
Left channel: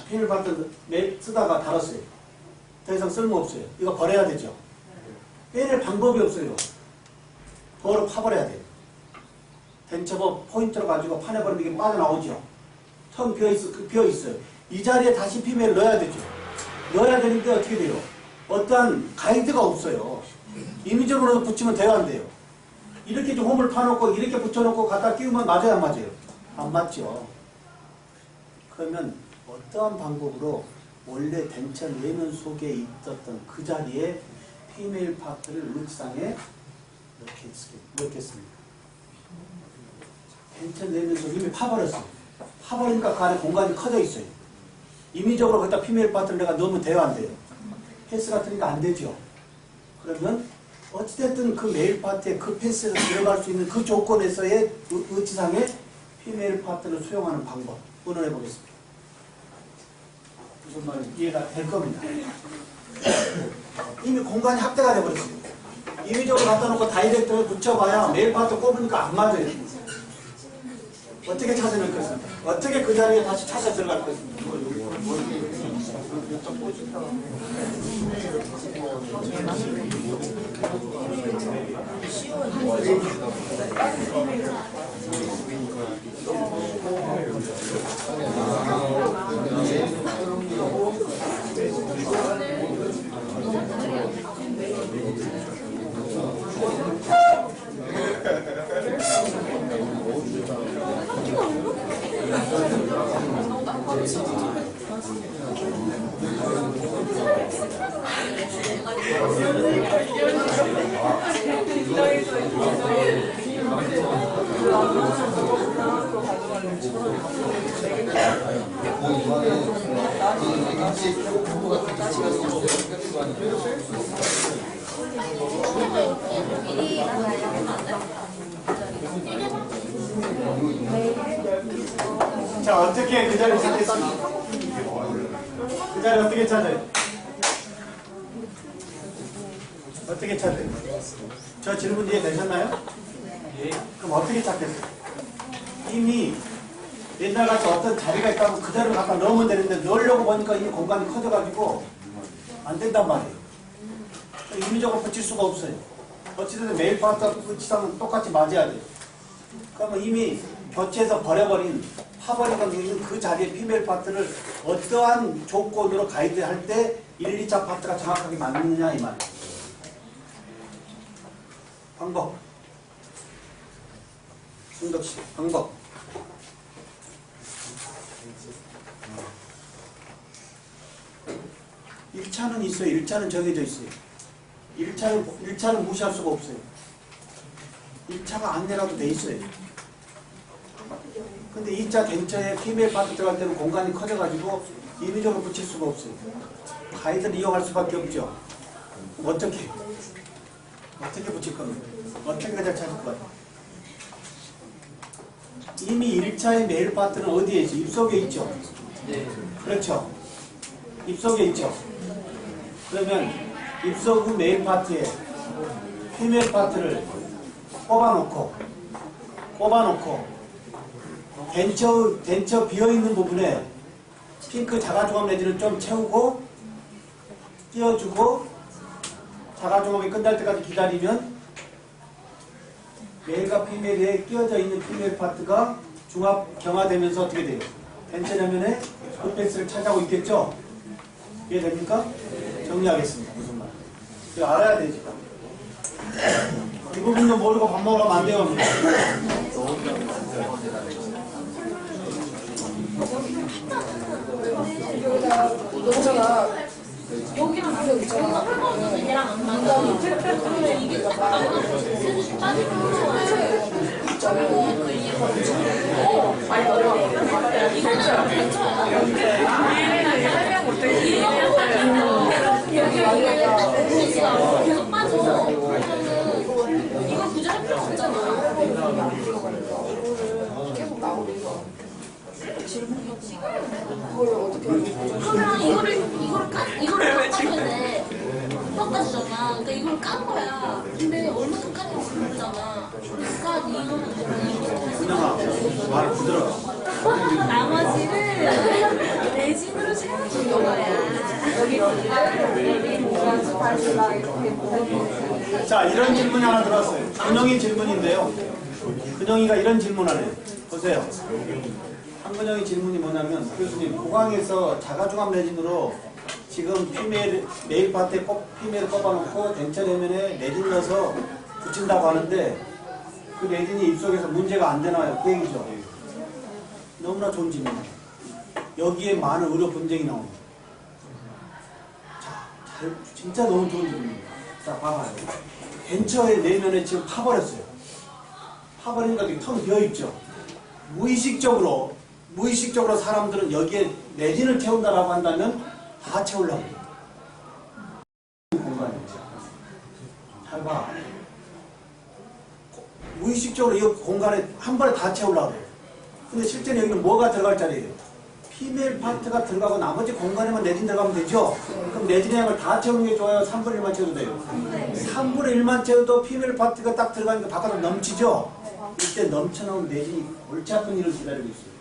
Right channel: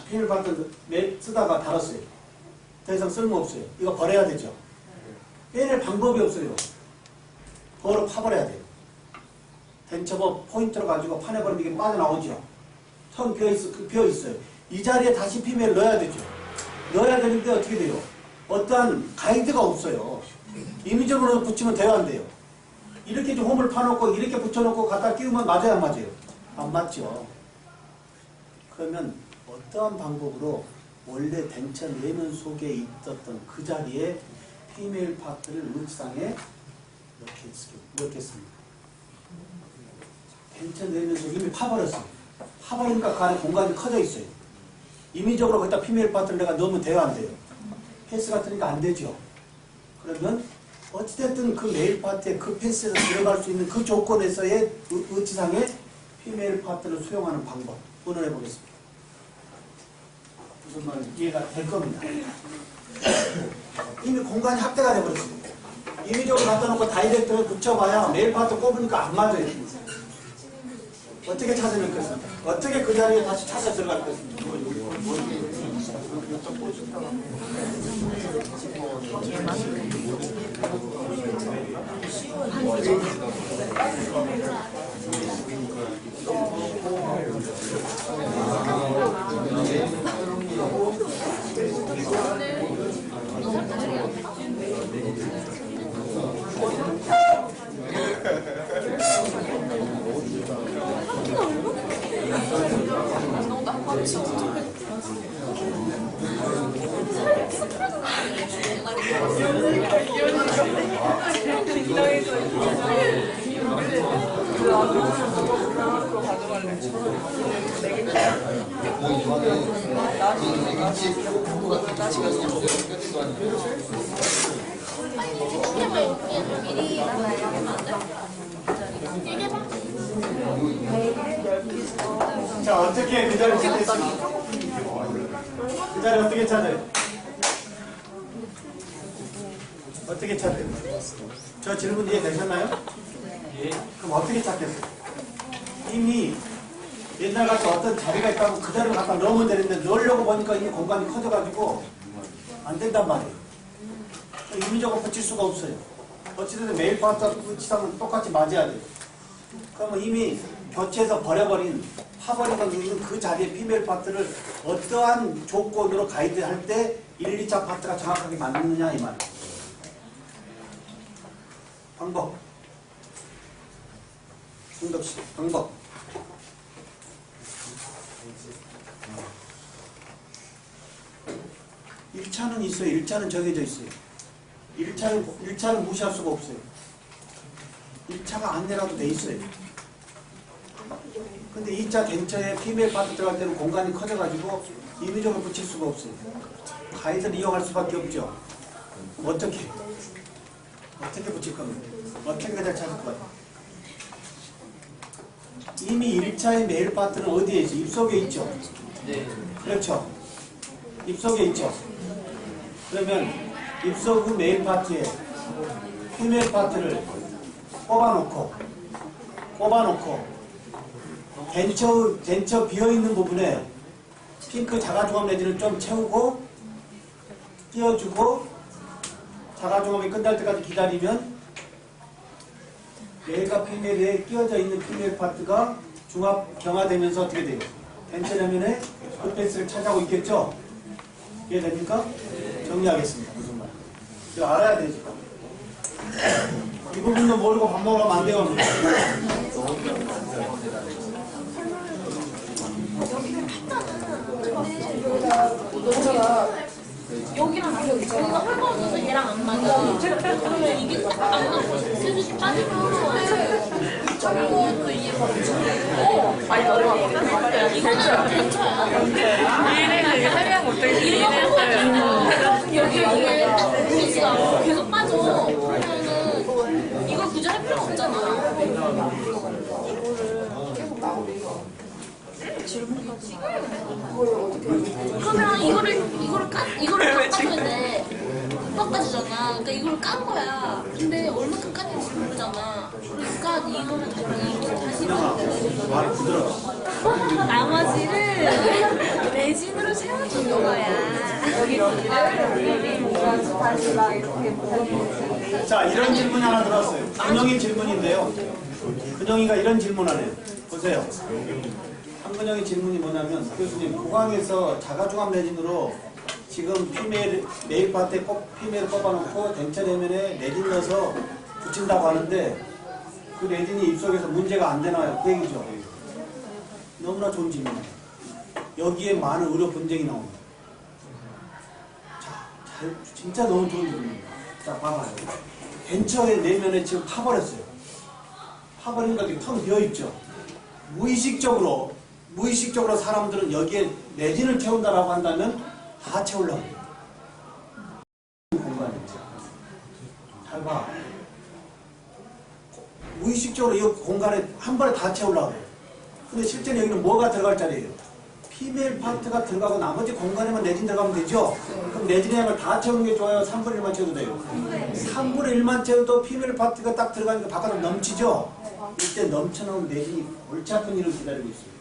피메일 파트 쓰다가 닳았어요. 더 이상 쓸모없어요. 이거 버려야 되죠? 빼낼 방법이 없어요. 그거를 파버려야 돼요. 덴처버 포인트로 가지고 파내버리면 이게 빠져나오죠. 텅 비어있어요. 이 자리에 다시 피메일 넣어야 되죠. 넣어야 되는데 어떻게 돼요? 어떠한 가이드가 없어요. 임의적으로 붙이면 돼요, 안 돼요? 이렇게 좀 홈을 파놓고 이렇게 붙여놓고 갖다 끼우면 맞아요, 안 맞아요? 안 맞죠. 그러면 어떠한 방법으로 원래 덴처 내면 속에 있었던 그 자리에 피메일 파트를 의지상에 넣겠습니다. 덴처 내면 속 이미 파버렸어요. 파버리니까 그 안에 공간이 커져 있어요. 임의적으로 거기다 피메일 파트를 내가 넣으면 돼요, 안 돼요? 패스 같으니까 안 되죠. 그러면 어찌됐든 그 메일 파트에 그 패스에서 들어갈 수 있는 그 조건에서의 의지상의 피메일 파트를 수용하는 방법 의논해 보겠습니다. 무슨 말인지 이해가 될 겁니다. 이미 공간이 확대가 되어버렸어요. 임의적으로 갖다 놓고 다이렉트를 붙여봐야 메일 파트 꼽으니까 안 맞아요. 어떻게 찾아낼 것입니까? 어떻게 그 자리에 다시 찾아 들어갈 것입니까? 자, 어떻게 그 자리를 찾겠습니까? 그 자리 어떻게 찾아요? 어떻게 찾아요? 저 질문 이해되셨나요? 예. 그럼 어떻게 찾겠어요? 이미 옛날같이 어떤 자리가 있다면 그 자리를 갖다 넣으면 되는데 넣으려고 보니까 이미 공간이 커져가지고 안 된단 말이에요. 임의적으로 붙일 수가 없어요. 어찌됐든 메일 파트와 붙이상은 똑같이 맞아야 돼요. 그러면 이미 교체해서 버려버린 파버리고 있는 그 자리에 피메일 파트를 어떠한 조건으로 가이드할 때 1, 2차 파트가 정확하게 맞느냐 이 말이에요. 방법. 승덕씨 방법. 1차는 있어요. 1차는 정해져 있어요. 1차는 무시할 수가 없어요. 1차가 안내라도 돼 있어요. 근데 2차 덴처에 피메일 파트 들어갈 때는 공간이 커져가지고 임의적으로 붙일 수가 없어요. 가이드를 이용할 수밖에 없죠. 어떻게 붙일 겁니까? 어떻게 가장 찾을 것 같아요? 이 이미 1차의 메일 파트는 어디에 있죠? 입속에 있죠? 그렇죠. 입속에 있죠. 그러면 입속 후 메일 파트에 피메일 파트를 꼽아놓고 덴처 비어있는 부분에 핑크 자가종합 내지를 좀 채우고 띄워주고 자가종합이 끝날 때까지 기다리면 메일과 피메일에 끼워져 있는 피메일 파트가 중합 경화되면서 어떻게 돼요? 덴처 내면에 굿패스를 차지하고 있겠죠? 이해됩니까? 정리하겠습니다. 무슨 말? 이거 알아야 되지. 이 부분도 모르고 밥 먹으러 가면 안 돼요. 여기랑 여기가 헐거워져서 얘랑 안 맞아. 그러면 이게 딱 안 맞아. 슬슬 빠지고 저거 또 이게 많이 어려워. 이거는 괜찮아. 이래는 설명 못해. 여기 계속 빠져. 그러면은 이걸 굳이 할 필요 없잖아. 계속 나오고 그러면 이거를 깎아야 돼. 깎아주잖아. 그러니까 이걸 깐 거야. 근데 얼마큼 깠는지 모르잖아. 그러니까 이거를 다시 말을 부드러워. 나머지를 레진으로 채워주는 거야. 자, 이런 질문이 하나 들어왔어요. 근영이 질문인데요. 근영이가 이런 질문하네요. 보세요. 한근영의 질문이 뭐냐면, 교수님, 고강에서 자가종합 레진으로 지금 메일 파트에 꼭 피메일 꼽아놓고 덴처 레면에 레진 넣어서 붙인다고 하는데 그 레진이 입속에서 문제가 안 되나요? 그 얘기죠. 너무나 좋은 질문이에요. 여기에 많은 의료 분쟁이 나옵니다. 자, 진짜 너무 좋은 질문입니다. 자, 봐봐요. 덴처의 내면에 지금 파버렸어요. 파버리니까 지금 텅 비어있죠. 무의식적으로 사람들은 여기에 레진을 채운다라고 한다면 다 채우려고 해요. 공간이죠. 잘 봐. 무의식적으로 이 공간에 한 번에 다 채우려고 해요. 근데 실제로 여기는 뭐가 들어갈 자리예요? 피메일 파트가 들어가고 나머지 공간에만 레진 들어가면 되죠? 그럼 레진의 양을 다 채우는 게 좋아요? 3분의 1만 채워도 돼요? 3분의 1만 채워도 피메일 파트가 딱 들어가니까 바깥으로 넘치죠? 이때 넘쳐나온 레진이 골치 아픈 일을 기다리고 있어요.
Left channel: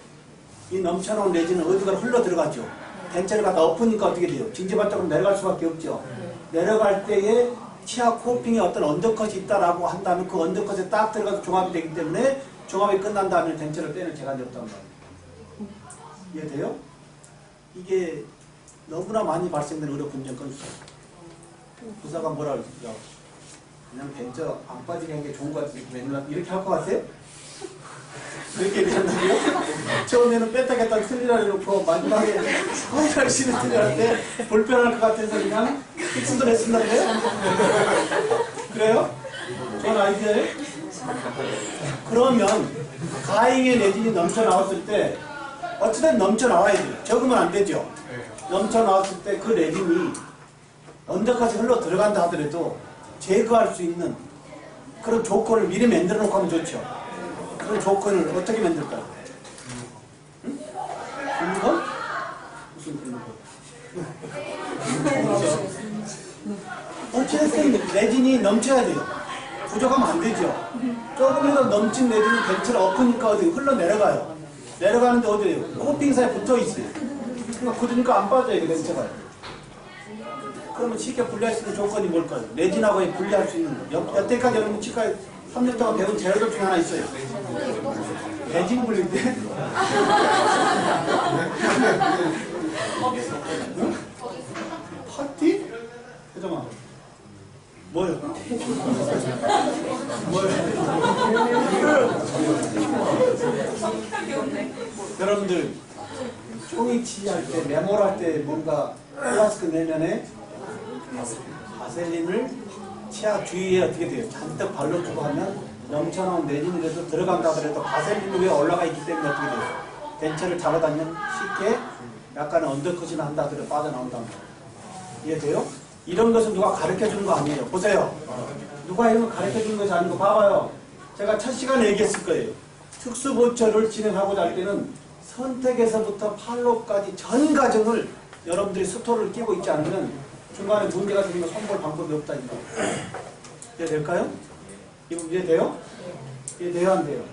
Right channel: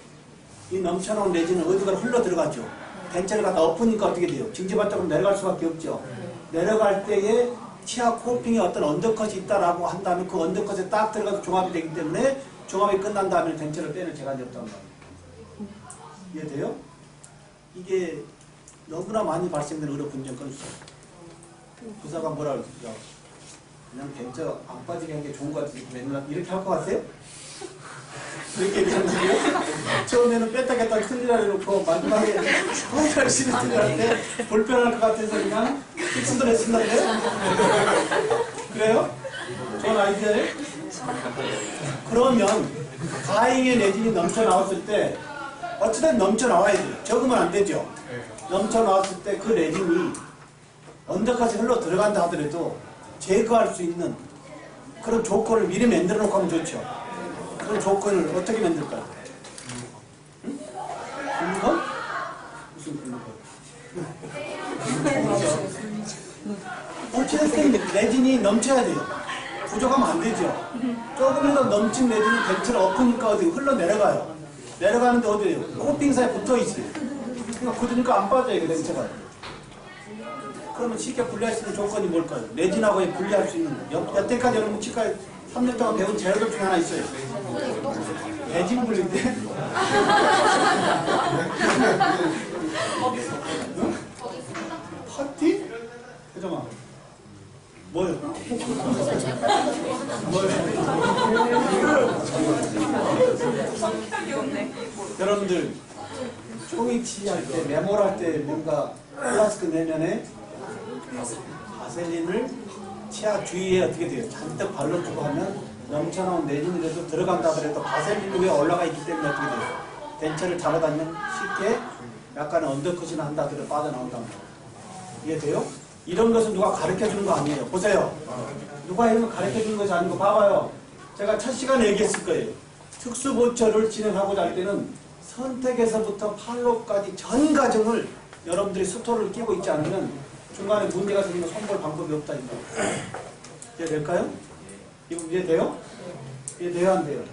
이 넘쳐나온 레진은 어디가 흘러 들어가죠? 덴처를 갖다 엎으니까 어떻게 돼요? 징지발적으로 내려갈 수밖에 없죠. 내려갈 때에 치아 코핑에 어떤 언더컷이 있다라고 한다면 그 언더컷에 딱 들어가서 종합이 되기 때문에 종합이 끝난 다음에 덴처를 빼낼 재간이 없단 말이에요. 이해돼요? 이게 너무나 많이 발생되는 의료 분쟁 건수예요. 부사가 뭐라 그러죠? 그냥 덴처 안 빠지게 한 게 좋은 것 같은데 맨날 이렇게 할 것 같아요? 그렇게 얘기한다고요? 처음에는 뺐다겠다 틀리라 해놓고 마지막에 정말 열심히 틀리라는데 불편할 것 같아서 그냥 픽스도 했습니다요? 그래요? 좋은 아이디어예요? 그러면 가잉의 레진이 넘쳐나왔을 때 어찌든 넘쳐나와야 돼요. 적으면 안 되죠. 넘쳐나왔을 때 그 레진이 언더까지 흘러 들어간다 하더라도 제거할 수 있는 그런 조건을 미리 만들어 놓고 하면 좋죠. 그런 조건을 어떻게 만들까요? 응? 근거? 무슨 근거? 어찌됐든 레진이 넘쳐야 돼요. 부족하면 안 되죠. 조금이라도 넘친 레진은 덴처를 엎으니까 어디 흘러내려가요. 내려가는데 어디에요? 코팅사에 붙어있어요. 그러니까 굳으니까 안 빠져요, 덴처가. 그러면 쉽게 분리할 수 있는 조건이 뭘까요? 레진하고 분리할 수 있는 여태까지 여러분 치과에 3년 동안 배운 재료들 중에 하나 있어요. 레진 분리 때? 응? 파티? 혜정아 뭐요? 여러분들 종이 치할 때 메모할 때 뭔가 플라스틱 내면에 바셀린을 치아 주위에 어떻게 돼요? 잔뜩 발라주고 하면 넘쳐나온 레진이라도 들어간다 하더라도 바셀린 위에 올라가 있기 때문에 어떻게 돼요? 덴처를 잡아다니면 쉽게 약간의 언더컷이나 한다 하더라도 빠져나온다는 거예요. 이해돼요? 이런 것은 누가 가르쳐주는 거 아니에요. 보세요. 누가 이런 거 가르쳐주는 것이 아니고 봐봐요. 제가 첫 시간에 얘기했을 거예요. 특수보초를 진행하고자 할 때는 선택에서부터 판로까지 전 과정을 여러분들이 스토리를 끼고 있지 않으면 중간에 문제가 생기면 손볼 방법이 없다. 이해될까요? 이 부분 이해돼요? 이해돼요? 안 돼요?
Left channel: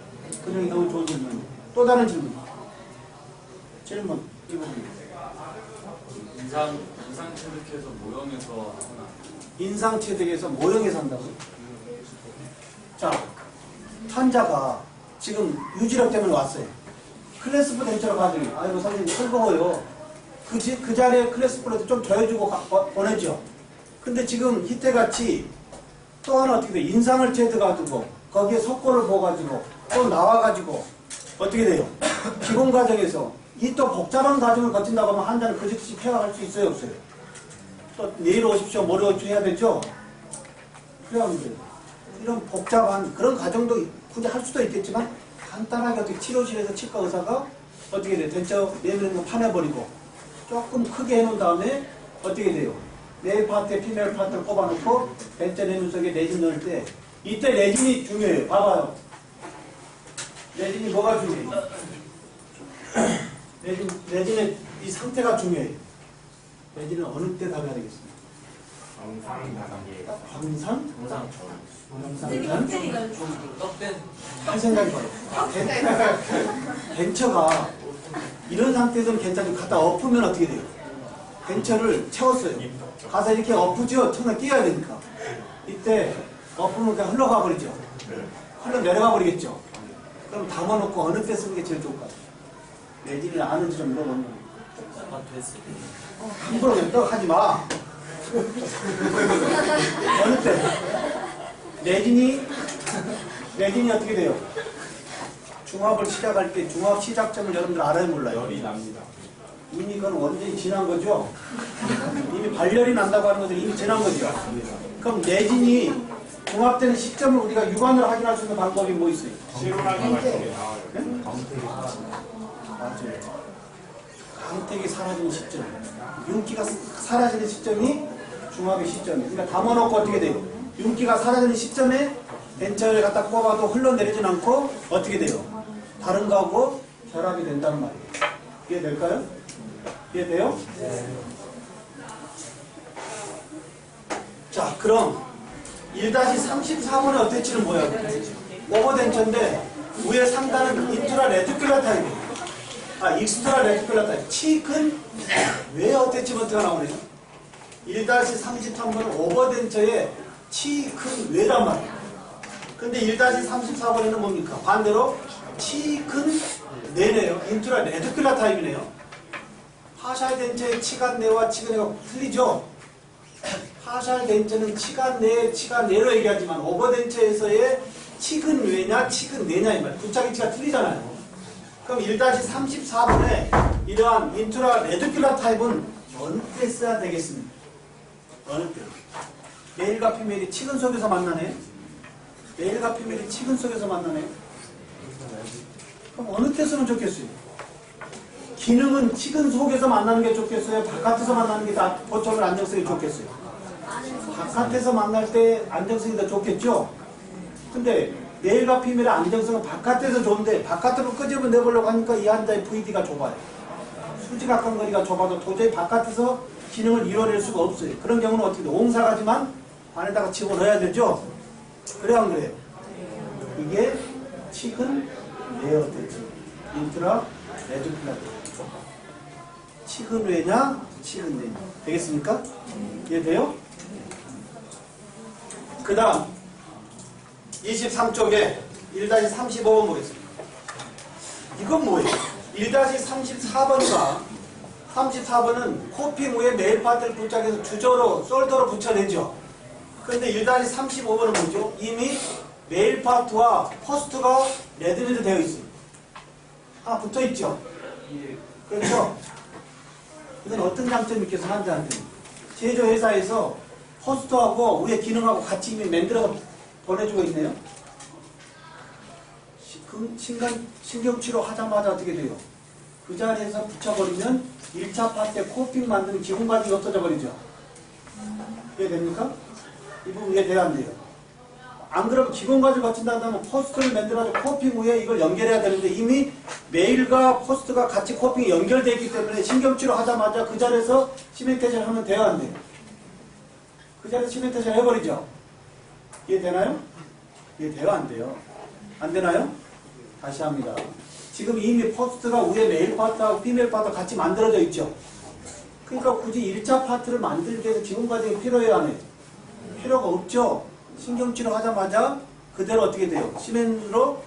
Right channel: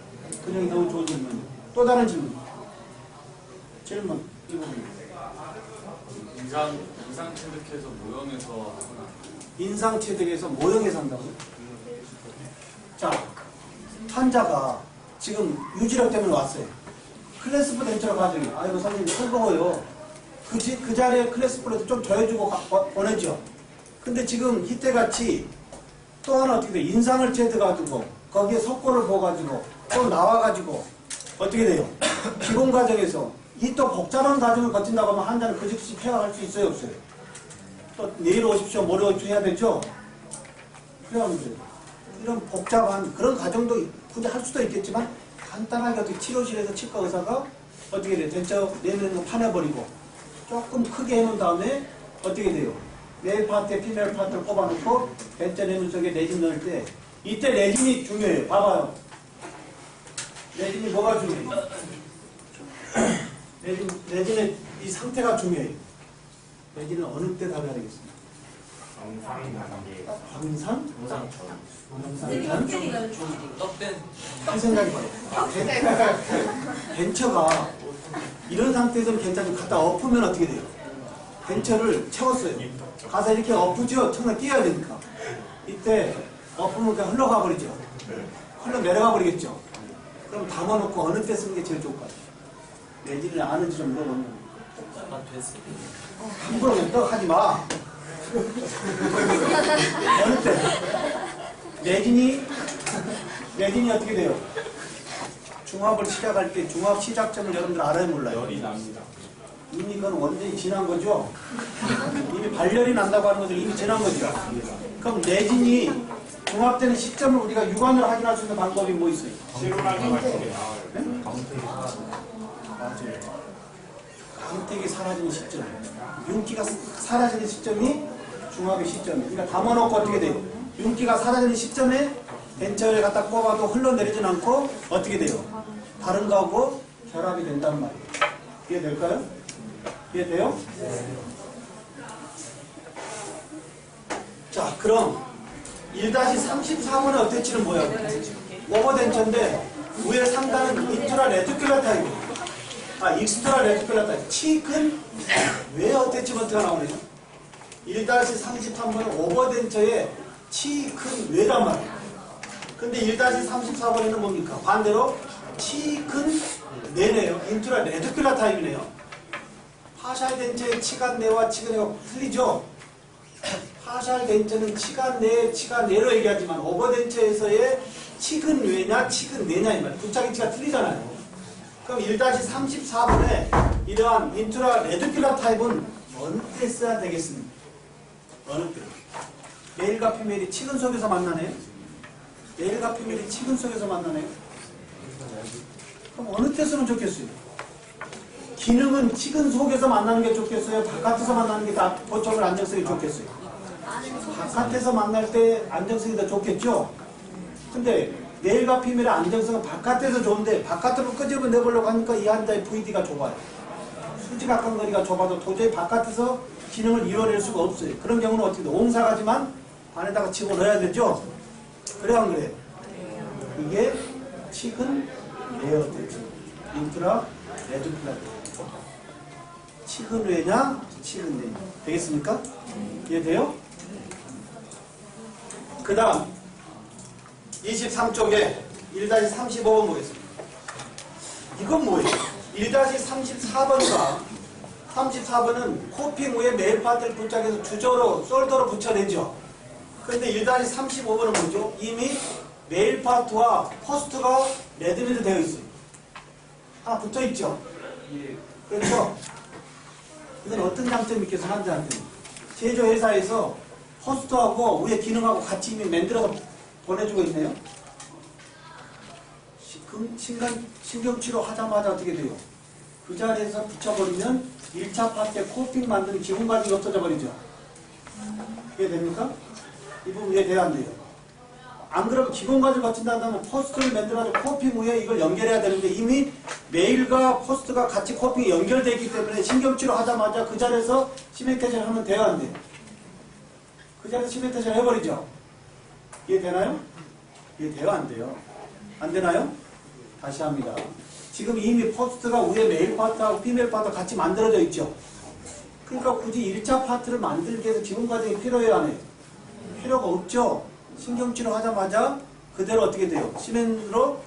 그냥 너무 좋은 질문. 또 다른 질문. 질문. 이 부분. 인상 체득해서 모형에서 하나. 인상 체득에서 모형에서 한다고요? 자, 환자가 지금 유지력 때문에 왔어요. 클래스프 덴처로 가지고, 아이고 선생님 즐거워요. 그 자리에 클래스프로도 좀 더 해주고 보내죠. 근데 지금 이때같이 또 하나 어떻게 돼? 인상을 체득가지고 거기에 석고를 부어가지고 또 나와가지고 어떻게 돼요? 기본 과정에서 이 또 복잡한 과정을 거친다고 하면 환자는 그 즉시 폐가할 수 있어요, 없어요? 또 내일 오십시오, 모레 오십시오 해야 되죠? 그래야 안 돼요. 이런 복잡한 그런 과정도 굳이 할 수도 있겠지만 간단하게 어떻게 치료실에서 치과 의사가 어떻게 돼요? 대처 내는 거 파내버리고 조금 크게 해놓은 다음에 어떻게 돼요? 메일 파트에 피메일 파트를 꼽아놓고 대처 내는 속에 레진 넣을 때 이때 레진이 중요해요. 봐봐요. 레진이 뭐가 중요해요? 레진의 이 상태가 중요해요. 레진은 어느 때 답해야 되겠습니까? 광산? 할 생각이 봐요. 덴처가 이런 상태에서는 괜찮죠. 갖다 엎으면 어떻게 돼요? 덴처를 채웠어요. 가서 이렇게 엎으죠. 처음에 띄어야 되니까. 이때 엎으면 그냥 흘러가 버리죠. 흘러내려가 버리겠죠. 그럼 담아놓고 어느 때 쓰는 게 제일 좋을까요? 내지를 아는지 좀 물어보면 함부로 그냥 하지 마. 어느 때? 내진이 어떻게 돼요? 중합을 시작할 때 중합 시작점을 여러분들 알아요, 몰라요? 열이 납니다. 이미 그건 완전히 지난 거죠? 이미 발열이 난다고 하는 것은 이미 지난 거죠? 그럼 내진이 중합되는 시점을 우리가 육안으로 확인할 수 있는 방법이 뭐 있어요? 맞아요. 강택이 사라지는 시점, 윤기가 사라지는 시점이 중합의 시점이에요. 그러니까 담아놓고 어떻게 돼요? 윤기가 사라지는 시점에 덴처를 갖다 꼽아도 흘러내리진 않고 어떻게 돼요? 다른 거하고 결합이 된단 말이에요. 이해될까요? 이해돼요? 네. 자, 그럼 1-34번의 어태치는 뭐야? 오버덴처인데 위에 상단은 인트라 레티큘러 타입이에요. 익스트라 레티큘러 타입. 치근 왜 어태치먼트가 나오네요? 1-33번은 오버덴처의 치근 외단 말이에요. 근데 1-34번에는 뭡니까? 반대로 치근 내네요. 인트라 레티큘러 타입이네요. 파샬 덴처의 치간 내와 치근 내가 틀리죠? 파샬 덴처는 치간 내, 치간 내로 얘기하지만 오버덴처에서의 치근 외냐, 치근 내냐 이 말. 부착위치가 틀리잖아요. 그럼 1-34번에 이러한 인트라 레티큘러 타입은 어느 때 써야 되겠습니까? 어느 때? 메일과 피메일이 치근 속에서 만나네요. 메일과 피메일이 치근 속에서 만나네요. 그럼 어느 때 쓰면 좋겠어요? 기능은 치근 속에서 만나는 게 좋겠어요? 바깥에서 만나는 게 다 보초물 안정성이 좋겠어요? 바깥에서 만날 때 안정성이 더 좋겠죠? 근데 메일과 피메일의 안정성은 바깥에서 좋은데 바깥으로 끄집어 내보려고 하니까 이 환자의 VD가 좁아요. 수지각관 거리가 좁아도 도저히 바깥에서 기능을 이뤄낼 수가 없어요. 그런 경우는 어떻게 돼? 옹사가지만 안에다가 집어넣어야 되죠? 그래야 안 그래요? 이게 치근 레어테치 인트라 레티큘러 치근 외냐 치근 내냐 되겠습니까? 이해돼요? 그 다음 23쪽에 1-35번 보겠습니다. 이건 뭐예요? 1-34번과 34번은 코핑 후에 메일 파트를 부착해서 주저로 솔더로 붙여내죠. 그런데 1-35번은 뭐죠? 이미 메일 파트와 포스트가 레드미드 되어 있어요. 하나 붙어 있죠? 그렇죠? 이건 어떤 장점이 있겠어, 환자한테? 제조회사에서 포스트하고 위에 기능하고 같이 이미 만들어서 보내주고 있네요. 신경치료 하자마자 어떻게 돼요? 그 자리에서 붙여버리면 1차 파트에 코핑 만드는 기본 과정이 없어져 버리죠. 이해됩니까? 이 부분 이해돼야 안 돼요? 안 그러면 기본 과제를 거친다 한다면 포스트를 만들어가지고 코핑 후에 이걸 연결해야 되는데 이미 메일과 포스트가 같이 코핑이 연결되어 있기 때문에 신경치료 하자마자 그 자리에서 시멘테이션 하면 돼요, 안 돼요? 그 자리에서 시멘테이션 해버리죠? 이해되나요? 이해돼요, 안 돼요? 안 되나요? 다시 합니다. 지금 이미 포스트가 위에 메일 파트하고 피메일 파트가 같이 만들어져 있죠? 그러니까 굳이 1차 파트를 만들기 위해서 기본 과정이 필요해요, 안 해요? 필요가 없죠? 신경치료 하자마자 그대로 어떻게 돼요? 시멘으로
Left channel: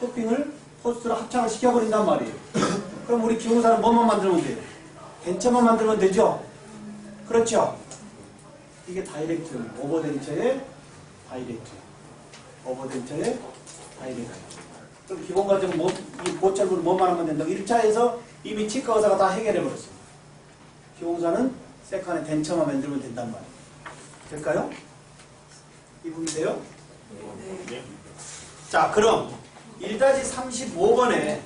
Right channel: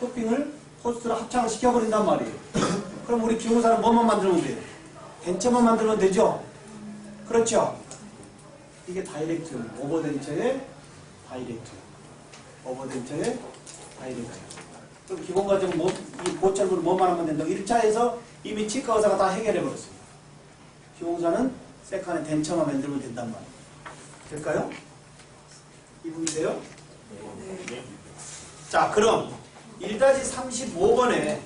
코핑을 포스트로 합창을 시켜버린단 말이에요. 그럼 우리 기공사는 뭐만 만들면 돼요? 덴처만 만들면 되죠? 그렇죠? 이게 다이렉트, 오버덴처의 다이렉트. 오버덴처의 다이렉트. 그럼 기본 과정은 이 보철물을 뭐만 하면 된다고? 1차에서 이미 치과 의사가 다 해결해버렸어요. 기공사는 세컨에 덴처만 만들면 된단 말이에요. 될까요? 이분이세요? 네. 자, 그럼 1-35번에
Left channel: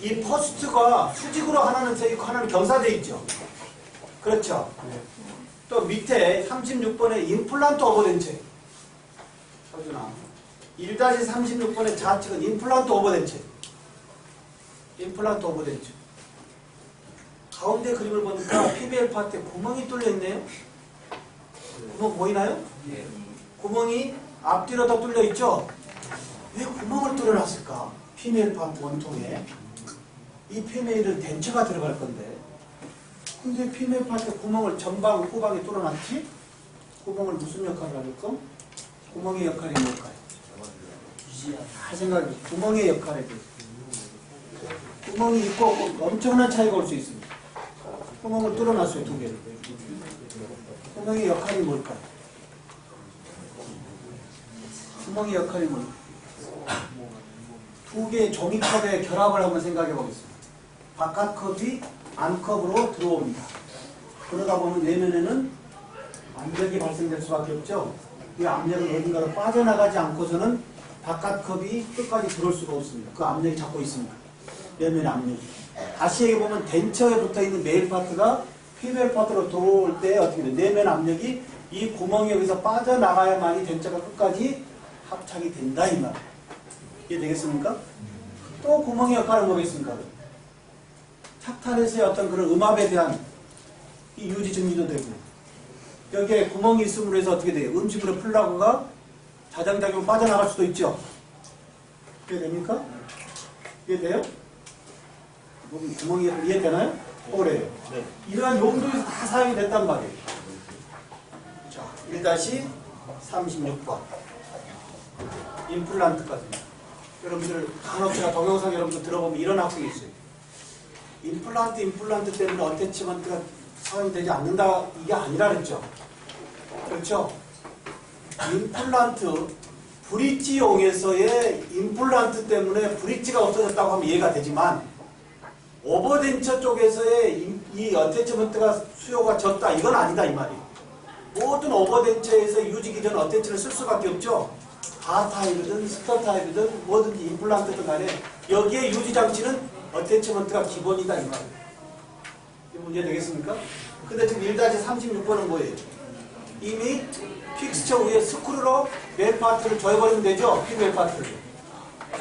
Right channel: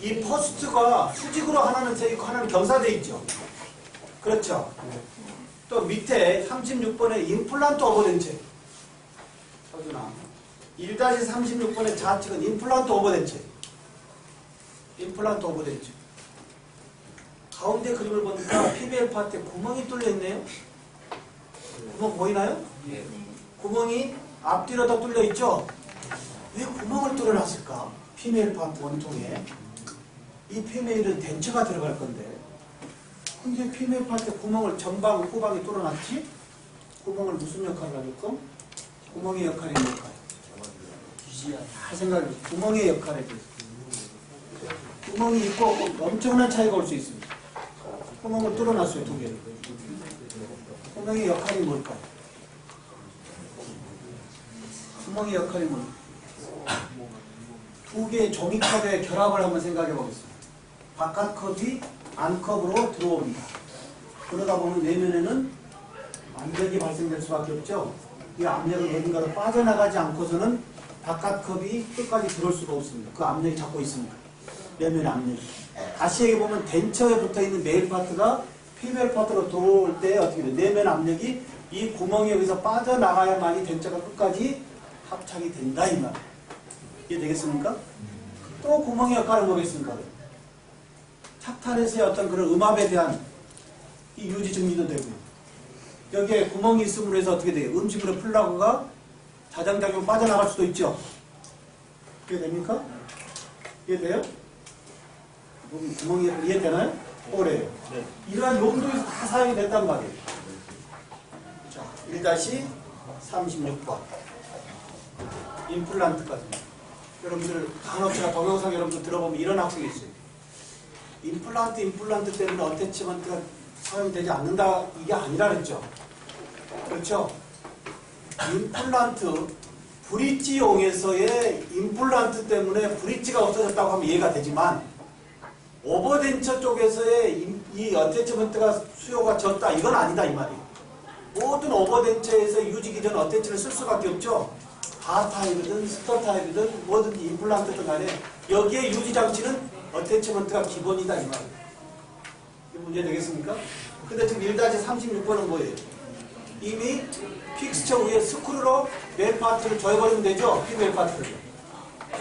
이 포스트가 수직으로 하나는 돼 있고 하나는 경사돼 있죠. 그렇죠? 또 밑에 36번에 임플란트 오버덴체. 서준아. 1-36번의 좌측은 임플란트 오버덴체. 임플란트 오버덴체. 가운데 그림을 보니까 PBL 파트에 구멍이 뚫려 있네요. 구멍 보이나요? 네. 구멍이 앞뒤로 다 뚫려 있죠? 왜 구멍을 뚫어놨을까? 피메일 파트 원통에. 이 피메일은 덴처가 들어갈 건데. 근데 피메일 파트에 구멍을 전방, 후방에 뚫어놨지? 구멍을 무슨 역할을 하겠고? 구멍의 역할이 뭘까요? 잘 생각해. 구멍의 역할에 대해서. 구멍이 있고 엄청난 차이가 올 수 있습니다. 구멍을 뚫어놨어요, 두 개를. 구멍의 역할이 뭘까요? 구멍의 역할이 뭘까요? 두 개의 종이컵의 결합을 한번 생각해 보겠습니다. 바깥 컵이 안 컵으로 들어옵니다. 그러다 보면 내면에는 압력이 발생될 수밖에 없죠. 이 압력은 어딘가로 빠져나가지 않고서는 바깥 컵이 끝까지 들어올 수가 없습니다. 그 압력이 잡고 있습니다. 내면의 압력이. 다시 얘기해보면 덴처에 붙어있는 메일 파트가 피메일 파트로 들어올 때 어떻게 돼요? 내면 압력이 이 구멍이 여기서 빠져나가야만이 덴처가 끝까지 합착이 된다 이 말. 이해되겠습니까? 또 구멍의 역할은 뭐겠습니까? 착탄에서의 어떤 그런 음압에 대한 이 유지 증리도 되고 여기에 구멍이 있음으로 해서 어떻게 돼요? 음식물의 플라그가 자장작용 빠져나갈 수도 있죠. 이해됩니까? 이해돼요? 구멍이 이해되나요? 그래요. 네. 이러한 용도에서 다 사용이 됐단 말이에요. 자, 1-36번 임플란트까지. 여러분들 간호치나 동영상 여러분들 들어보면 이런 학생이 있어요. 임플란트 때문에 어태치먼트가 사용되지 않는다 이게 아니라 그랬죠. 그렇죠? 임플란트 브릿지용에서의 임플란트 때문에 브릿지가 없어졌다고 하면 이해가 되지만 오버덴처 쪽에서의 이 어태치먼트가 수요가 적다 이건 아니다 이 말이에요. 모든 오버덴처에서 유지 기전 어태치를 쓸 수밖에 없죠. 바 타입이든 스터 타입이든 뭐든지 임플란트든 간에 여기에 유지 장치는 어태치먼트가 기본이다 이 말이에요. 이 문제 되겠습니까? 근데 지금 1-36번은 뭐예요? 이미 픽스처 위에 스크루로 메일 파트를 조여버리면 되죠? 피메일 파트를.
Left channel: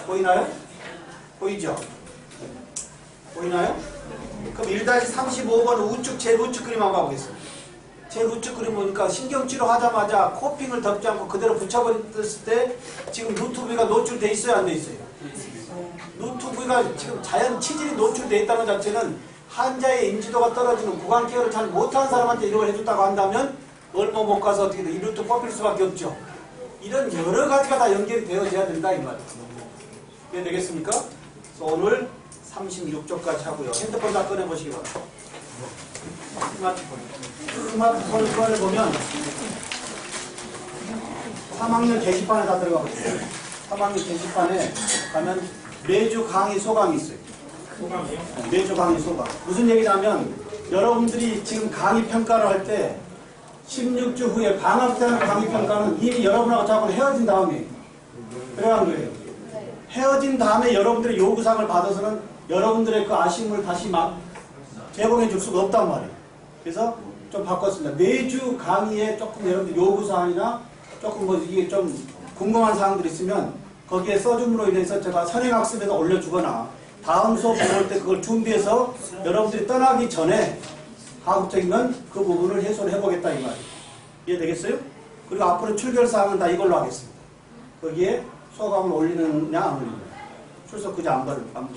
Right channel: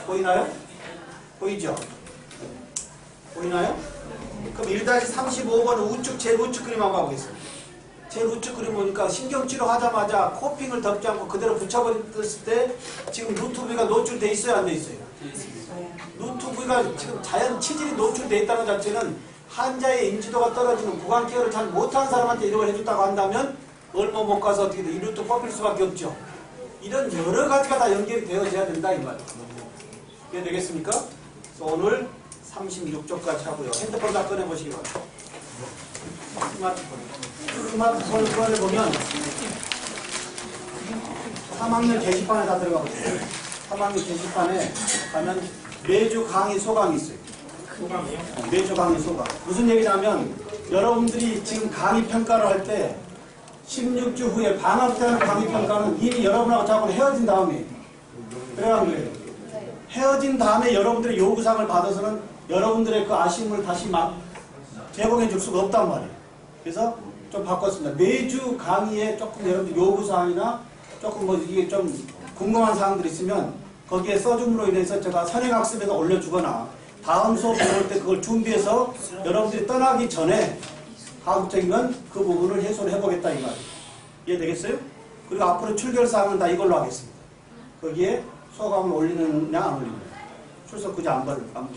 보이나요? 보이죠? 보이나요? 그럼 1-35번은 우측, 제일 우측 그림 한번 가보겠습니다. 제일 우측 그림 보니까 신경치료 하자마자 코핑을 덮지 않고 그대로 붙여버렸을 때 지금 루트부위가 노출돼 있어요? 안 돼 있어요? 루트부위가 지금 자연 치질이 노출돼 있다는 자체는 환자의 인지도가 떨어지는 구강 케어를 잘 못하는 사람한테 이런 걸 해줬다고 한다면 얼마 못 가서 어떻게 돼? 이 루트 뽑힐 수밖에 없죠. 이런 여러 가지가 다 연결이 되어져야 된다 이 말이에요. 이해 되겠습니까? 그래서 오늘 36쪽까지 하고요. 핸드폰 다 꺼내보시기 바랍니다. 스마트폰을 보면 3학년 게시판에 다 들어가고 있어요. 3학년 게시판에 가면 매주 강의 소강이 있어요. 소강이요? 매주 강의 소강. 무슨 얘기냐면 여러분들이 지금 강의 평가를 할 때 16주 후에 방학 때 하는 강의 평가는 이미 여러분하고 자꾸 헤어진 다음에 그래야 하는 거예요. 헤어진 다음에 여러분들의 요구사항을 받아서는 여러분들의 그 아쉬움을 다시 막 제공해 줄 수가 없단 말이에요. 그래서 좀 바꿨습니다. 매주 강의에 조금 여러분들 요구사항이나 조금 뭐 이게 좀 궁금한 사항들이 있으면 거기에 써줌으로 인해서 제가 선행학습에서 올려주거나 다음 수업 들어올 때 그걸 준비해서 여러분들이 떠나기 전에 가급적이면 그 부분을 해소를 해보겠다 이 말이에요. 이해되겠어요? 그리고 앞으로 출결사항은 다 이걸로 하겠습니다. 거기에 소감을 올리느냐 안 올리느냐, 출석 그지 안 부르는 거예요.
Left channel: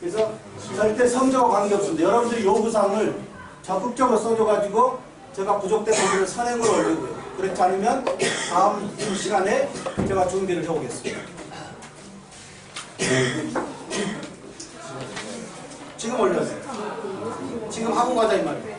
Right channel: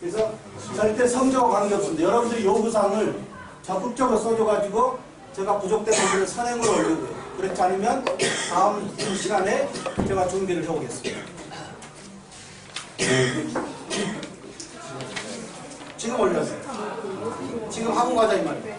그래서 절대 성적과 관계없습니다. 여러분들이 요구사항을 적극적으로 써줘가지고 제가 부족된 부분을 선행으로 올리고요. 그렇지 않으면 다음 시간에 제가 준비를 해오겠습니다. 지금 올려주세요. 지금 하고 가자 이 말이에요.